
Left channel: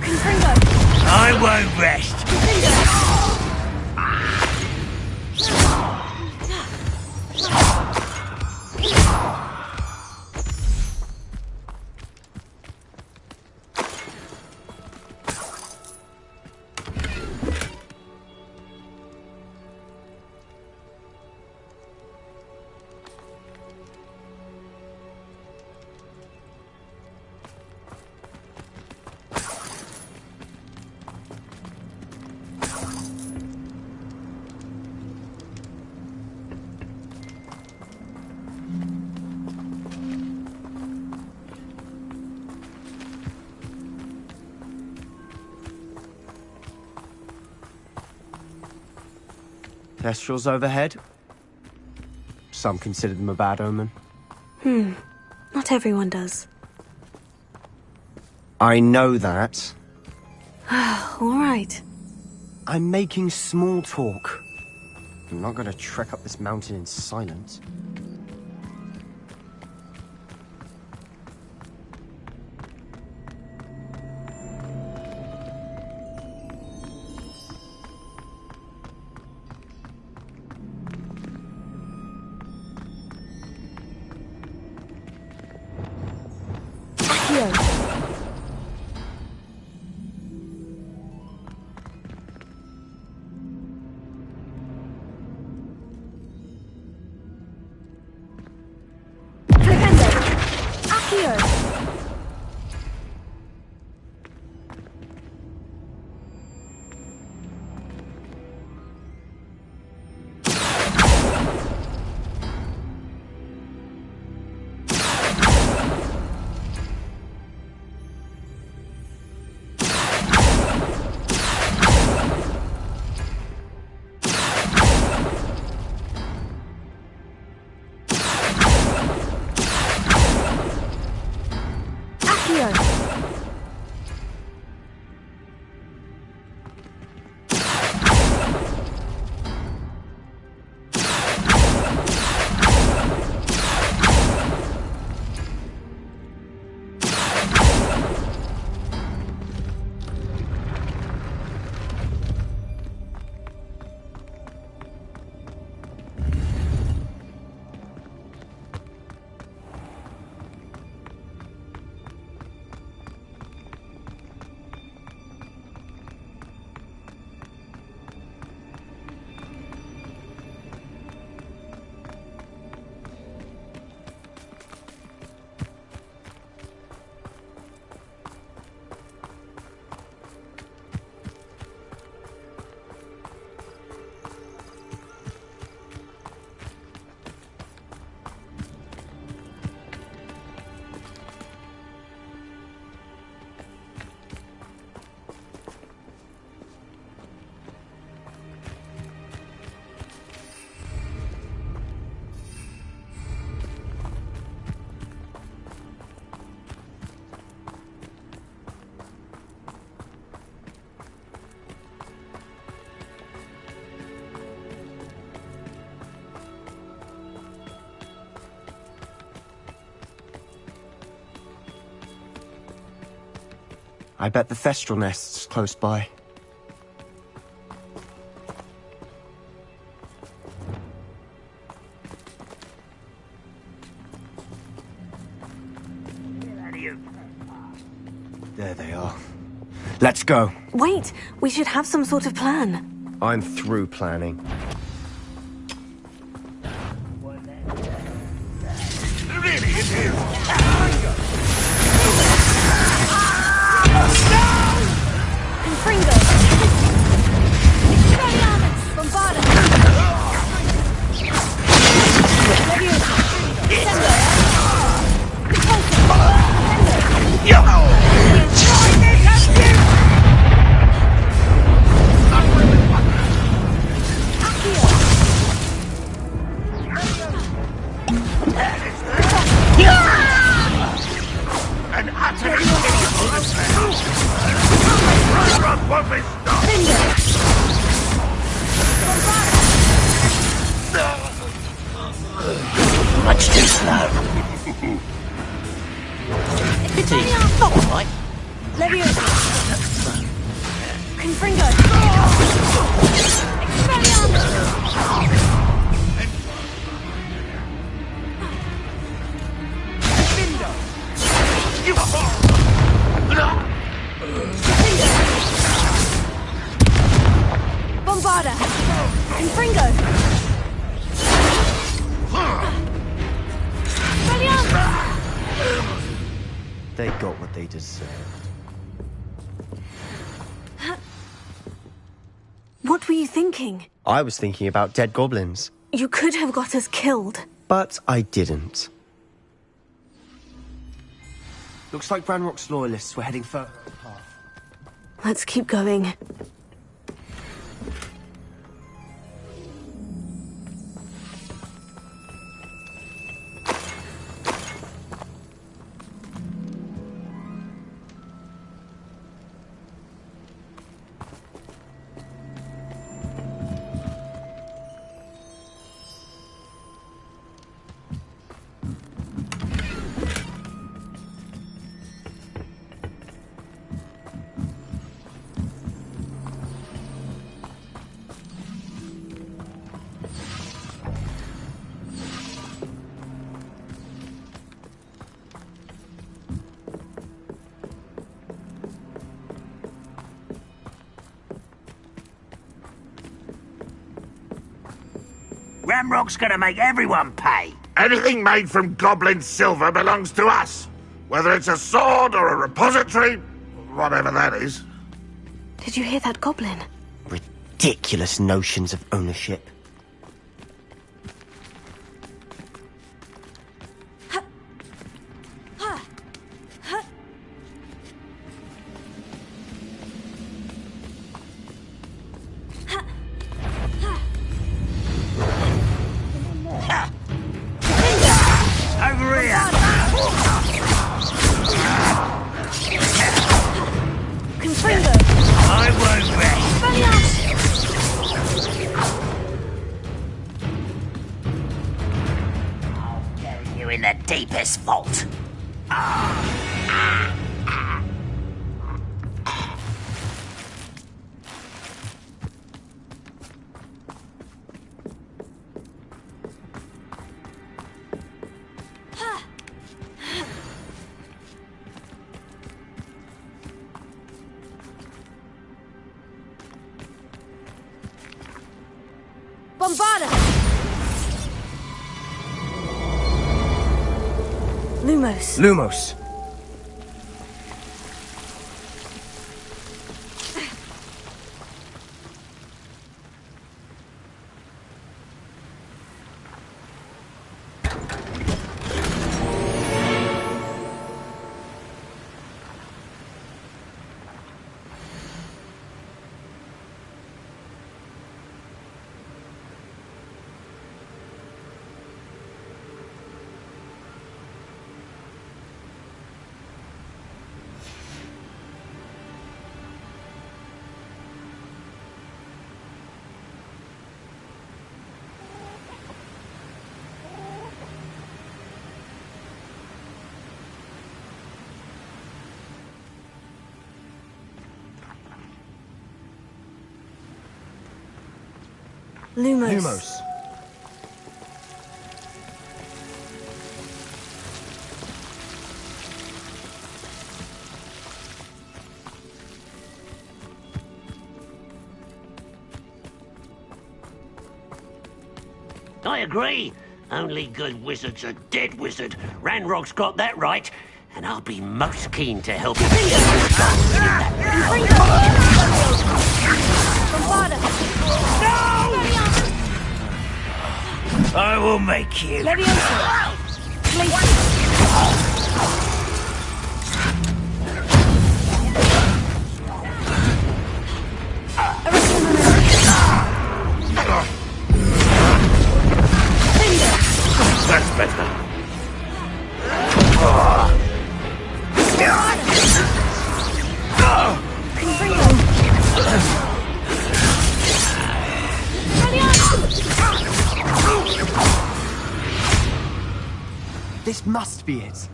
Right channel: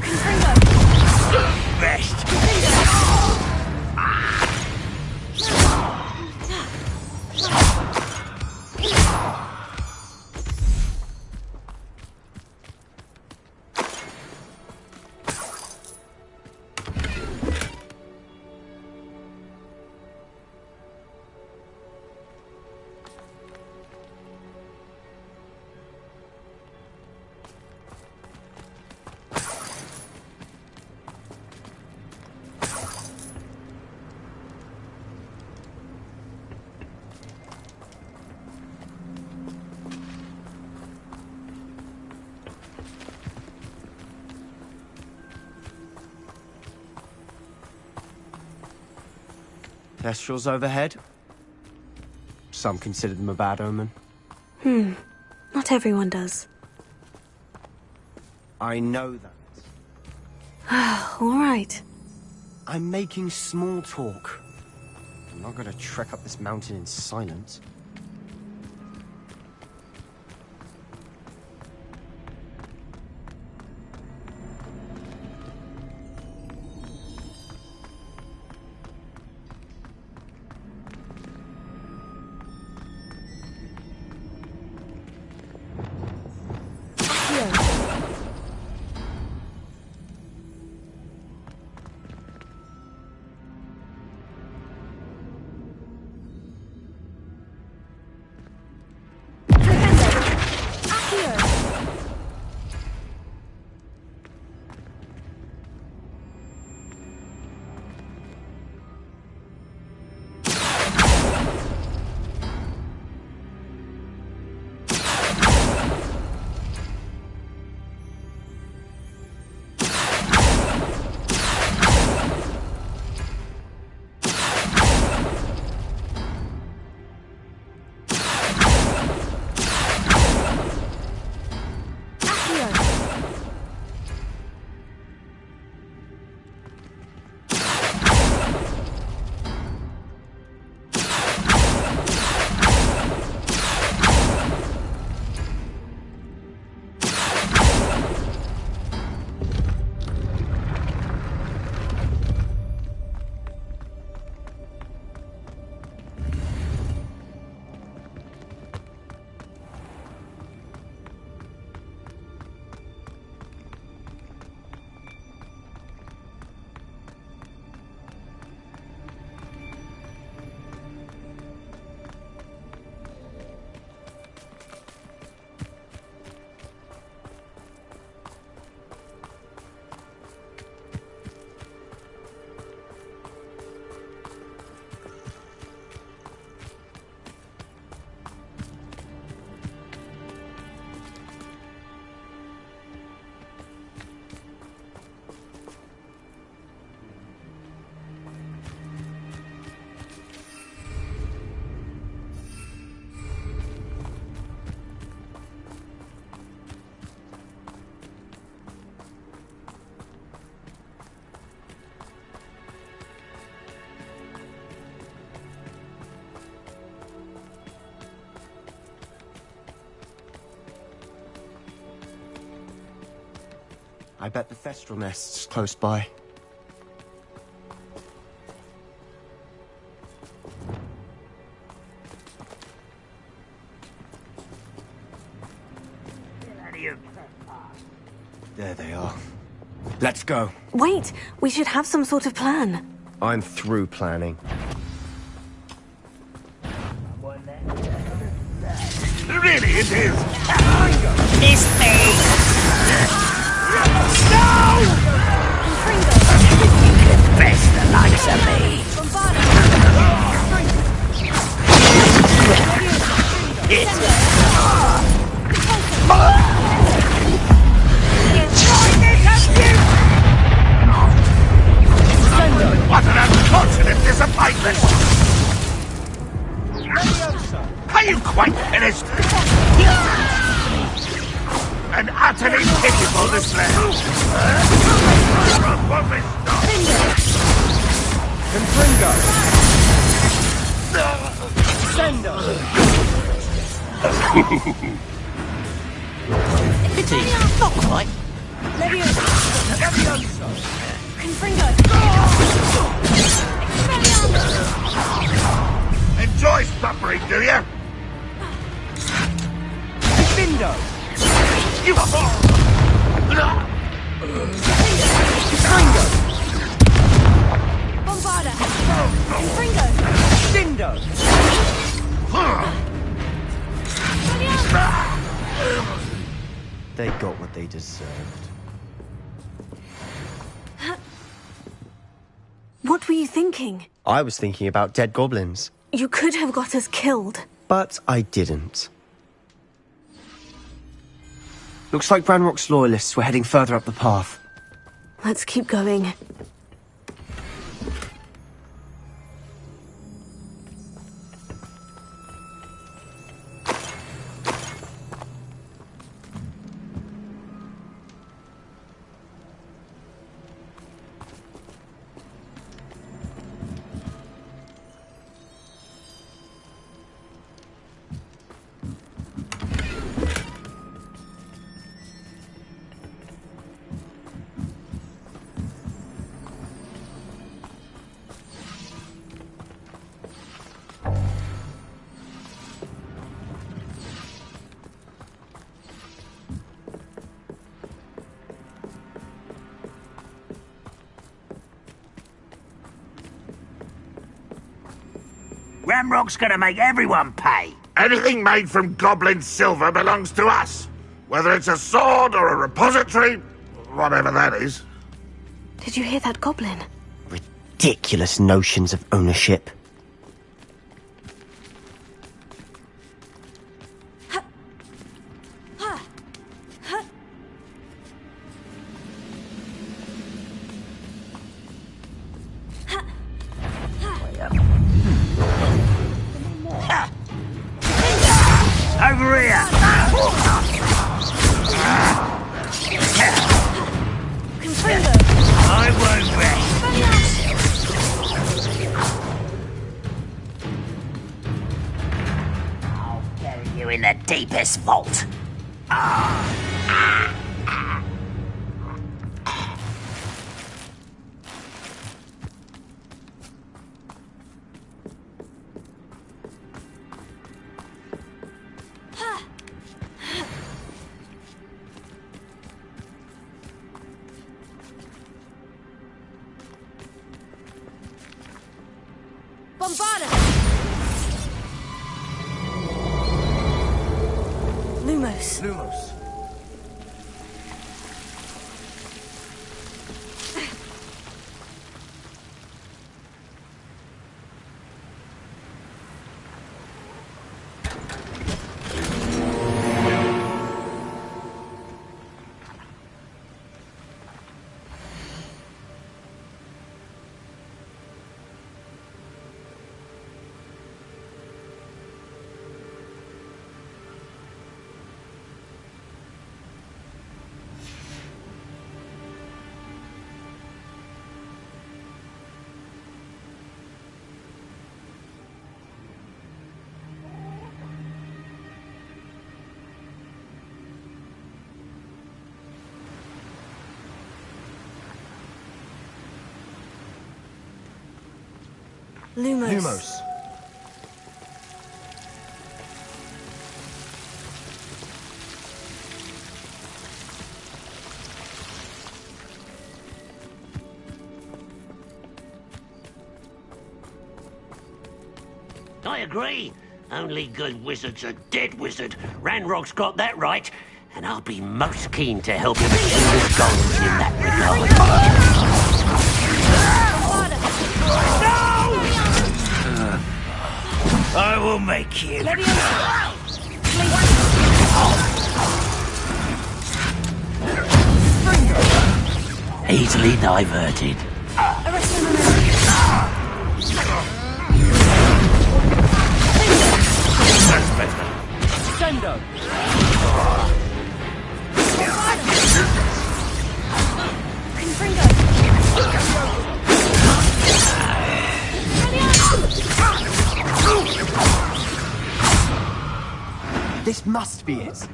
Confringo! I won't rest. Kestrels overhead. Some consider them a bad omen. Not everyone does. I know that. All right. I'm making small talk. I'm not going to trek up this mountain in silence. I bet the Thestral nest's close by. There they are. Let's go. Wait, we should have some sort of plan. I'm through planning. Really, it is. What an unfortunate disappointment! Are you quite finished? An utterly pitiable display! Ranrock won't be stopped! Much too slow. Pity, not quite. Confringo! Enjoy sputtering, do ya? Bindo! You Bombarda! Confringo! Bindo! They got what they deserved. What were you thinking? I was thinking about dead goblins. You could have got us killed. But I didn't. Looks like Ranrock's loyalists were heading further up the path. Let's keep going. Ranrock's gonna make everyone pay. Anything made from goblin silver belongs to us. Whether it's a sword or a repository, whatever that is. Did you hear that goblin? Ridiculous notions of ownership. Over here! Confringo! I won't rest! I'll bury you in the deepest vault. Bombarda! Lumos. Lumos. Lumos. I agree. Only good wizards are dead wizard. Ranrock's got that right, and I'll be most keen to help you get this gold in that regard. I will make you. Easily diverted. That's better. This must be it.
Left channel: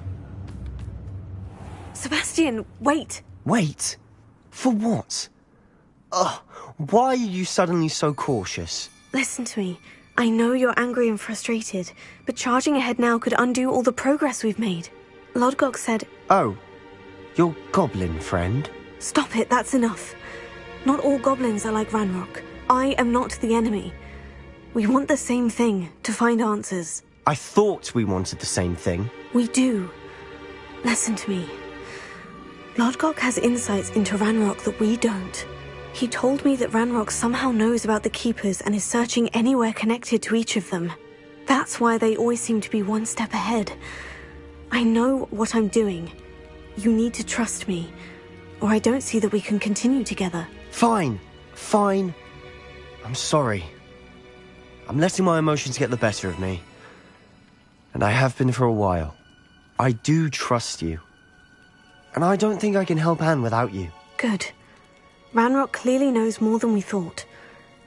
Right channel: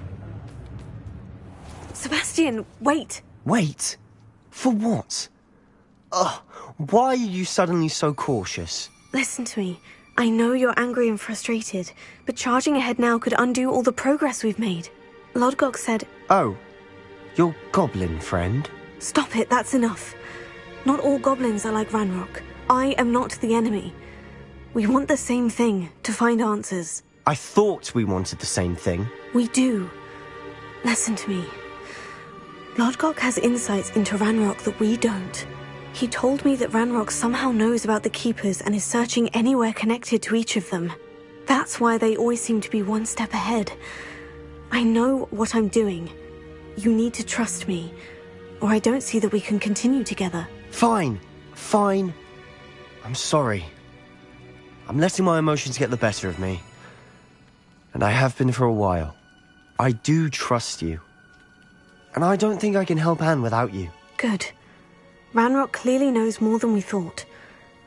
Sebastian, wait. Wait? For what? Ugh, why are you suddenly so cautious? Listen to me. I know you're angry and frustrated, but charging ahead now could undo all the progress we've made. Lodgok said... Oh, your goblin friend? Stop it, that's enough. Not all goblins are like Ranrock. I am not the enemy. We want the same thing, to find answers. I thought we wanted the same thing. We do. Listen to me. Lodgok has insights into Ranrock that we don't. He told me that Ranrock somehow knows about the Keepers and is searching anywhere connected to each of them. That's why they always seem to be one step ahead. I know what I'm doing. You need to trust me, or I don't see that we can continue together. Fine. I'm sorry. I'm letting my emotions get the better of me. And I have been for a while. I do trust you. And I don't think I can help Anne without you. Good. Ranrock clearly knows more than we thought.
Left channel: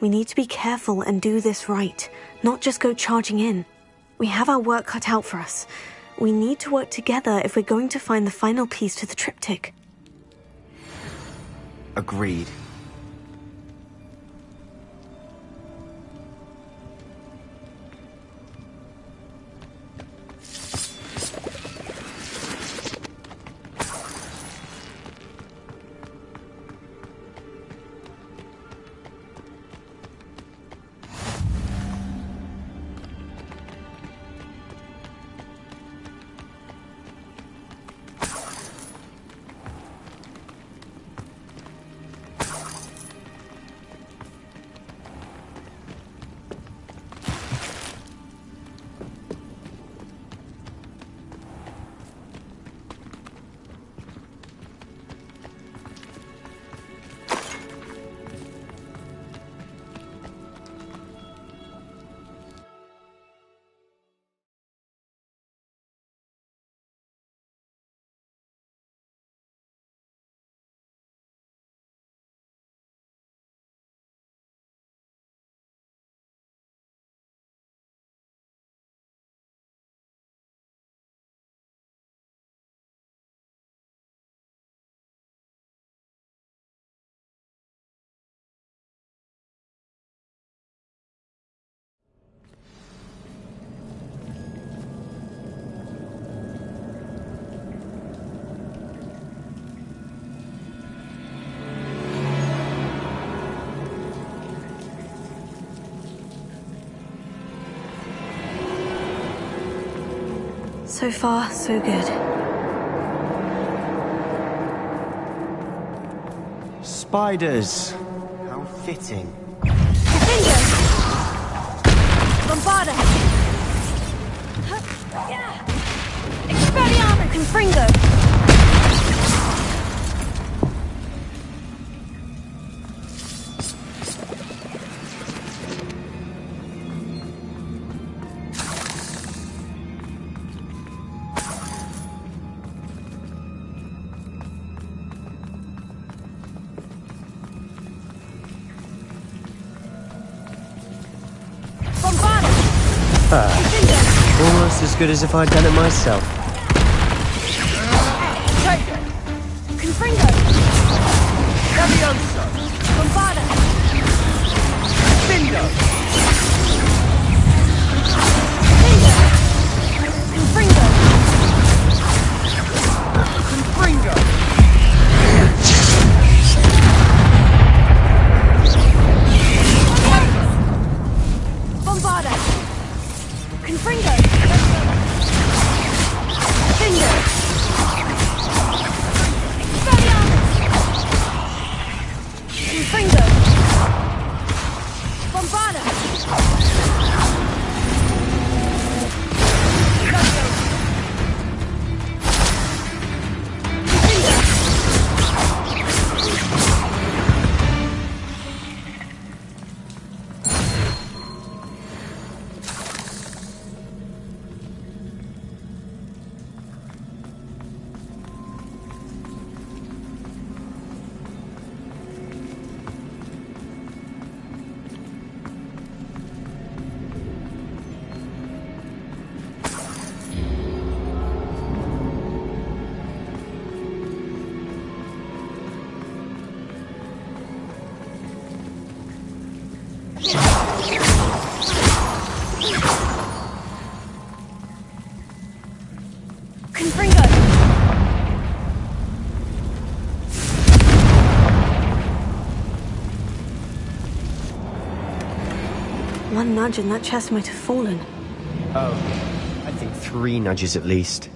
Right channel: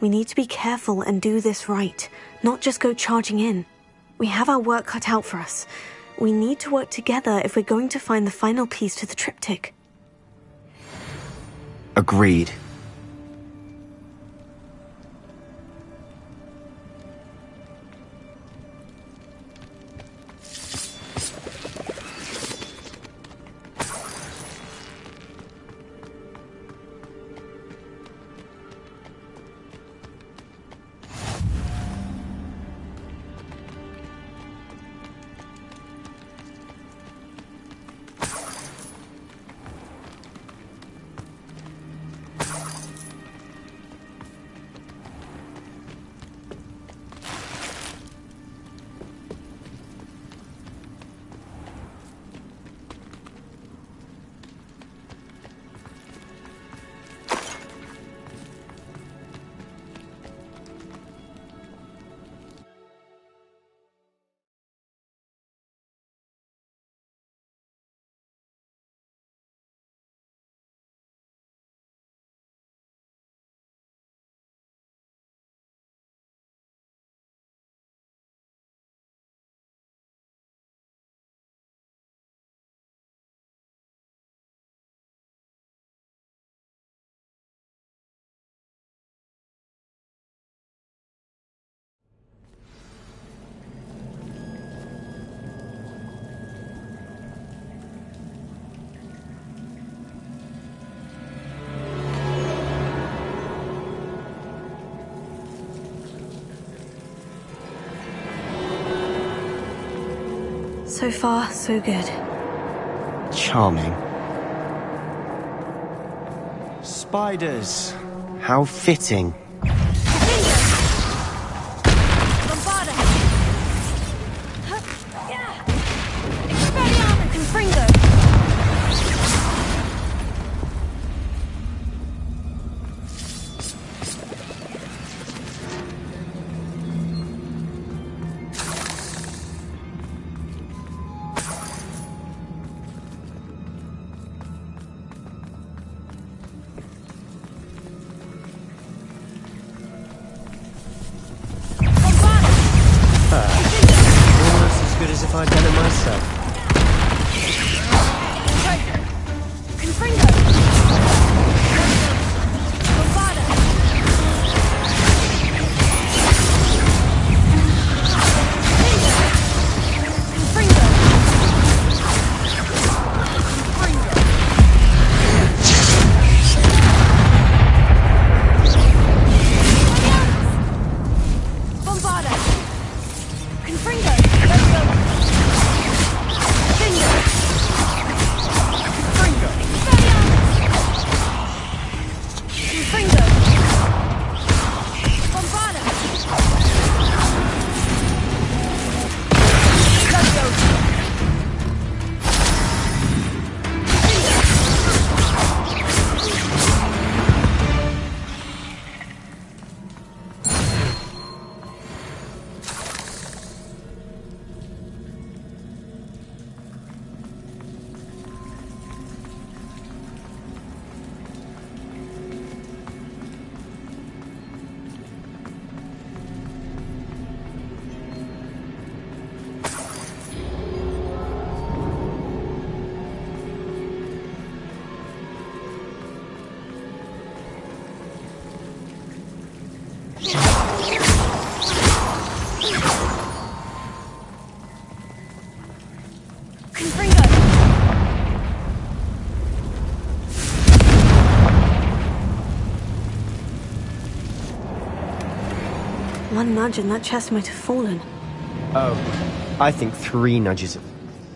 We need to be careful and do this right, not just go charging in. We have our work cut out for us. We need to work together if we're going to find the final piece to the triptych. Agreed. So far, so good. Charming. Spiders. How fitting. Bombarda! Expelliarmus! Confringo! Almost as good as if I'd done it myself. Confringo! Bombarda! Bingo! One nudge and that chest might have fallen. Oh, I think 3 nudges at least.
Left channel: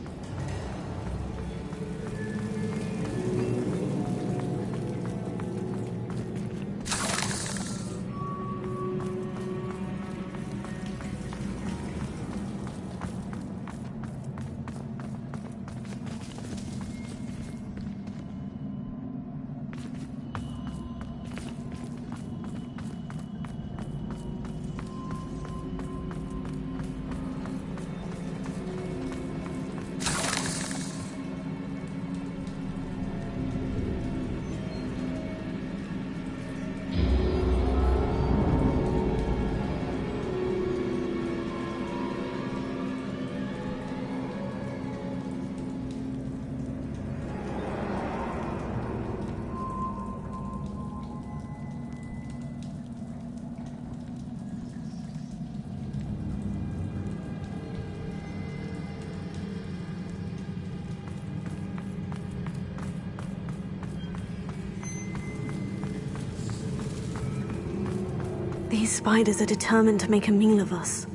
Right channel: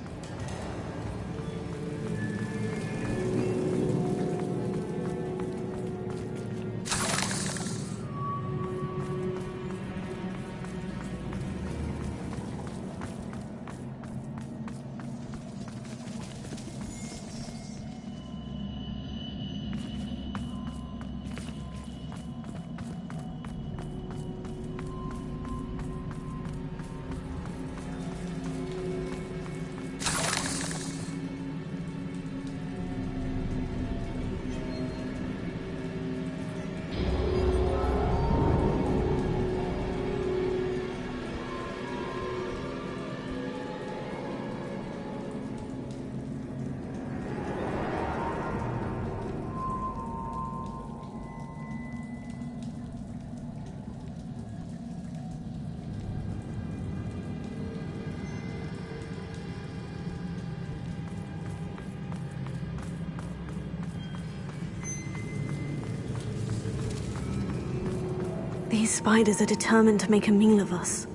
These spiders are determined to make a meal of us.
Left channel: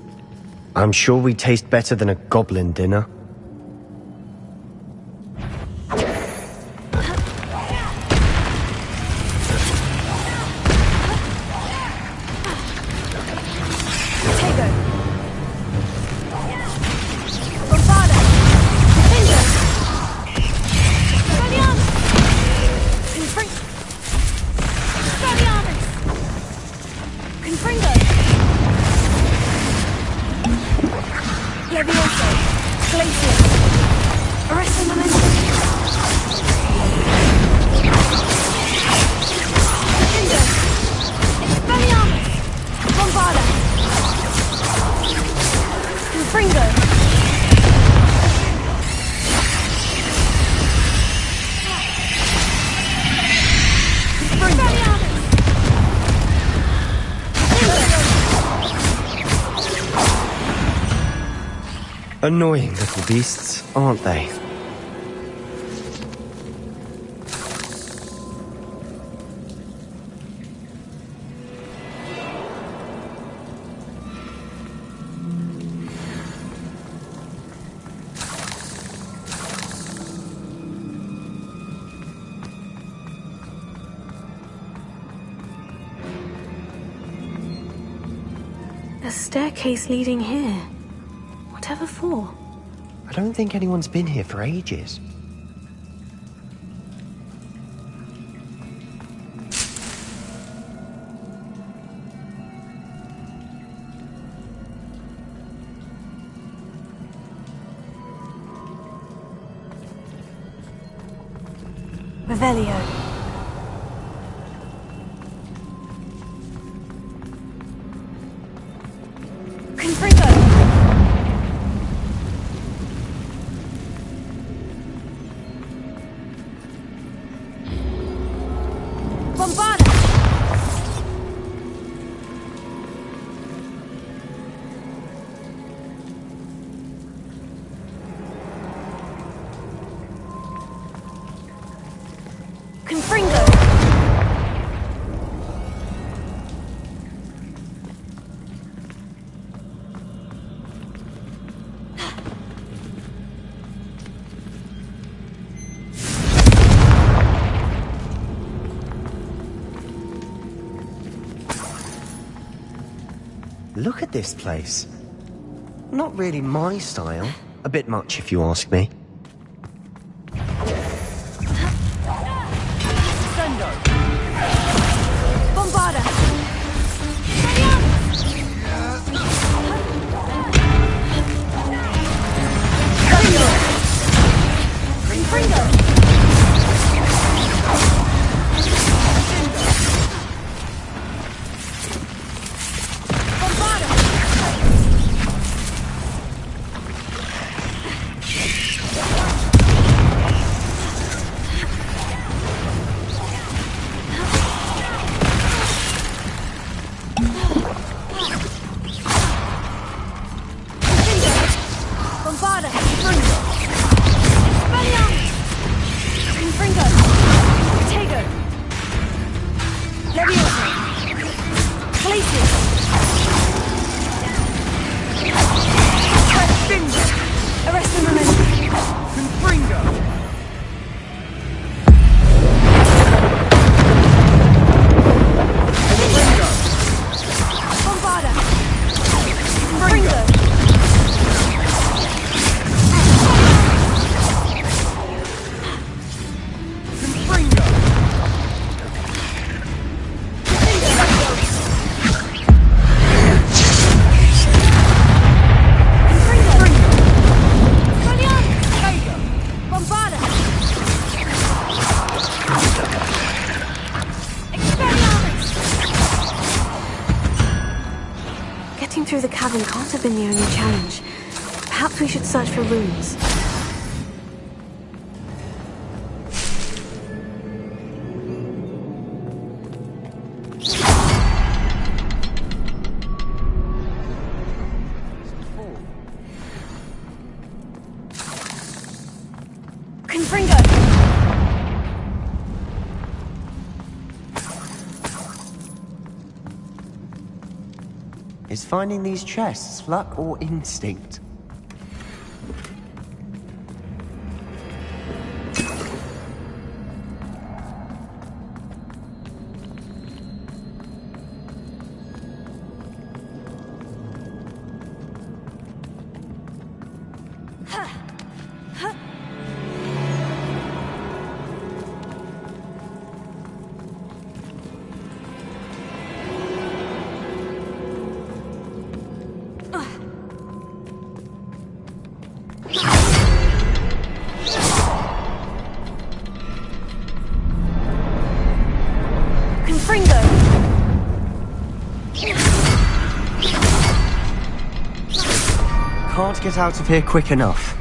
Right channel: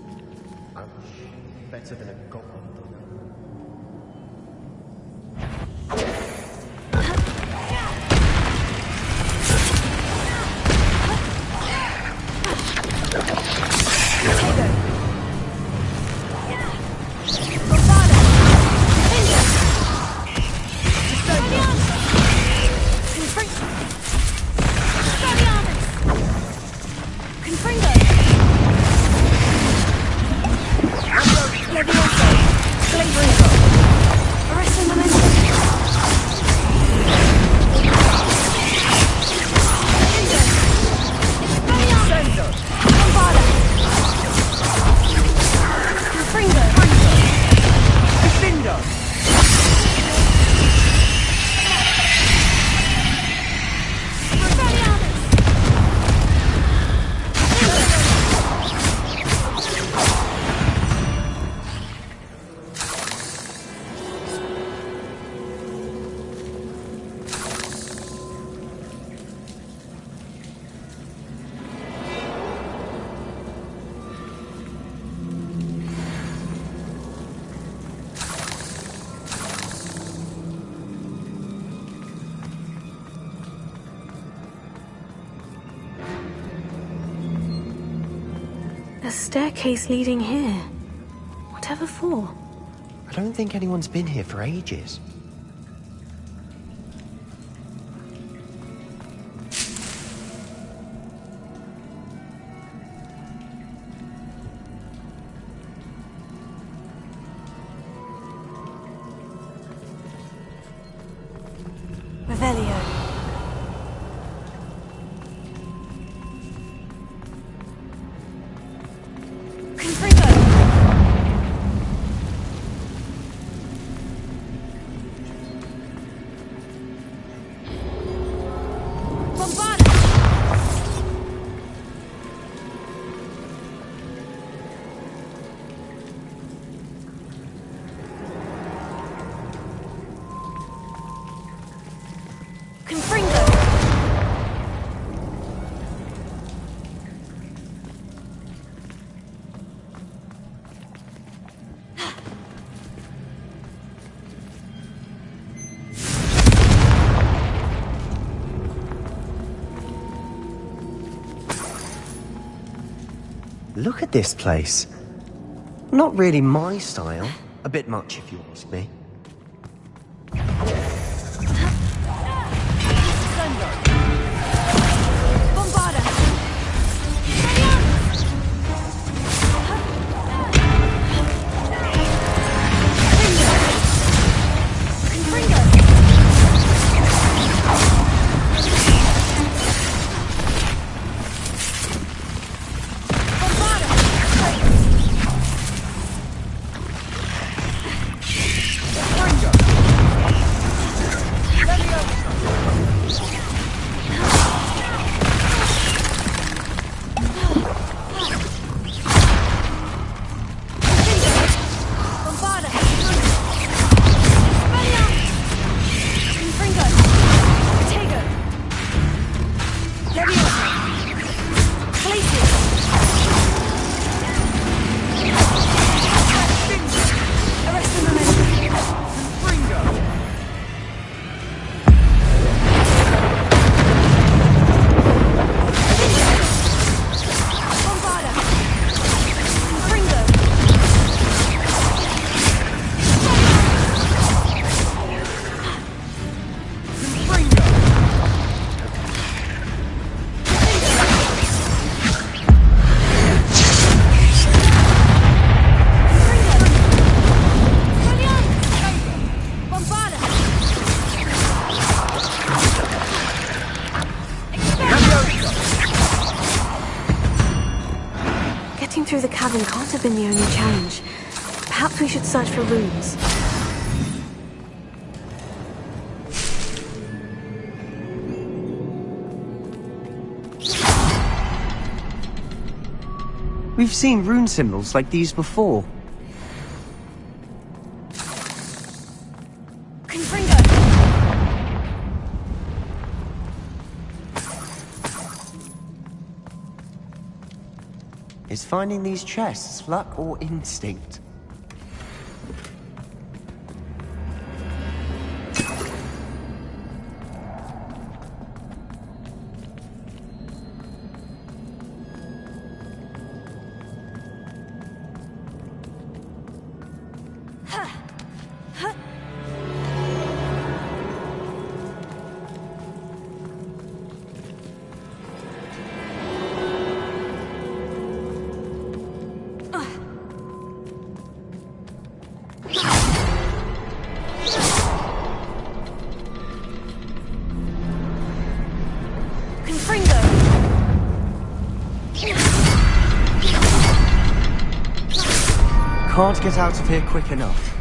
I'm sure we taste better than a goblin dinner. Annoying little beasts, aren't they? A staircase leading here. Whatever for? I don't think anyone's been here for ages. Revelio. Look at this place. Not really my style. A bit much, if you ask me. through the cavern can't have been the only challenge. Perhaps we should search for runes. We've seen rune symbols like these before. Confringo! Is finding these chests luck or instinct? Can't get out of here quick enough.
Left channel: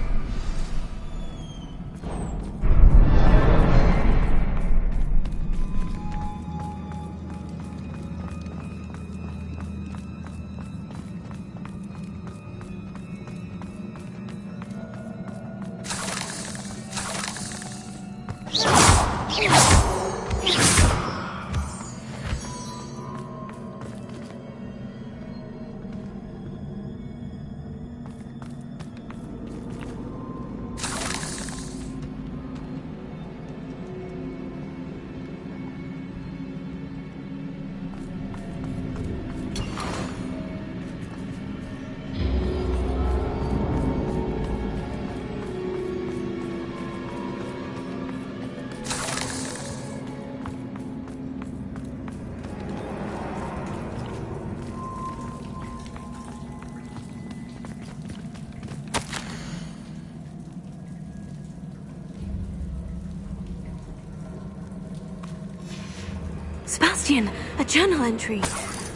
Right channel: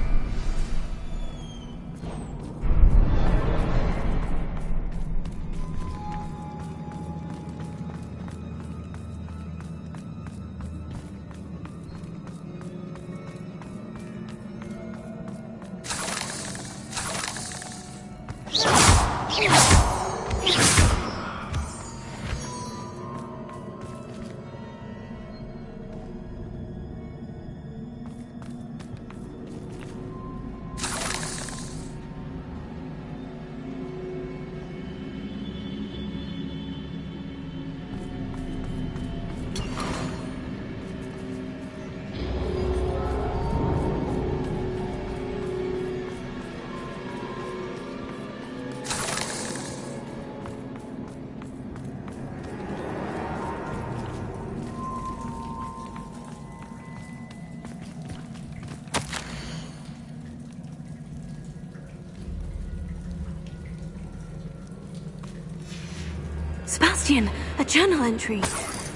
Sebastian, a journal entry.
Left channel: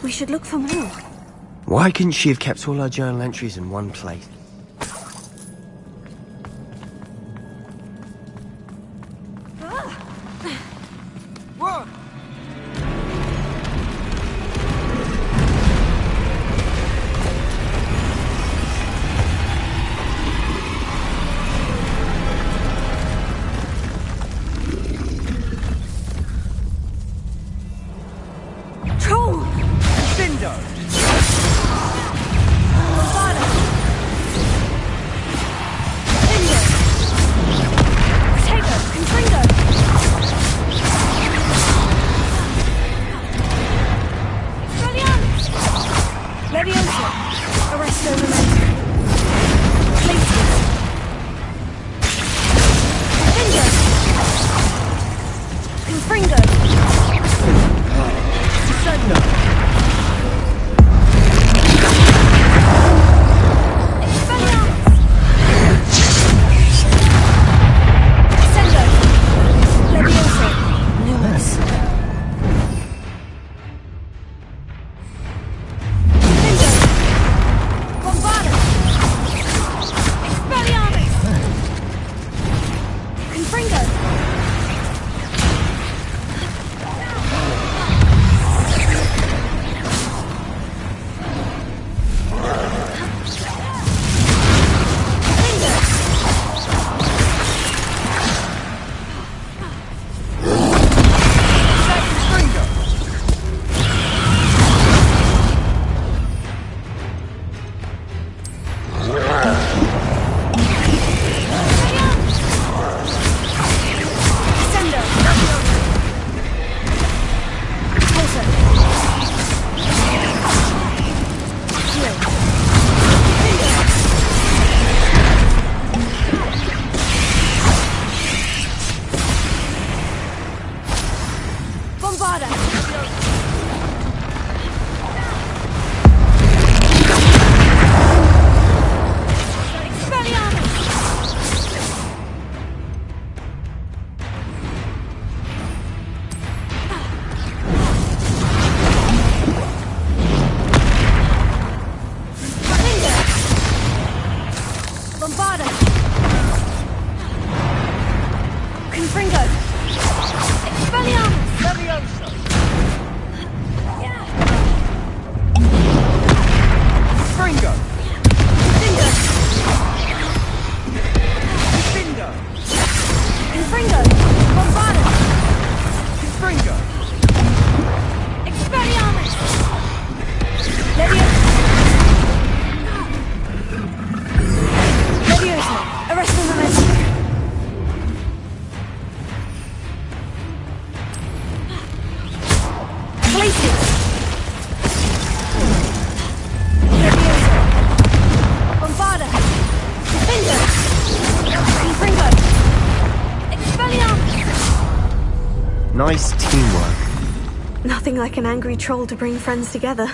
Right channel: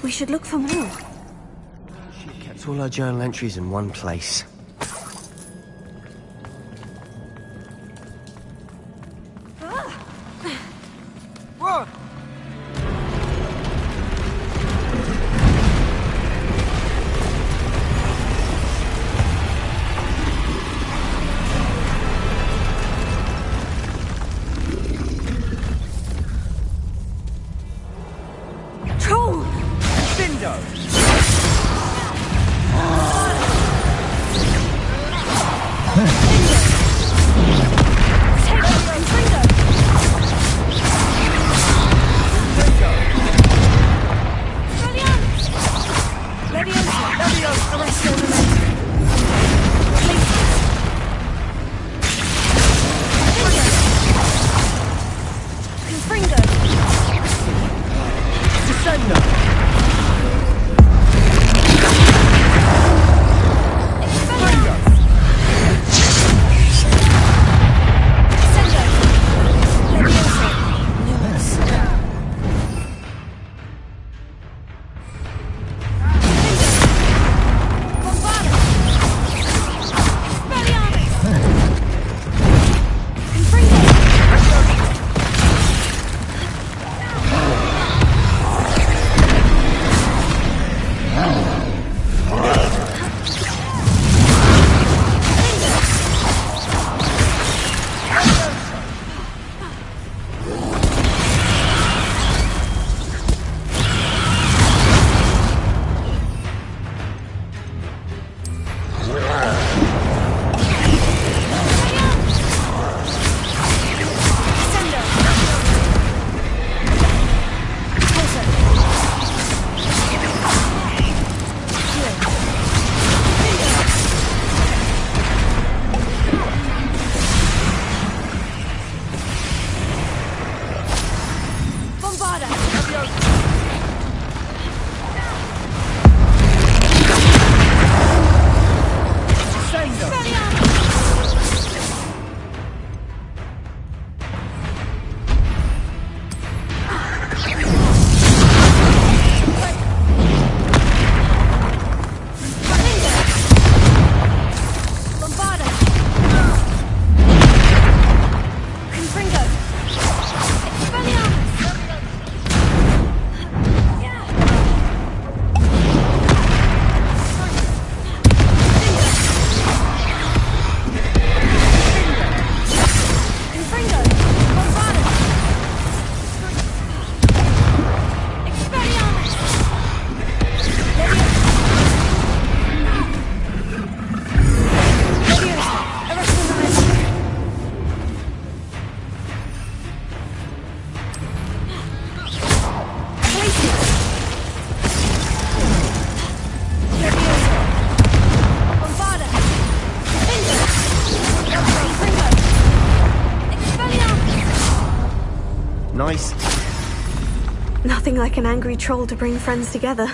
We should look for more. Why couldn't she have kept all her journal entries in one place? What? Troll! Cindo! Nice teamwork. Nothing like an angry troll to bring friends together.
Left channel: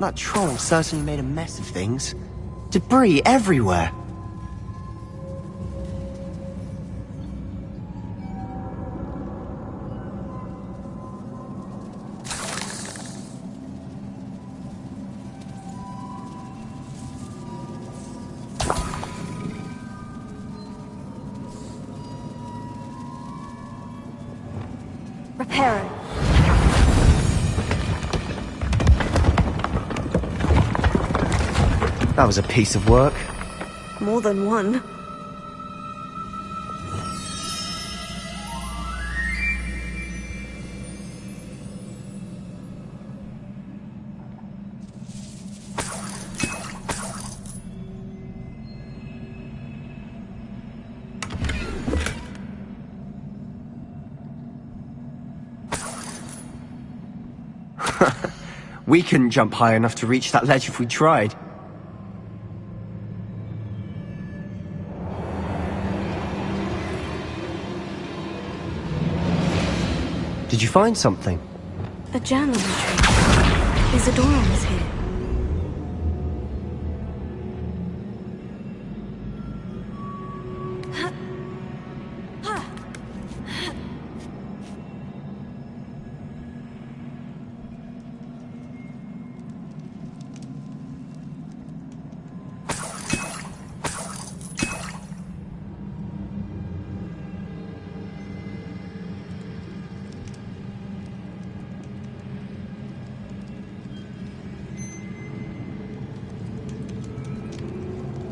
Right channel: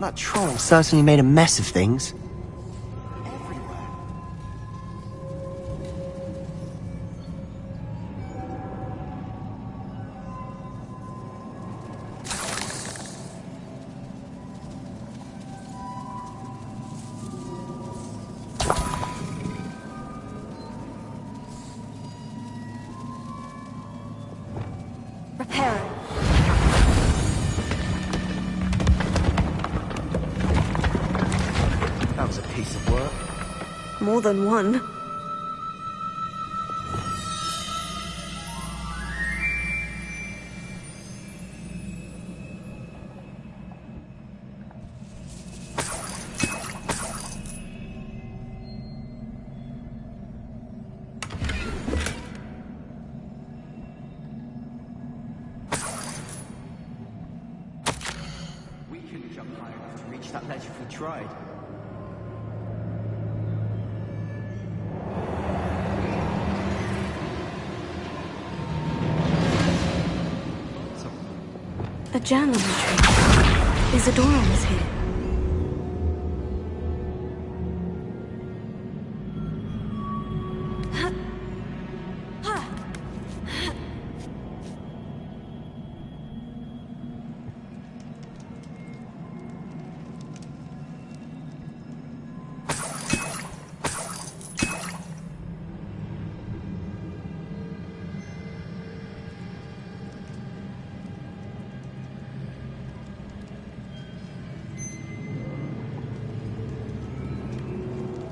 That troll certainly made a mess of things. Debris everywhere. Reparo. That was a piece of work. More than one. We couldn't jump high enough to reach that ledge if we tried. Did you find something? A journal entry. Isadora was here.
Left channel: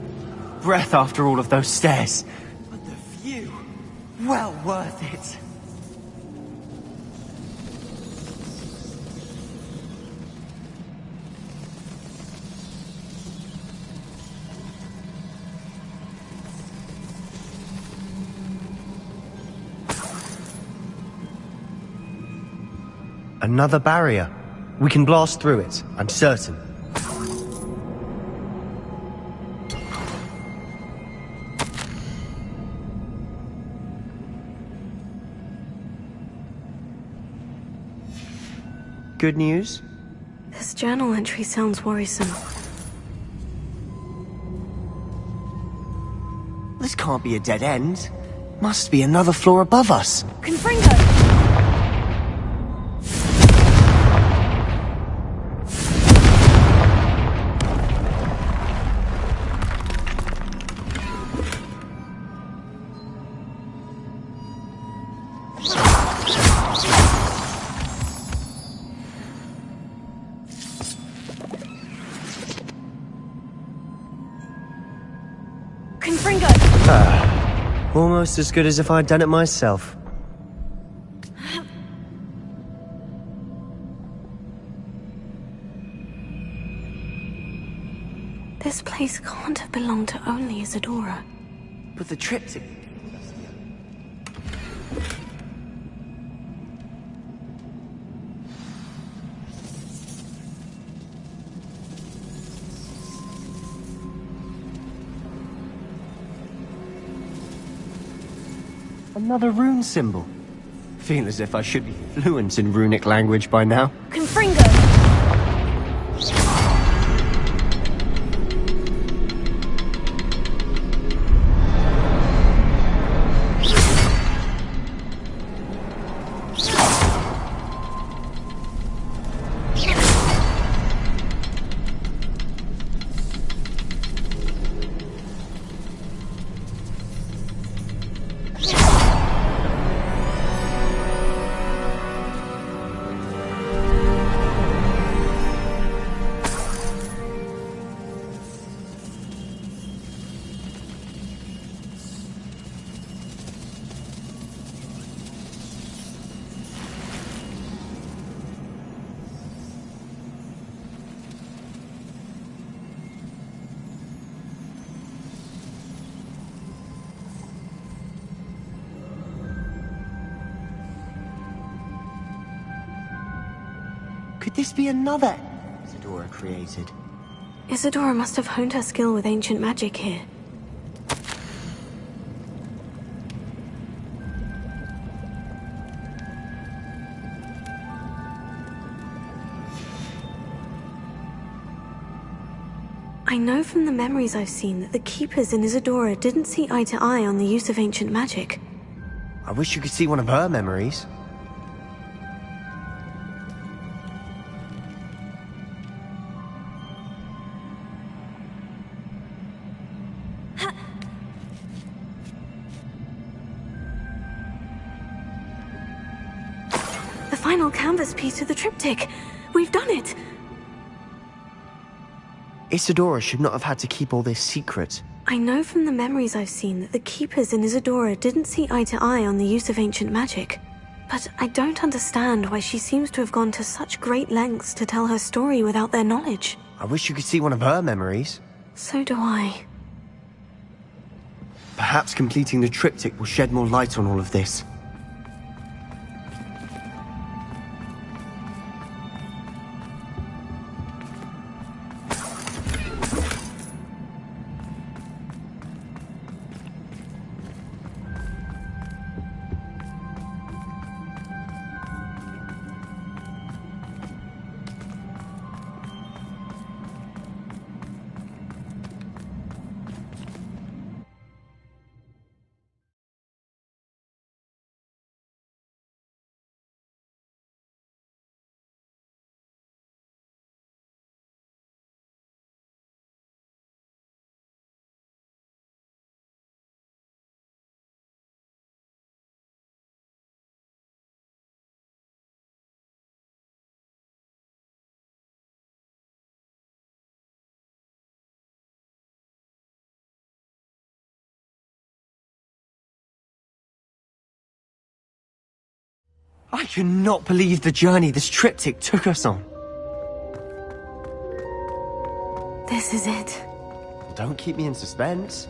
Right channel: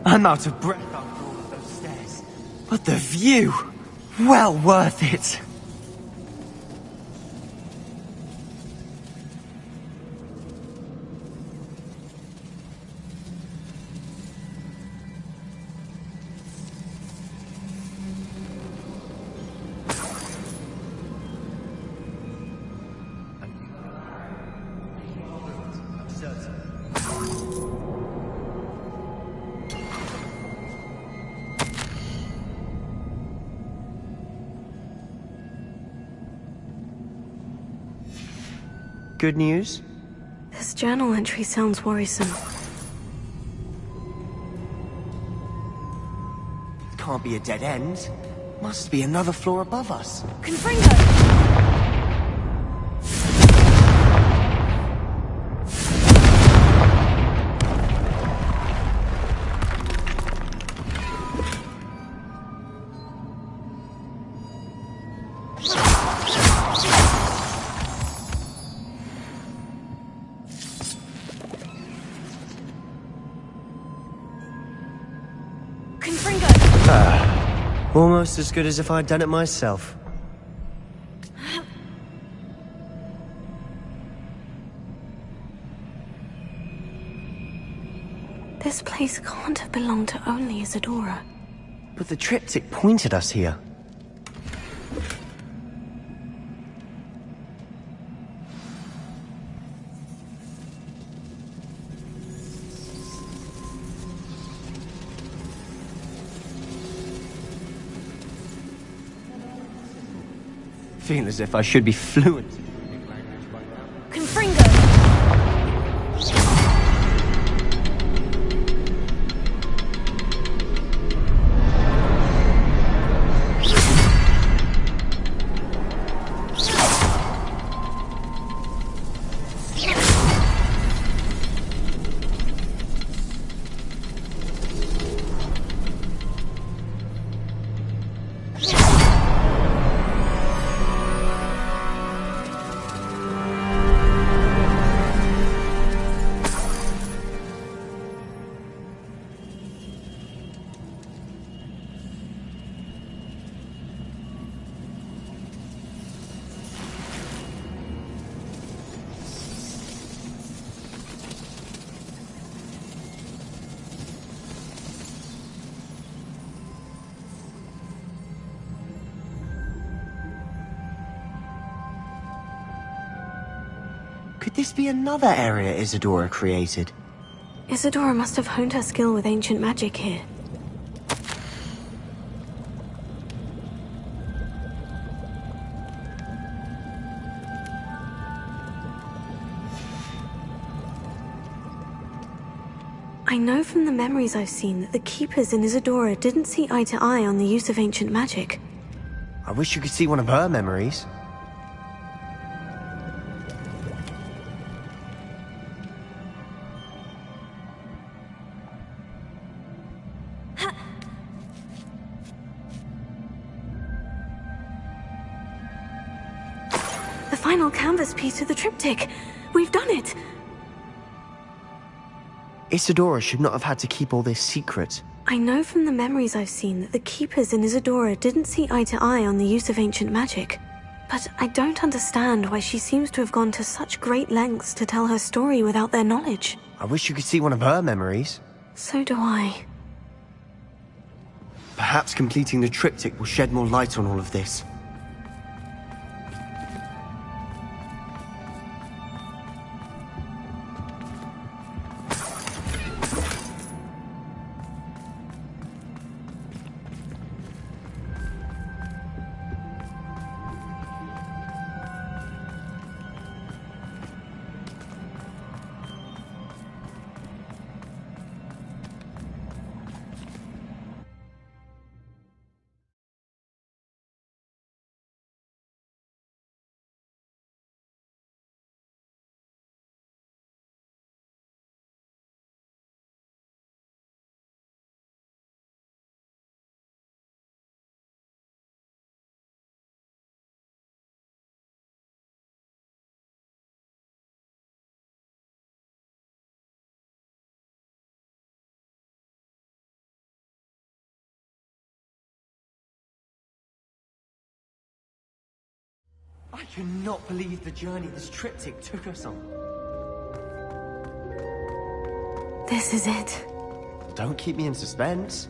I'm out of breath after all of those stairs. But the view! Well worth it! Another barrier. We can blast through it, I'm certain. Good news? This journal entry sounds worrisome. This can't be a dead end. Must be another floor above us. Confringo! Almost as good as if I'd done it myself. This place can't have belonged to only Isadora. But the triptych pointed us here. Another rune symbol. Feel as if I should be fluent in runic language by now. Confringo! Could this be another area Isadora created? Isadora must have honed her skill with ancient magic here. I know from the memories I've seen that the Keepers in Isadora didn't see eye to eye on the use of ancient magic. I wish you could see one of her memories. The final canvas piece of the triptych. We've done it! Isadora should not have had to keep all this secret. I know from the memories I've seen that the Keepers in Isadora didn't see eye to eye on the use of ancient magic. But I don't understand why she seems to have gone to such great lengths to tell her story without their knowledge. I wish you could see one of her memories. So do I. Perhaps completing the triptych will shed more light on all of this. I cannot believe the journey this triptych took us on. This is it. Don't keep me in suspense.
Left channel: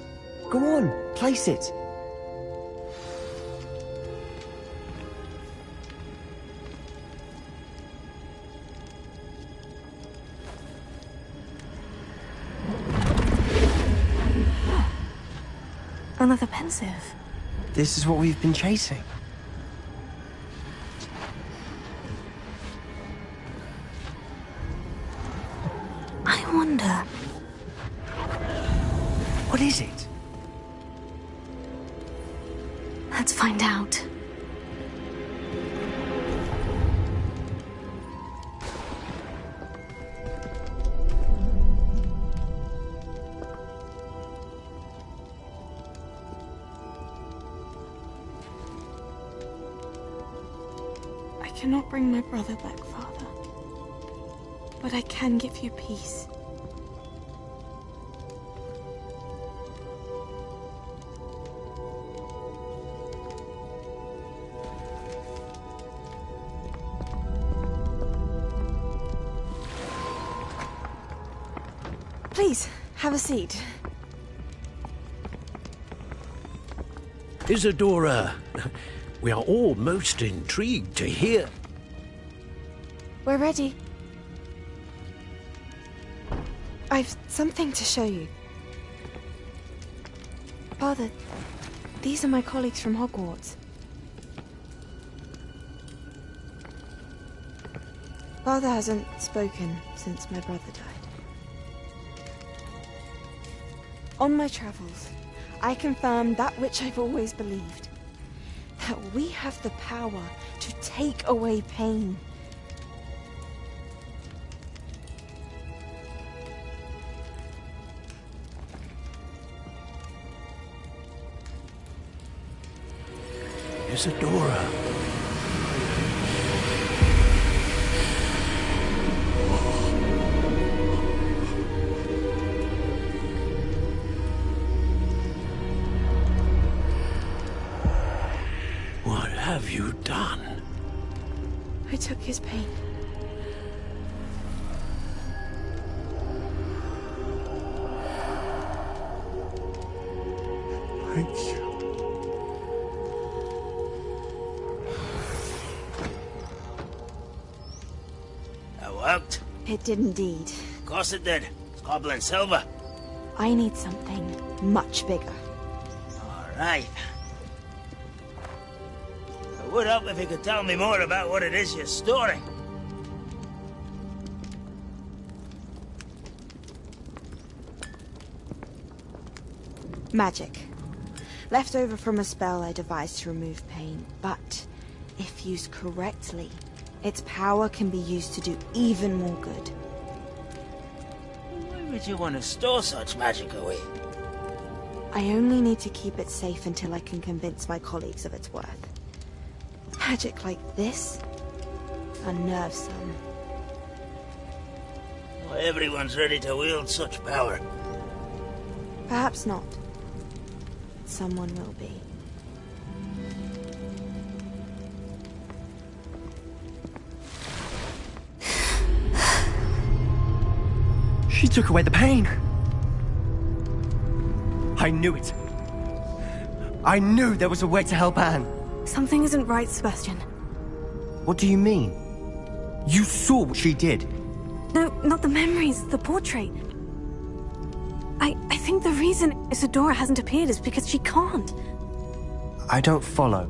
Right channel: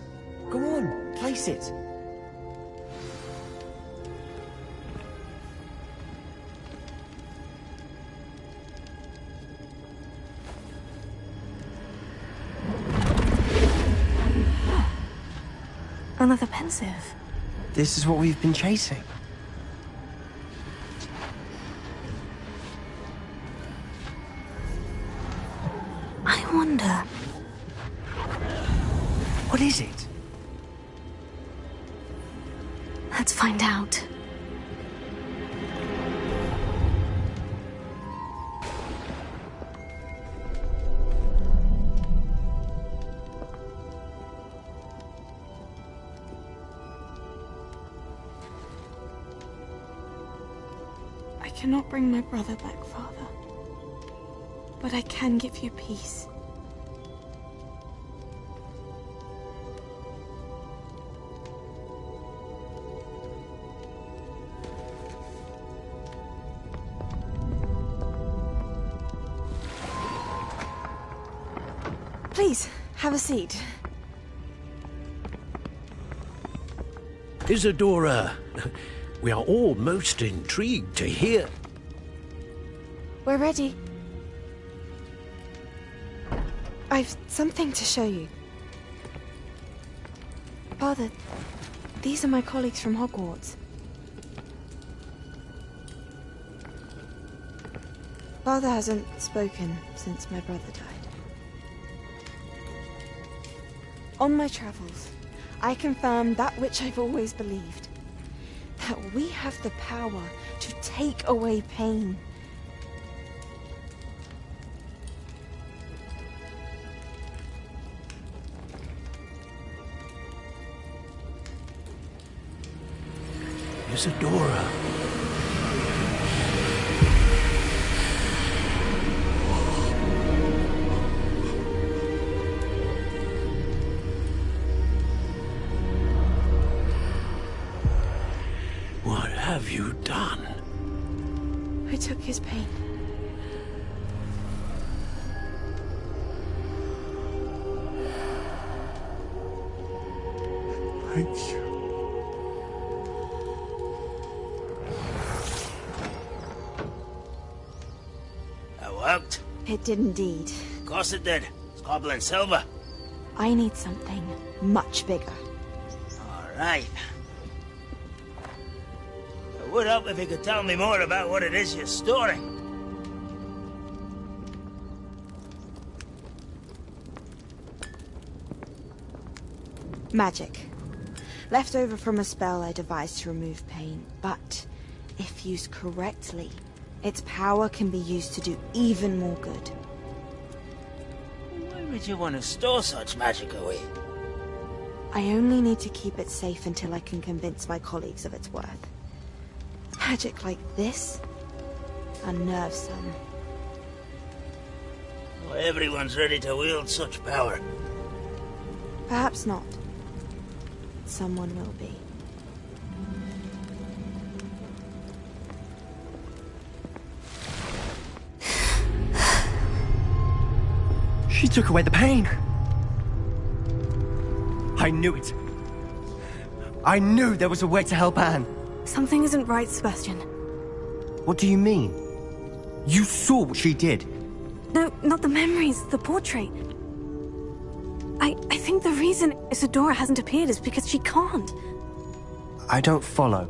Go on, place it. Another pensive. This is what we've been chasing. I wonder... What is it? Let's find out. I cannot bring my brother back, Father. But I can give you peace. Please, have a seat. Isadora, we are all most intrigued to hear. We're ready. I've something to show you. Father, these are my colleagues from Hogwarts. Father hasn't spoken since my brother died. On my travels, I confirmed that which I've always believed. That we have the power to take away pain. Isadora. What have you done? I took his pain. Thank you. worked? It did indeed. Of course it did. It's goblin silver. I need something much bigger. Alright. I would help if you could tell me more about what it is you're storing. Magic. Left over from a spell I devised to remove pain, but if used correctly, its power can be used to do even more good. Why would you want to store such magic away? I only need to keep it safe until I can convince my colleagues of its worth. Magic like this unnerves them. Not everyone's ready to wield such power. Perhaps not. Someone will be. She took away the pain. I knew it. I knew there was a way to help Anne. Something isn't right, Sebastian. What do you mean? You saw what she did. No, not the memories, the portrait. I think the reason Isadora hasn't appeared is because she can't. I don't follow.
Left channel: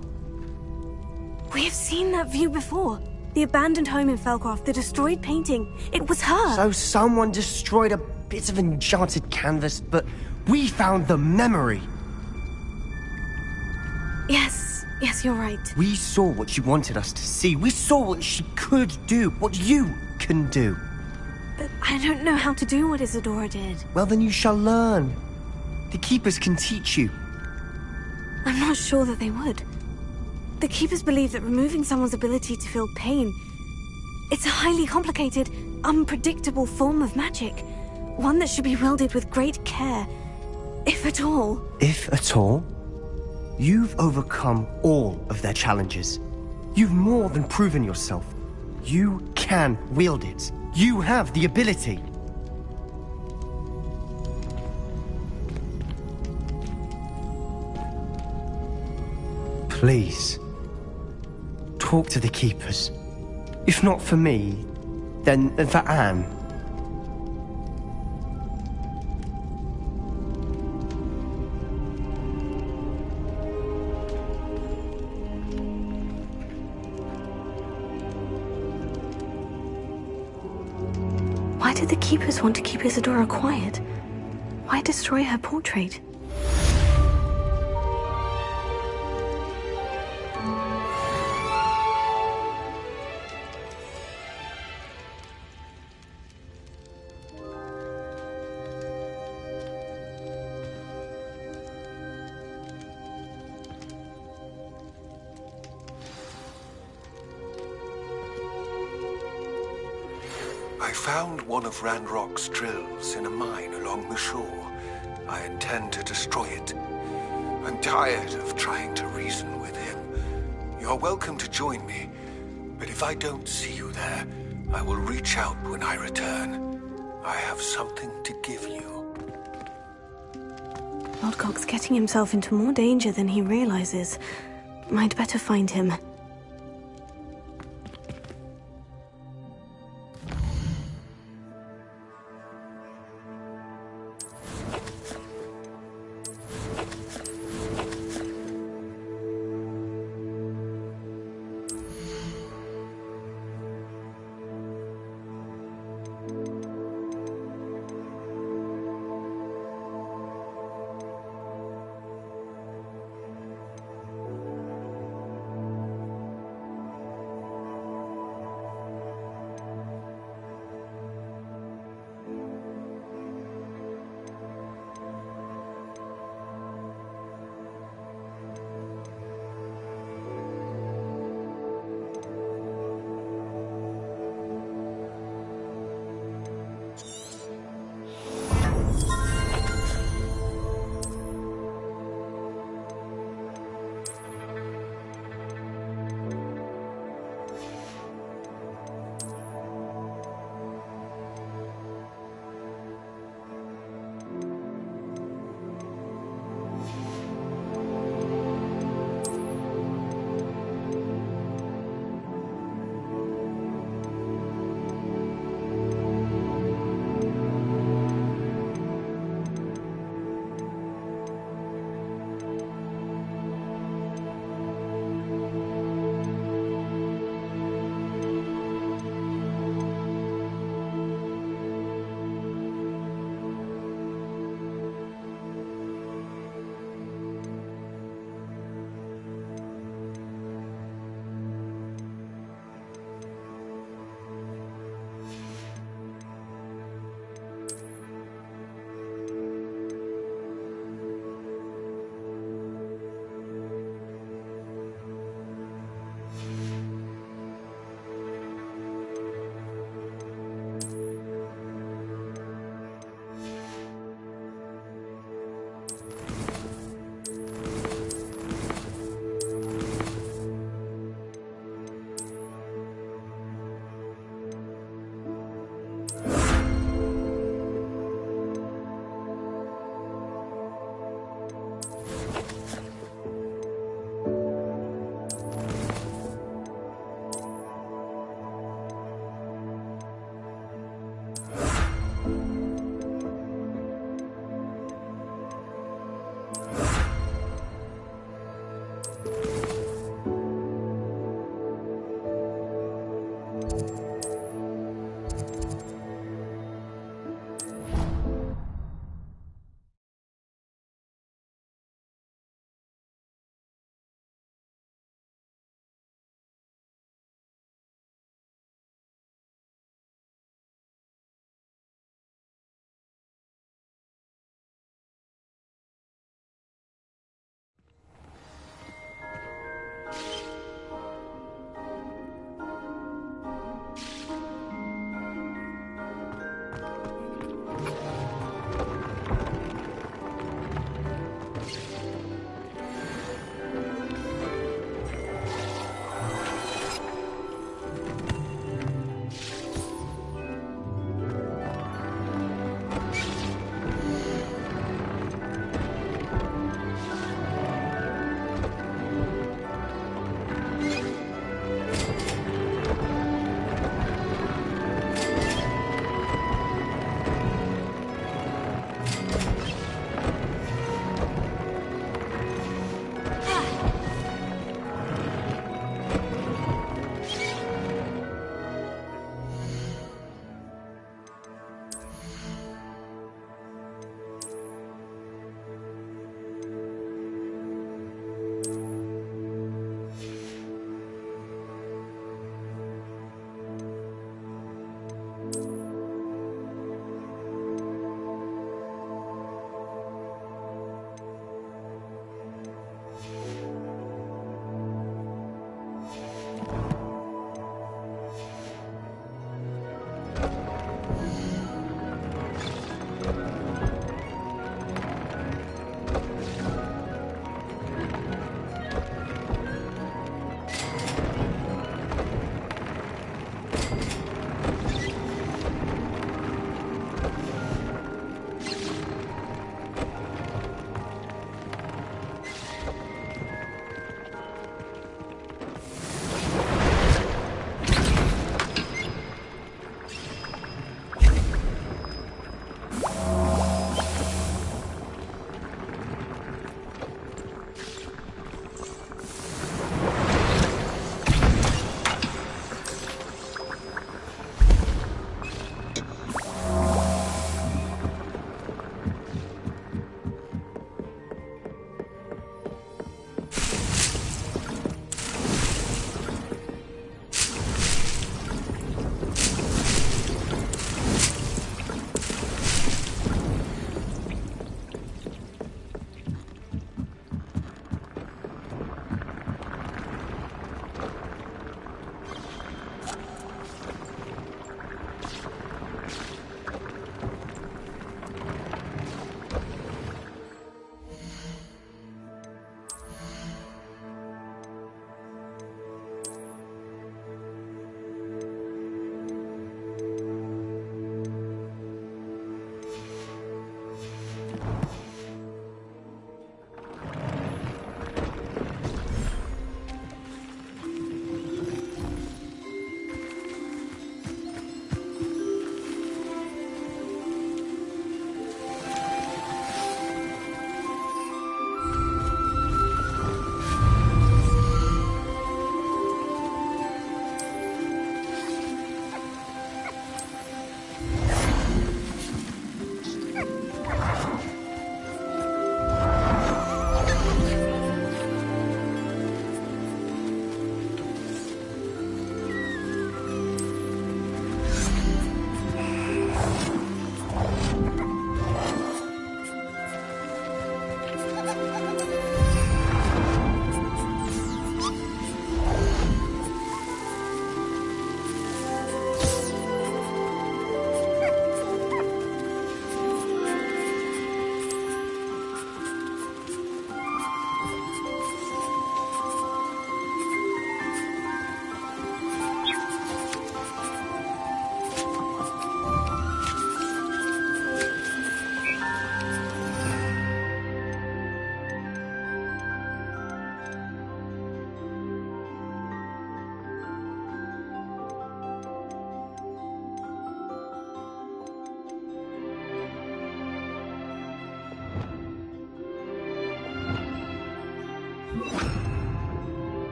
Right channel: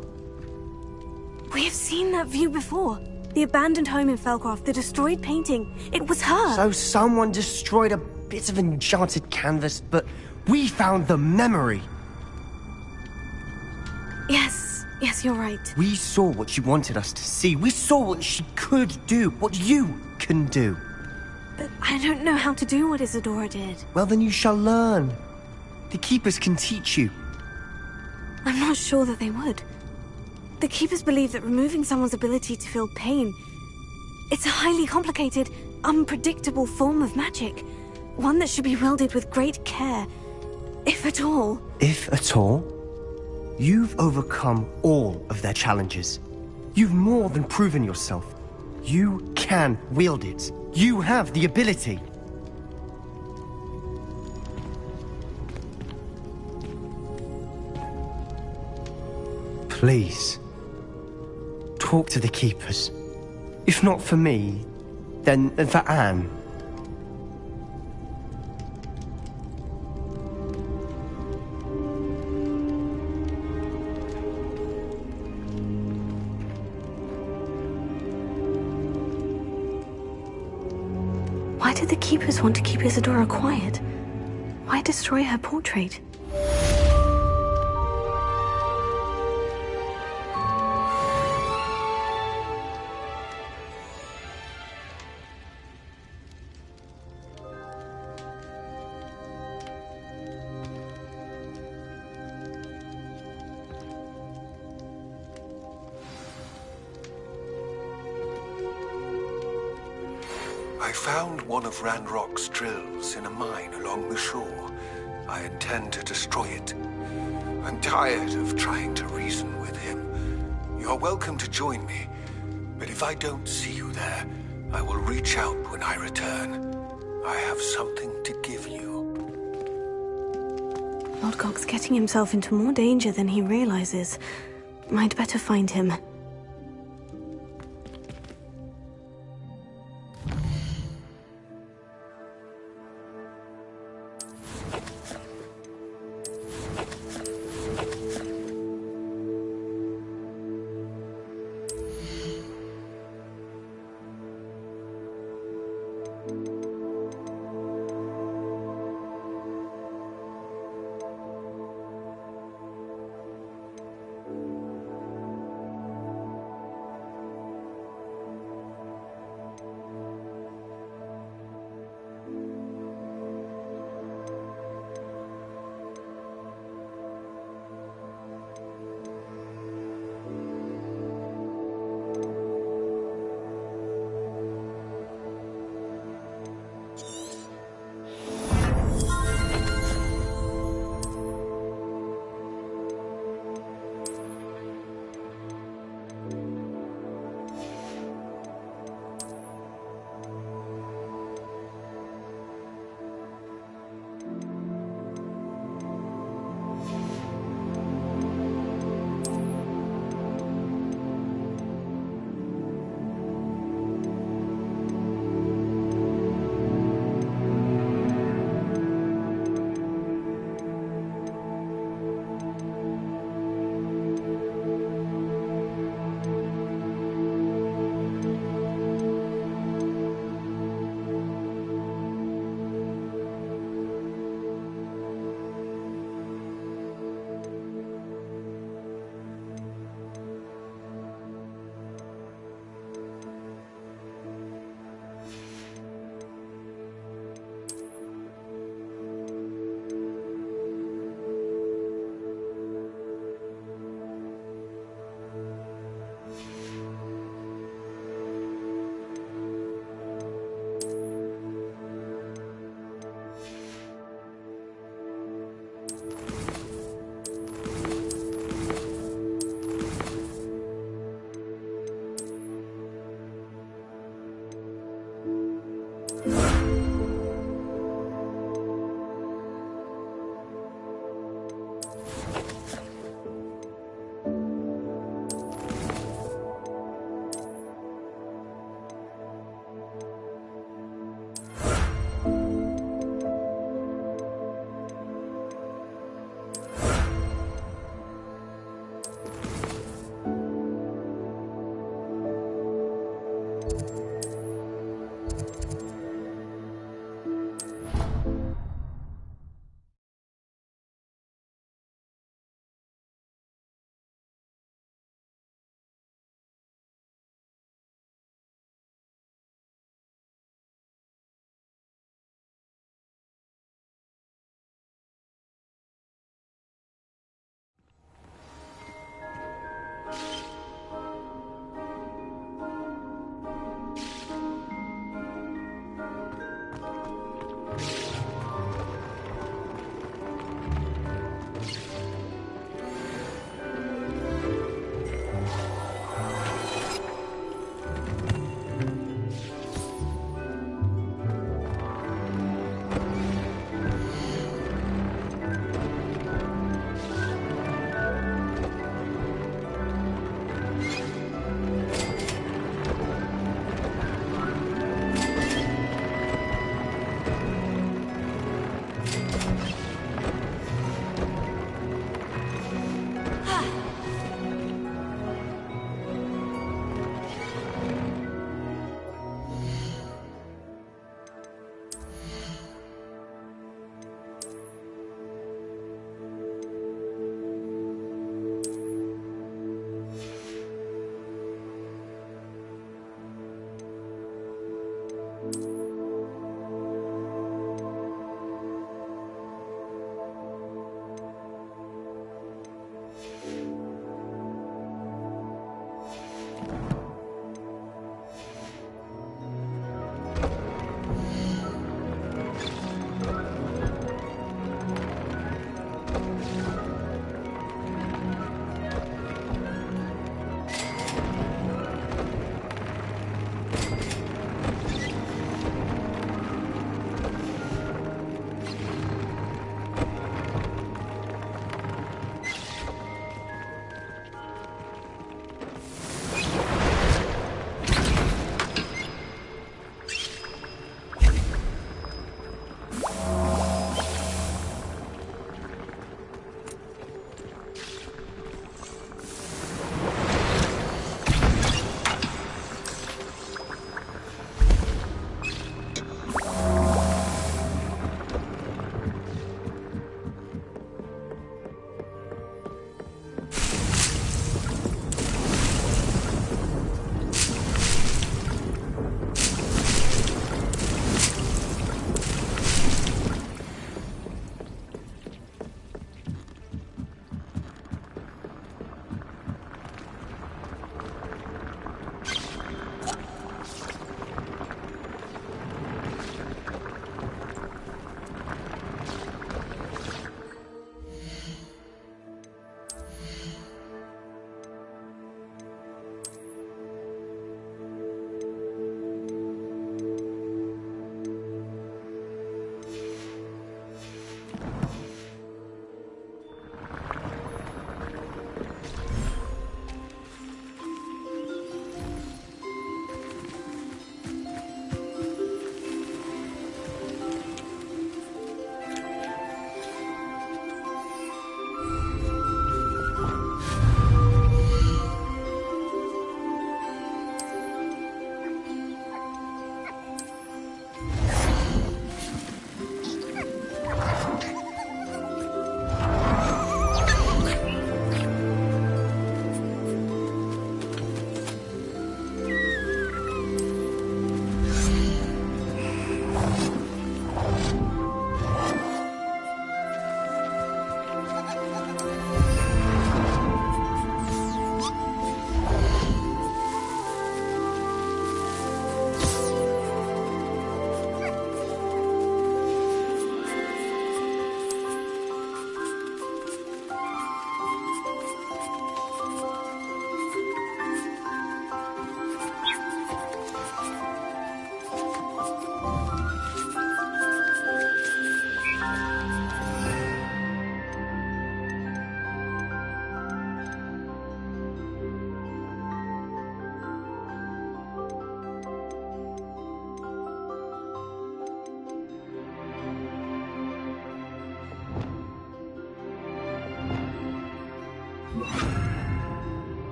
We have seen that view before. The abandoned home in Felcroft, the destroyed painting. It was her. So someone destroyed a bit of enchanted canvas, but we found the memory. Yes, you're right. We saw what she wanted us to see. We saw what she could do, what you can do. But I don't know how to do what Isadora did. Well, then you shall learn. The Keepers can teach you. I'm not sure that they would. The Keepers believe that removing someone's ability to feel pain, it's a highly complicated, unpredictable form of magic. One that should be wielded with great care, if at all. If at all? You've overcome all of their challenges. You've more than proven yourself. You can wield it. You have the ability. Please, talk to the Keepers. If not for me, then for Anne. Why did the Keepers want to keep Isadora quiet? Why destroy her portrait? I found one of Ranrock's drills in a mine along the shore. I intend to destroy it. I'm tired of trying to reason with him. You're welcome to join me, but if I don't see you there, I will reach out when I return. I have something to give you. Lodgok's getting himself into more danger than he realizes. I'd better find him.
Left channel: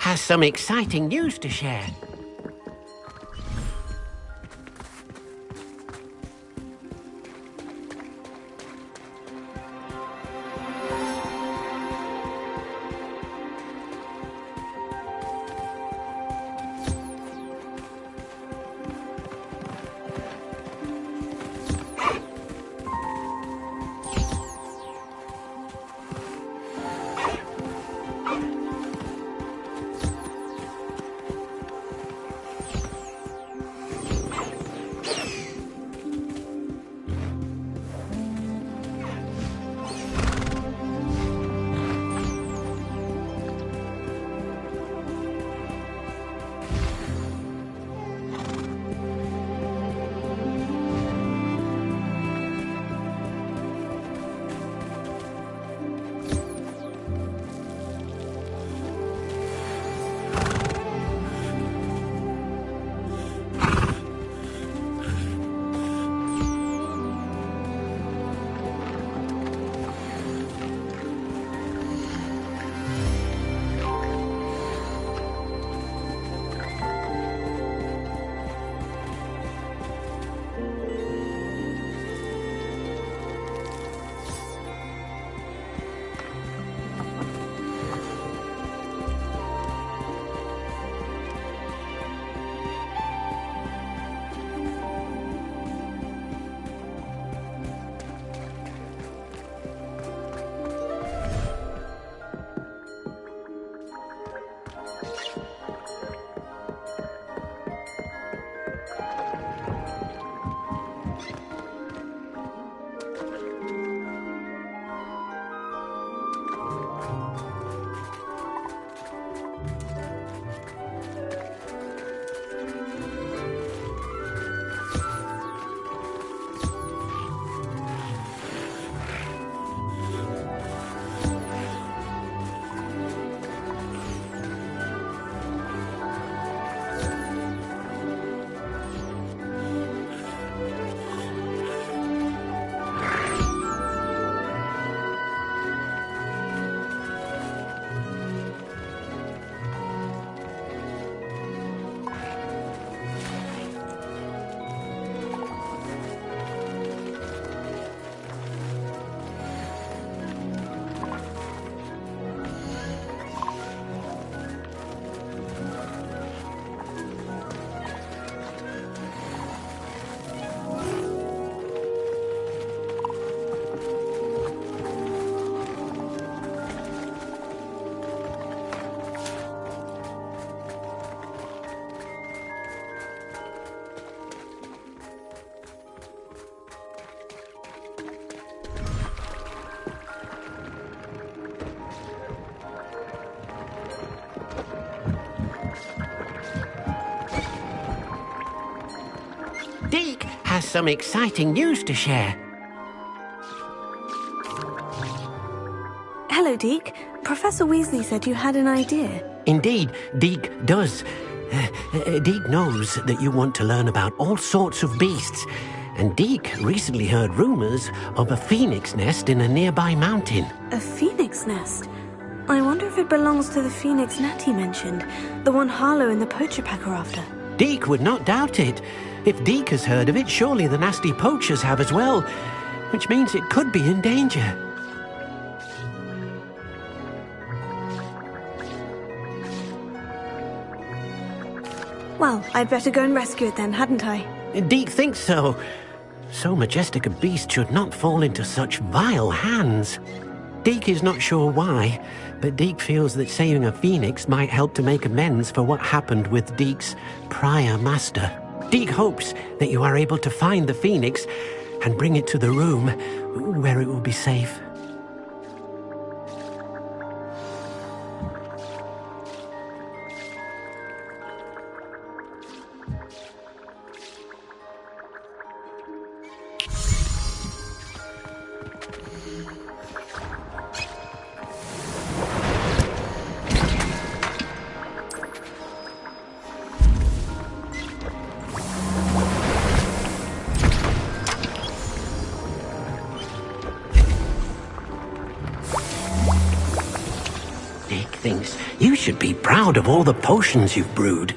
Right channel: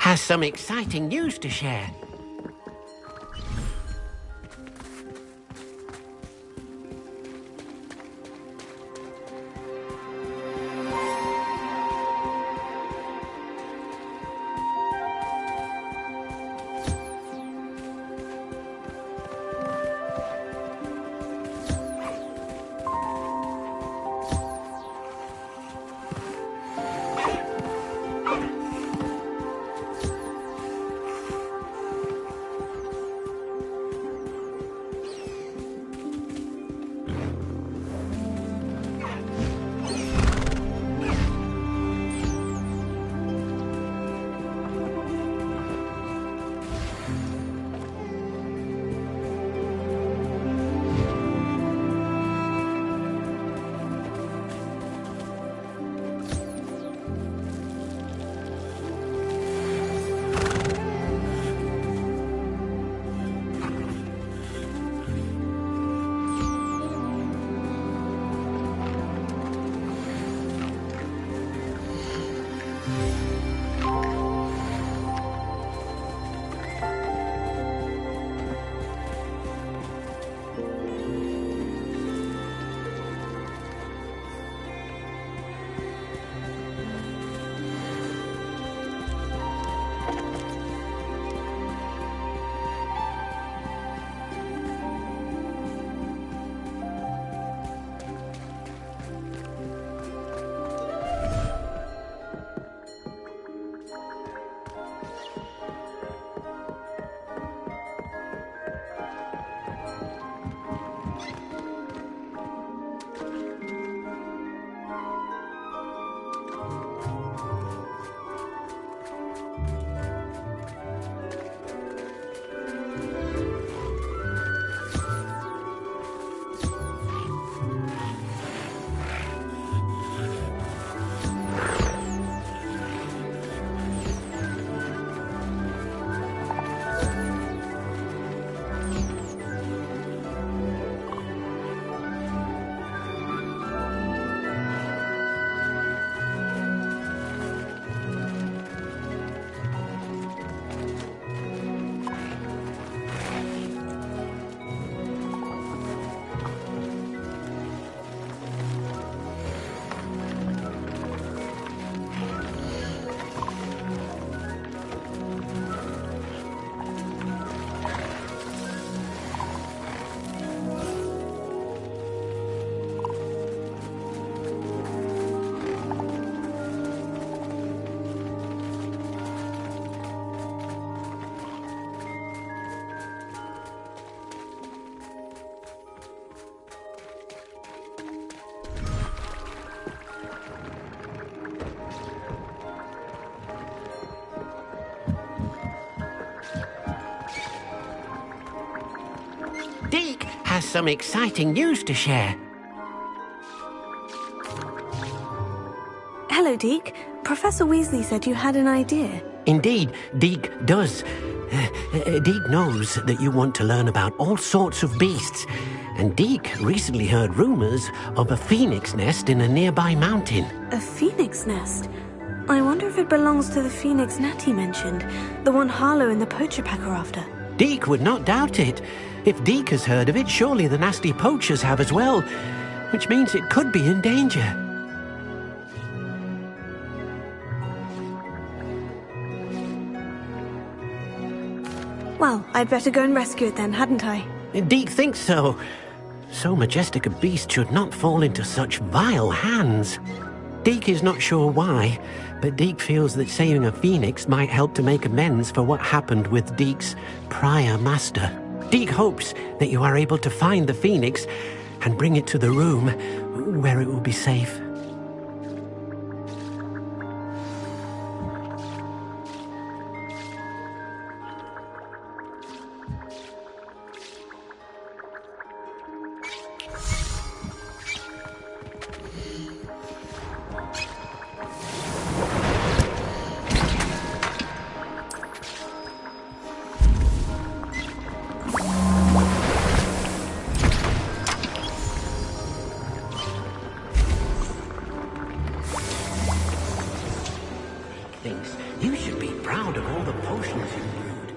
has some exciting news to share. Deke has some exciting news to share. Hello, Deke. Professor Weasley said you had an idea. Indeed, Deke does. Deke knows that you want to learn about all sorts of beasts, and Deke recently heard rumors of a phoenix nest in a nearby mountain. A phoenix nest? I wonder if it belongs to the phoenix Natty mentioned, the one Harlow and the poacher pack are after. Deke would not doubt it. If Deke has heard of it, surely the nasty poachers have as well, which means it could be in danger. Well, I'd better go and rescue it then, hadn't I? Deke thinks so. So majestic a beast should not fall into such vile hands. Deke is not sure why, but Deke feels that saving a phoenix might help to make amends for what happened with Deke's prior master. Deke hopes that you are able to find the phoenix and bring it to the room where it will be safe. thinks you should be proud of all the potions you've brewed.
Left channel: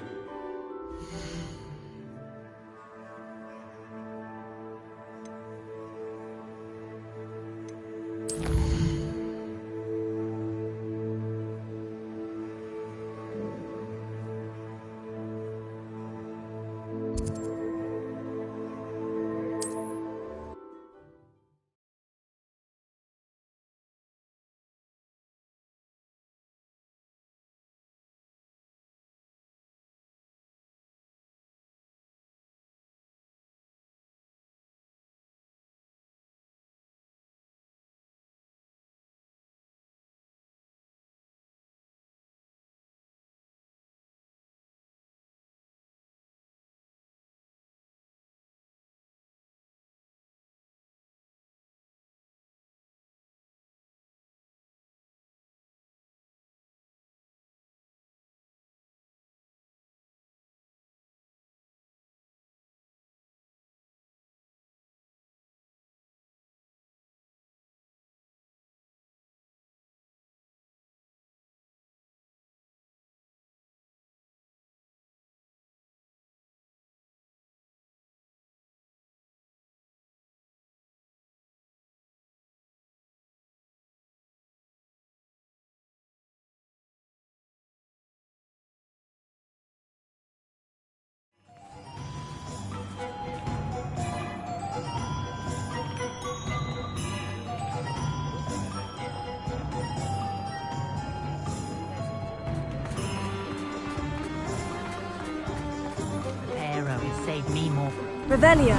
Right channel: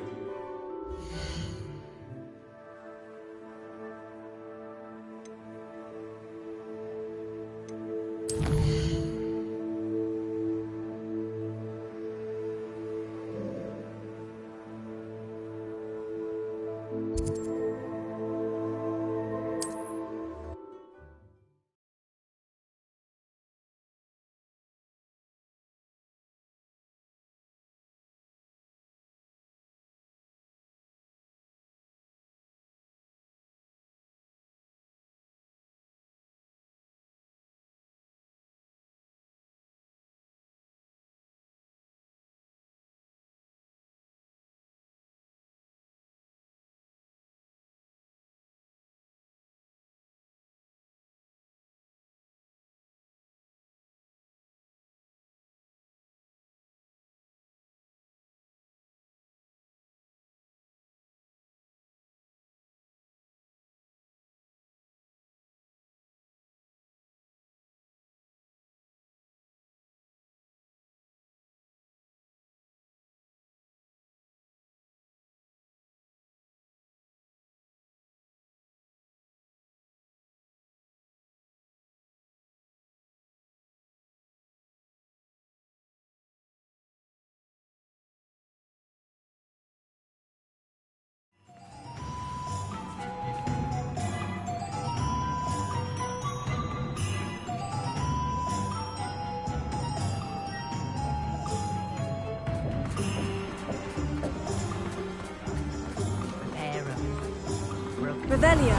Revelio.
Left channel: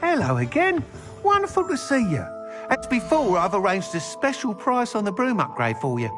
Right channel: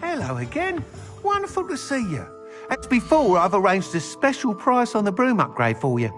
Hello again. Wonderful to see you. As before, I've arranged a special price on the broom upgrade for you.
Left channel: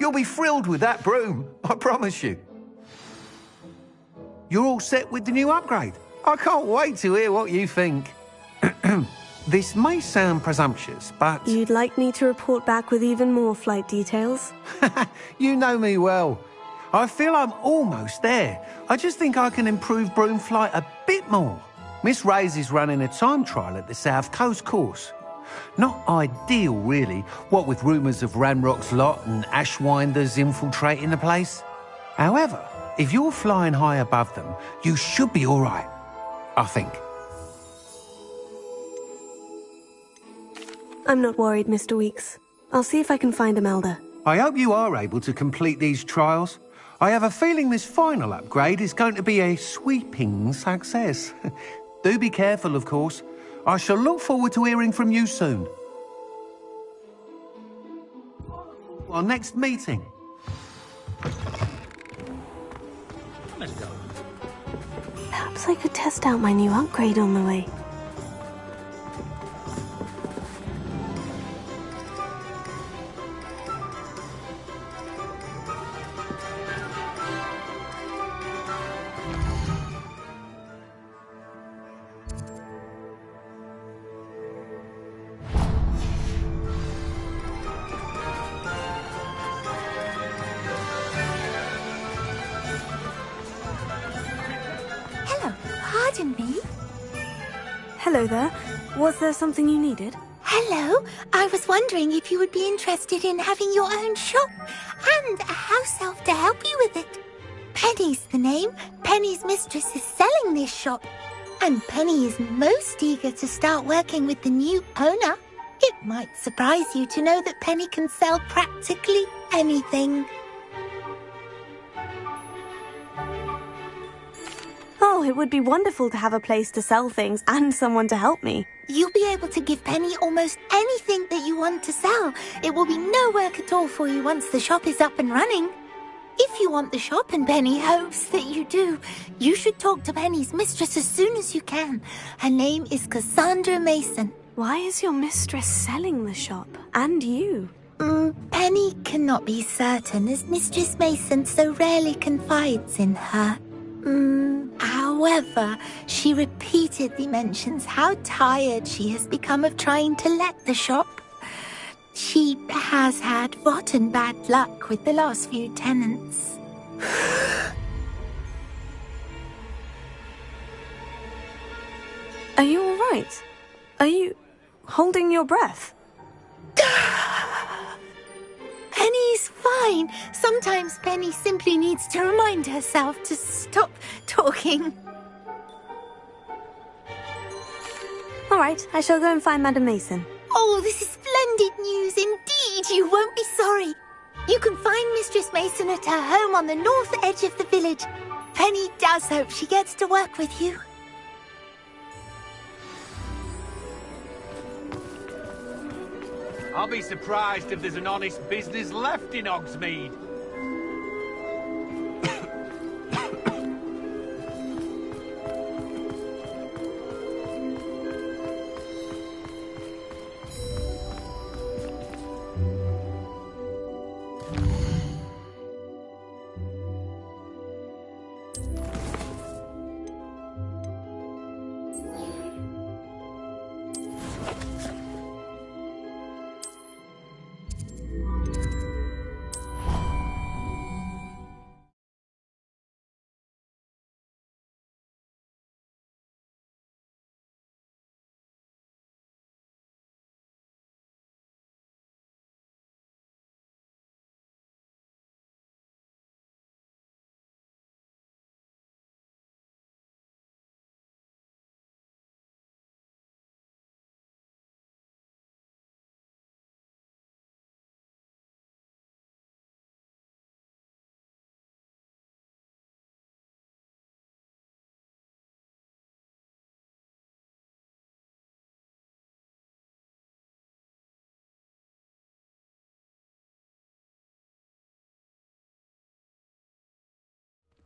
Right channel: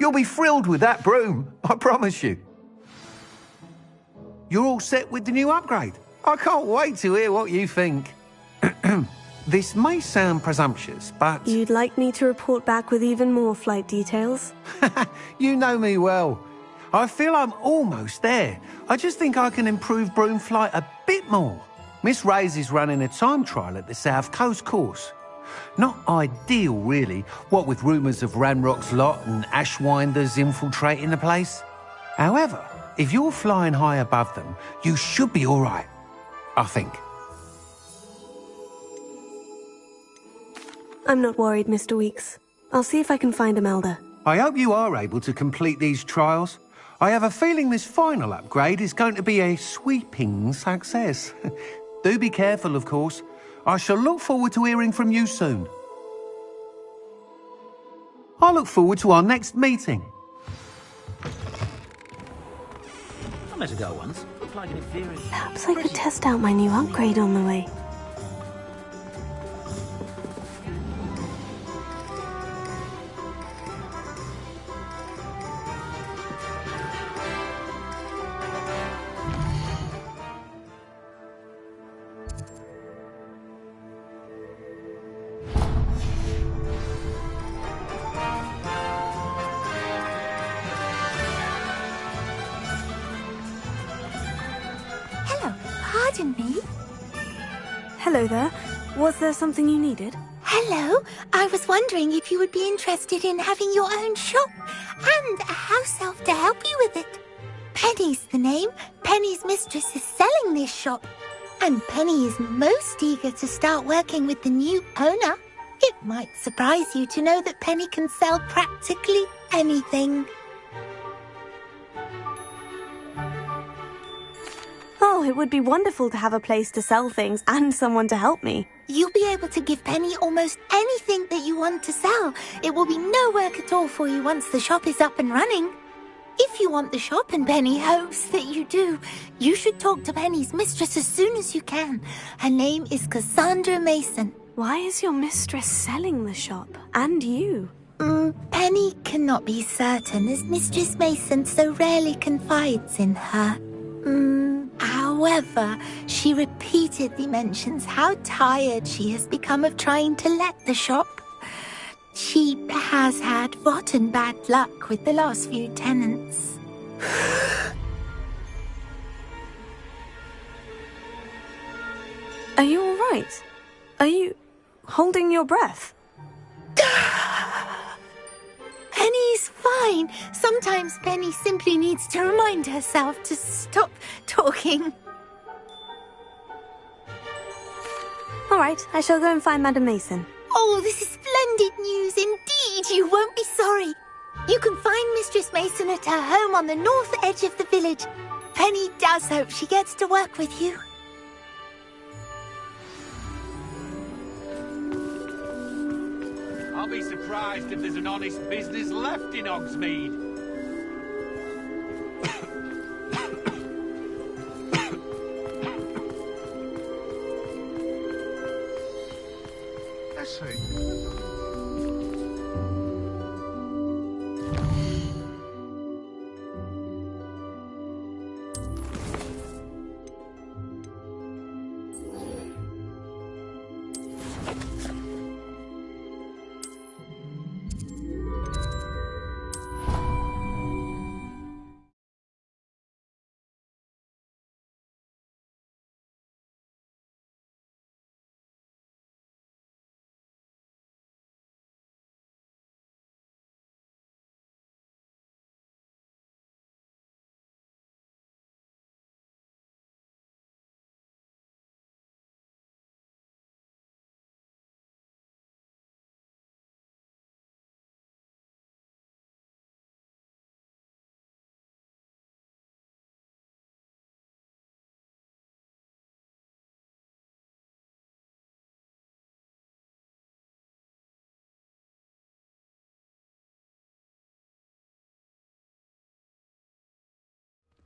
You'll be thrilled with that broom, I promise you. You're all set with the new upgrade. I can't wait to hear what you think. This may sound presumptuous, but... You'd like me to report back with even more flight details? You know me well. I feel I'm almost there. I just think I can improve broom flight a bit more. Miss Ray's is running a time trial at the South Coast course. Not ideal, really, what with rumours of Ranrock's lot and Ashwinders infiltrating the place. However, if you're flying high above them, you should be all right, I think. I'm not worried, Mr. Weeks. I'll see if I can find Imelda. I hope you are able to complete these trials. I have a feeling this final upgrade is going to be a sweeping success. Do be careful, of course. I shall look forward to hearing from you soon. I look forward to our next meeting. Perhaps I could test out my new upgrade on the way. Pardon me? Hello there. Was there something you needed? Hello. I was wondering if you would be interested in having your own shop and a house elf to help you with it. Penny's the name. Penny's mistress is selling this shop. And Penny is most eager to start working with the new owner. It might surprise you to know that Penny can sell practically anything. Oh, it would be wonderful to have a place to sell things and someone to help me. You'll be able to give Penny almost anything that you want to sell. It will be no work at all for you once the shop is up and running. If you want the shop and Penny hopes that you do, you should talk to Penny's mistress as soon as you can. Her name is Cassandra Mason. Why is your mistress selling the shop? And you? Penny cannot be certain, as Mistress Mason so rarely confides in her. However, she repeatedly mentions how tired she has become of trying to let the shop. She has had rotten bad luck with the last few tenants. Are you all right? Are you holding your breath? Penny's fine. Sometimes Penny simply needs to remind herself to stop talking. All right, I shall go and find Madam Mason. Oh, this is splendid news indeed. You won't be sorry. You can find Mistress Mason at her home on the north edge of the village. Penny does hope she gets to work with you. I'll be surprised if there's an honest business left in Hogsmeade.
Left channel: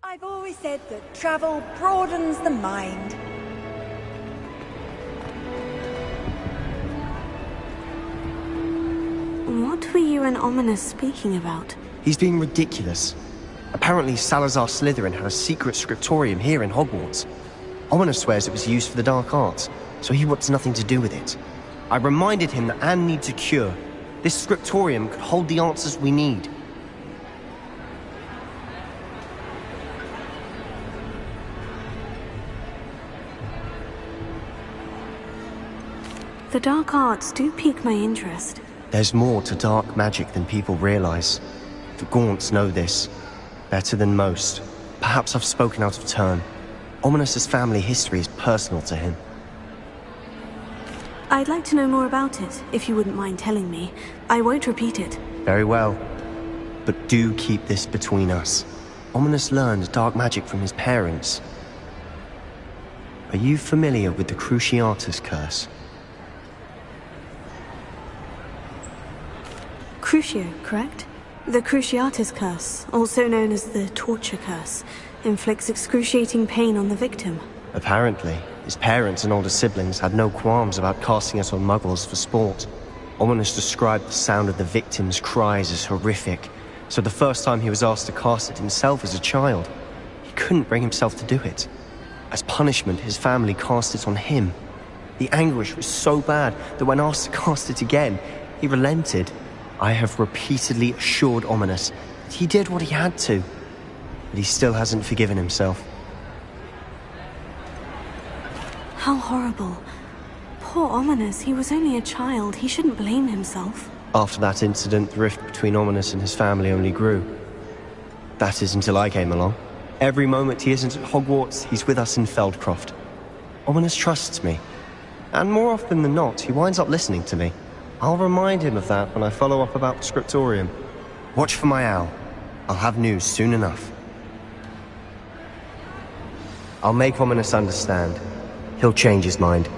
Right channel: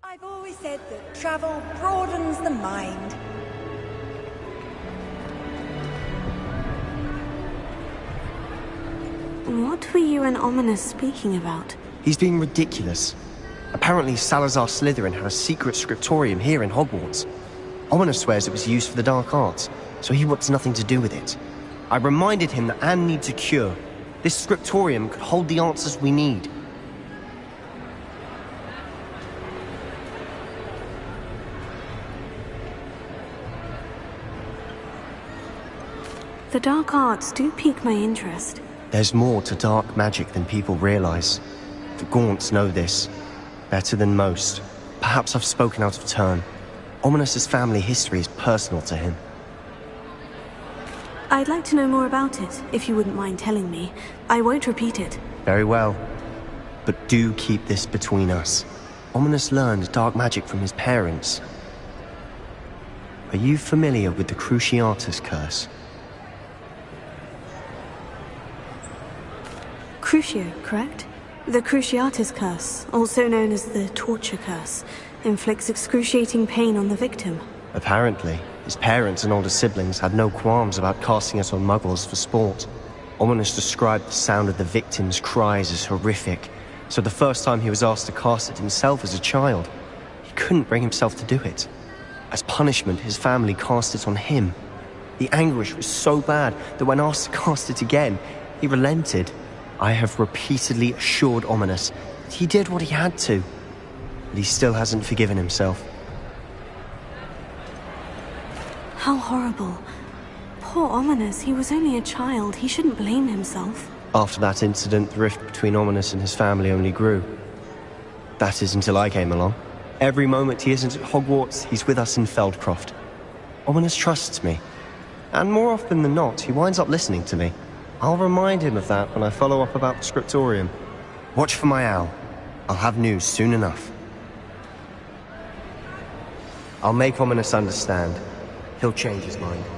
I've always said that travel broadens the mind. What were you and Ominous speaking about? He's being ridiculous. Apparently Salazar Slytherin had a secret scriptorium here in Hogwarts. Ominous swears it was used for the dark arts, so he wants nothing to do with it. I reminded him that Anne needs a cure. This scriptorium could hold the answers we need. The dark arts do pique my interest. There's more to dark magic than people realize. The Gaunts know this. Better than most. Perhaps I've spoken out of turn. Ominous's family history is personal to him. I'd like to know more about it, if you wouldn't mind telling me. I won't repeat it. Very well. But do keep this between us. Ominous learned dark magic from his parents. Are you familiar with the Cruciatus Curse? Crucio, correct? The Cruciatus Curse, also known as the Torture Curse, inflicts excruciating pain on the victim. Apparently, his parents and older siblings had no qualms about casting it on muggles for sport. Ominous described the sound of the victim's cries as horrific, so the first time he was asked to cast it himself as a child, he couldn't bring himself to do it. As punishment, his family cast it on him. The anguish was so bad that when asked to cast it again, he relented. I have repeatedly assured Ominous that he did what he had to, but he still hasn't forgiven himself. How horrible. Poor Ominous, he was only a child. He shouldn't blame himself. After that incident, the rift between Ominous and his family only grew. That is until I came along. Every moment he isn't at Hogwarts, he's with us in Feldcroft. Ominous trusts me. And more often than not, he winds up listening to me. I'll remind him of that when I follow up about the scriptorium. Watch for my owl. I'll have news soon enough. I'll make Ominous understand. He'll change his mind.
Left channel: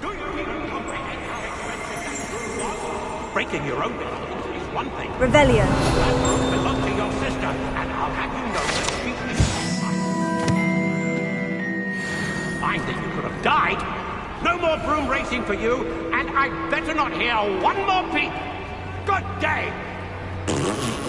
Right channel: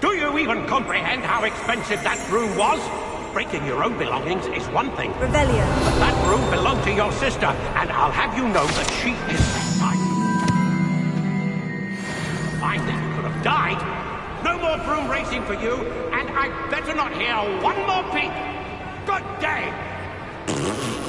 Do you even comprehend how expensive that broom was? Breaking your own belongings is one thing. Revelio. But that broom belonged to your sister, and I'll have you know that she is mine. Fine that you could have died. No more broom racing for you, and I'd better not hear one more peep. Good day!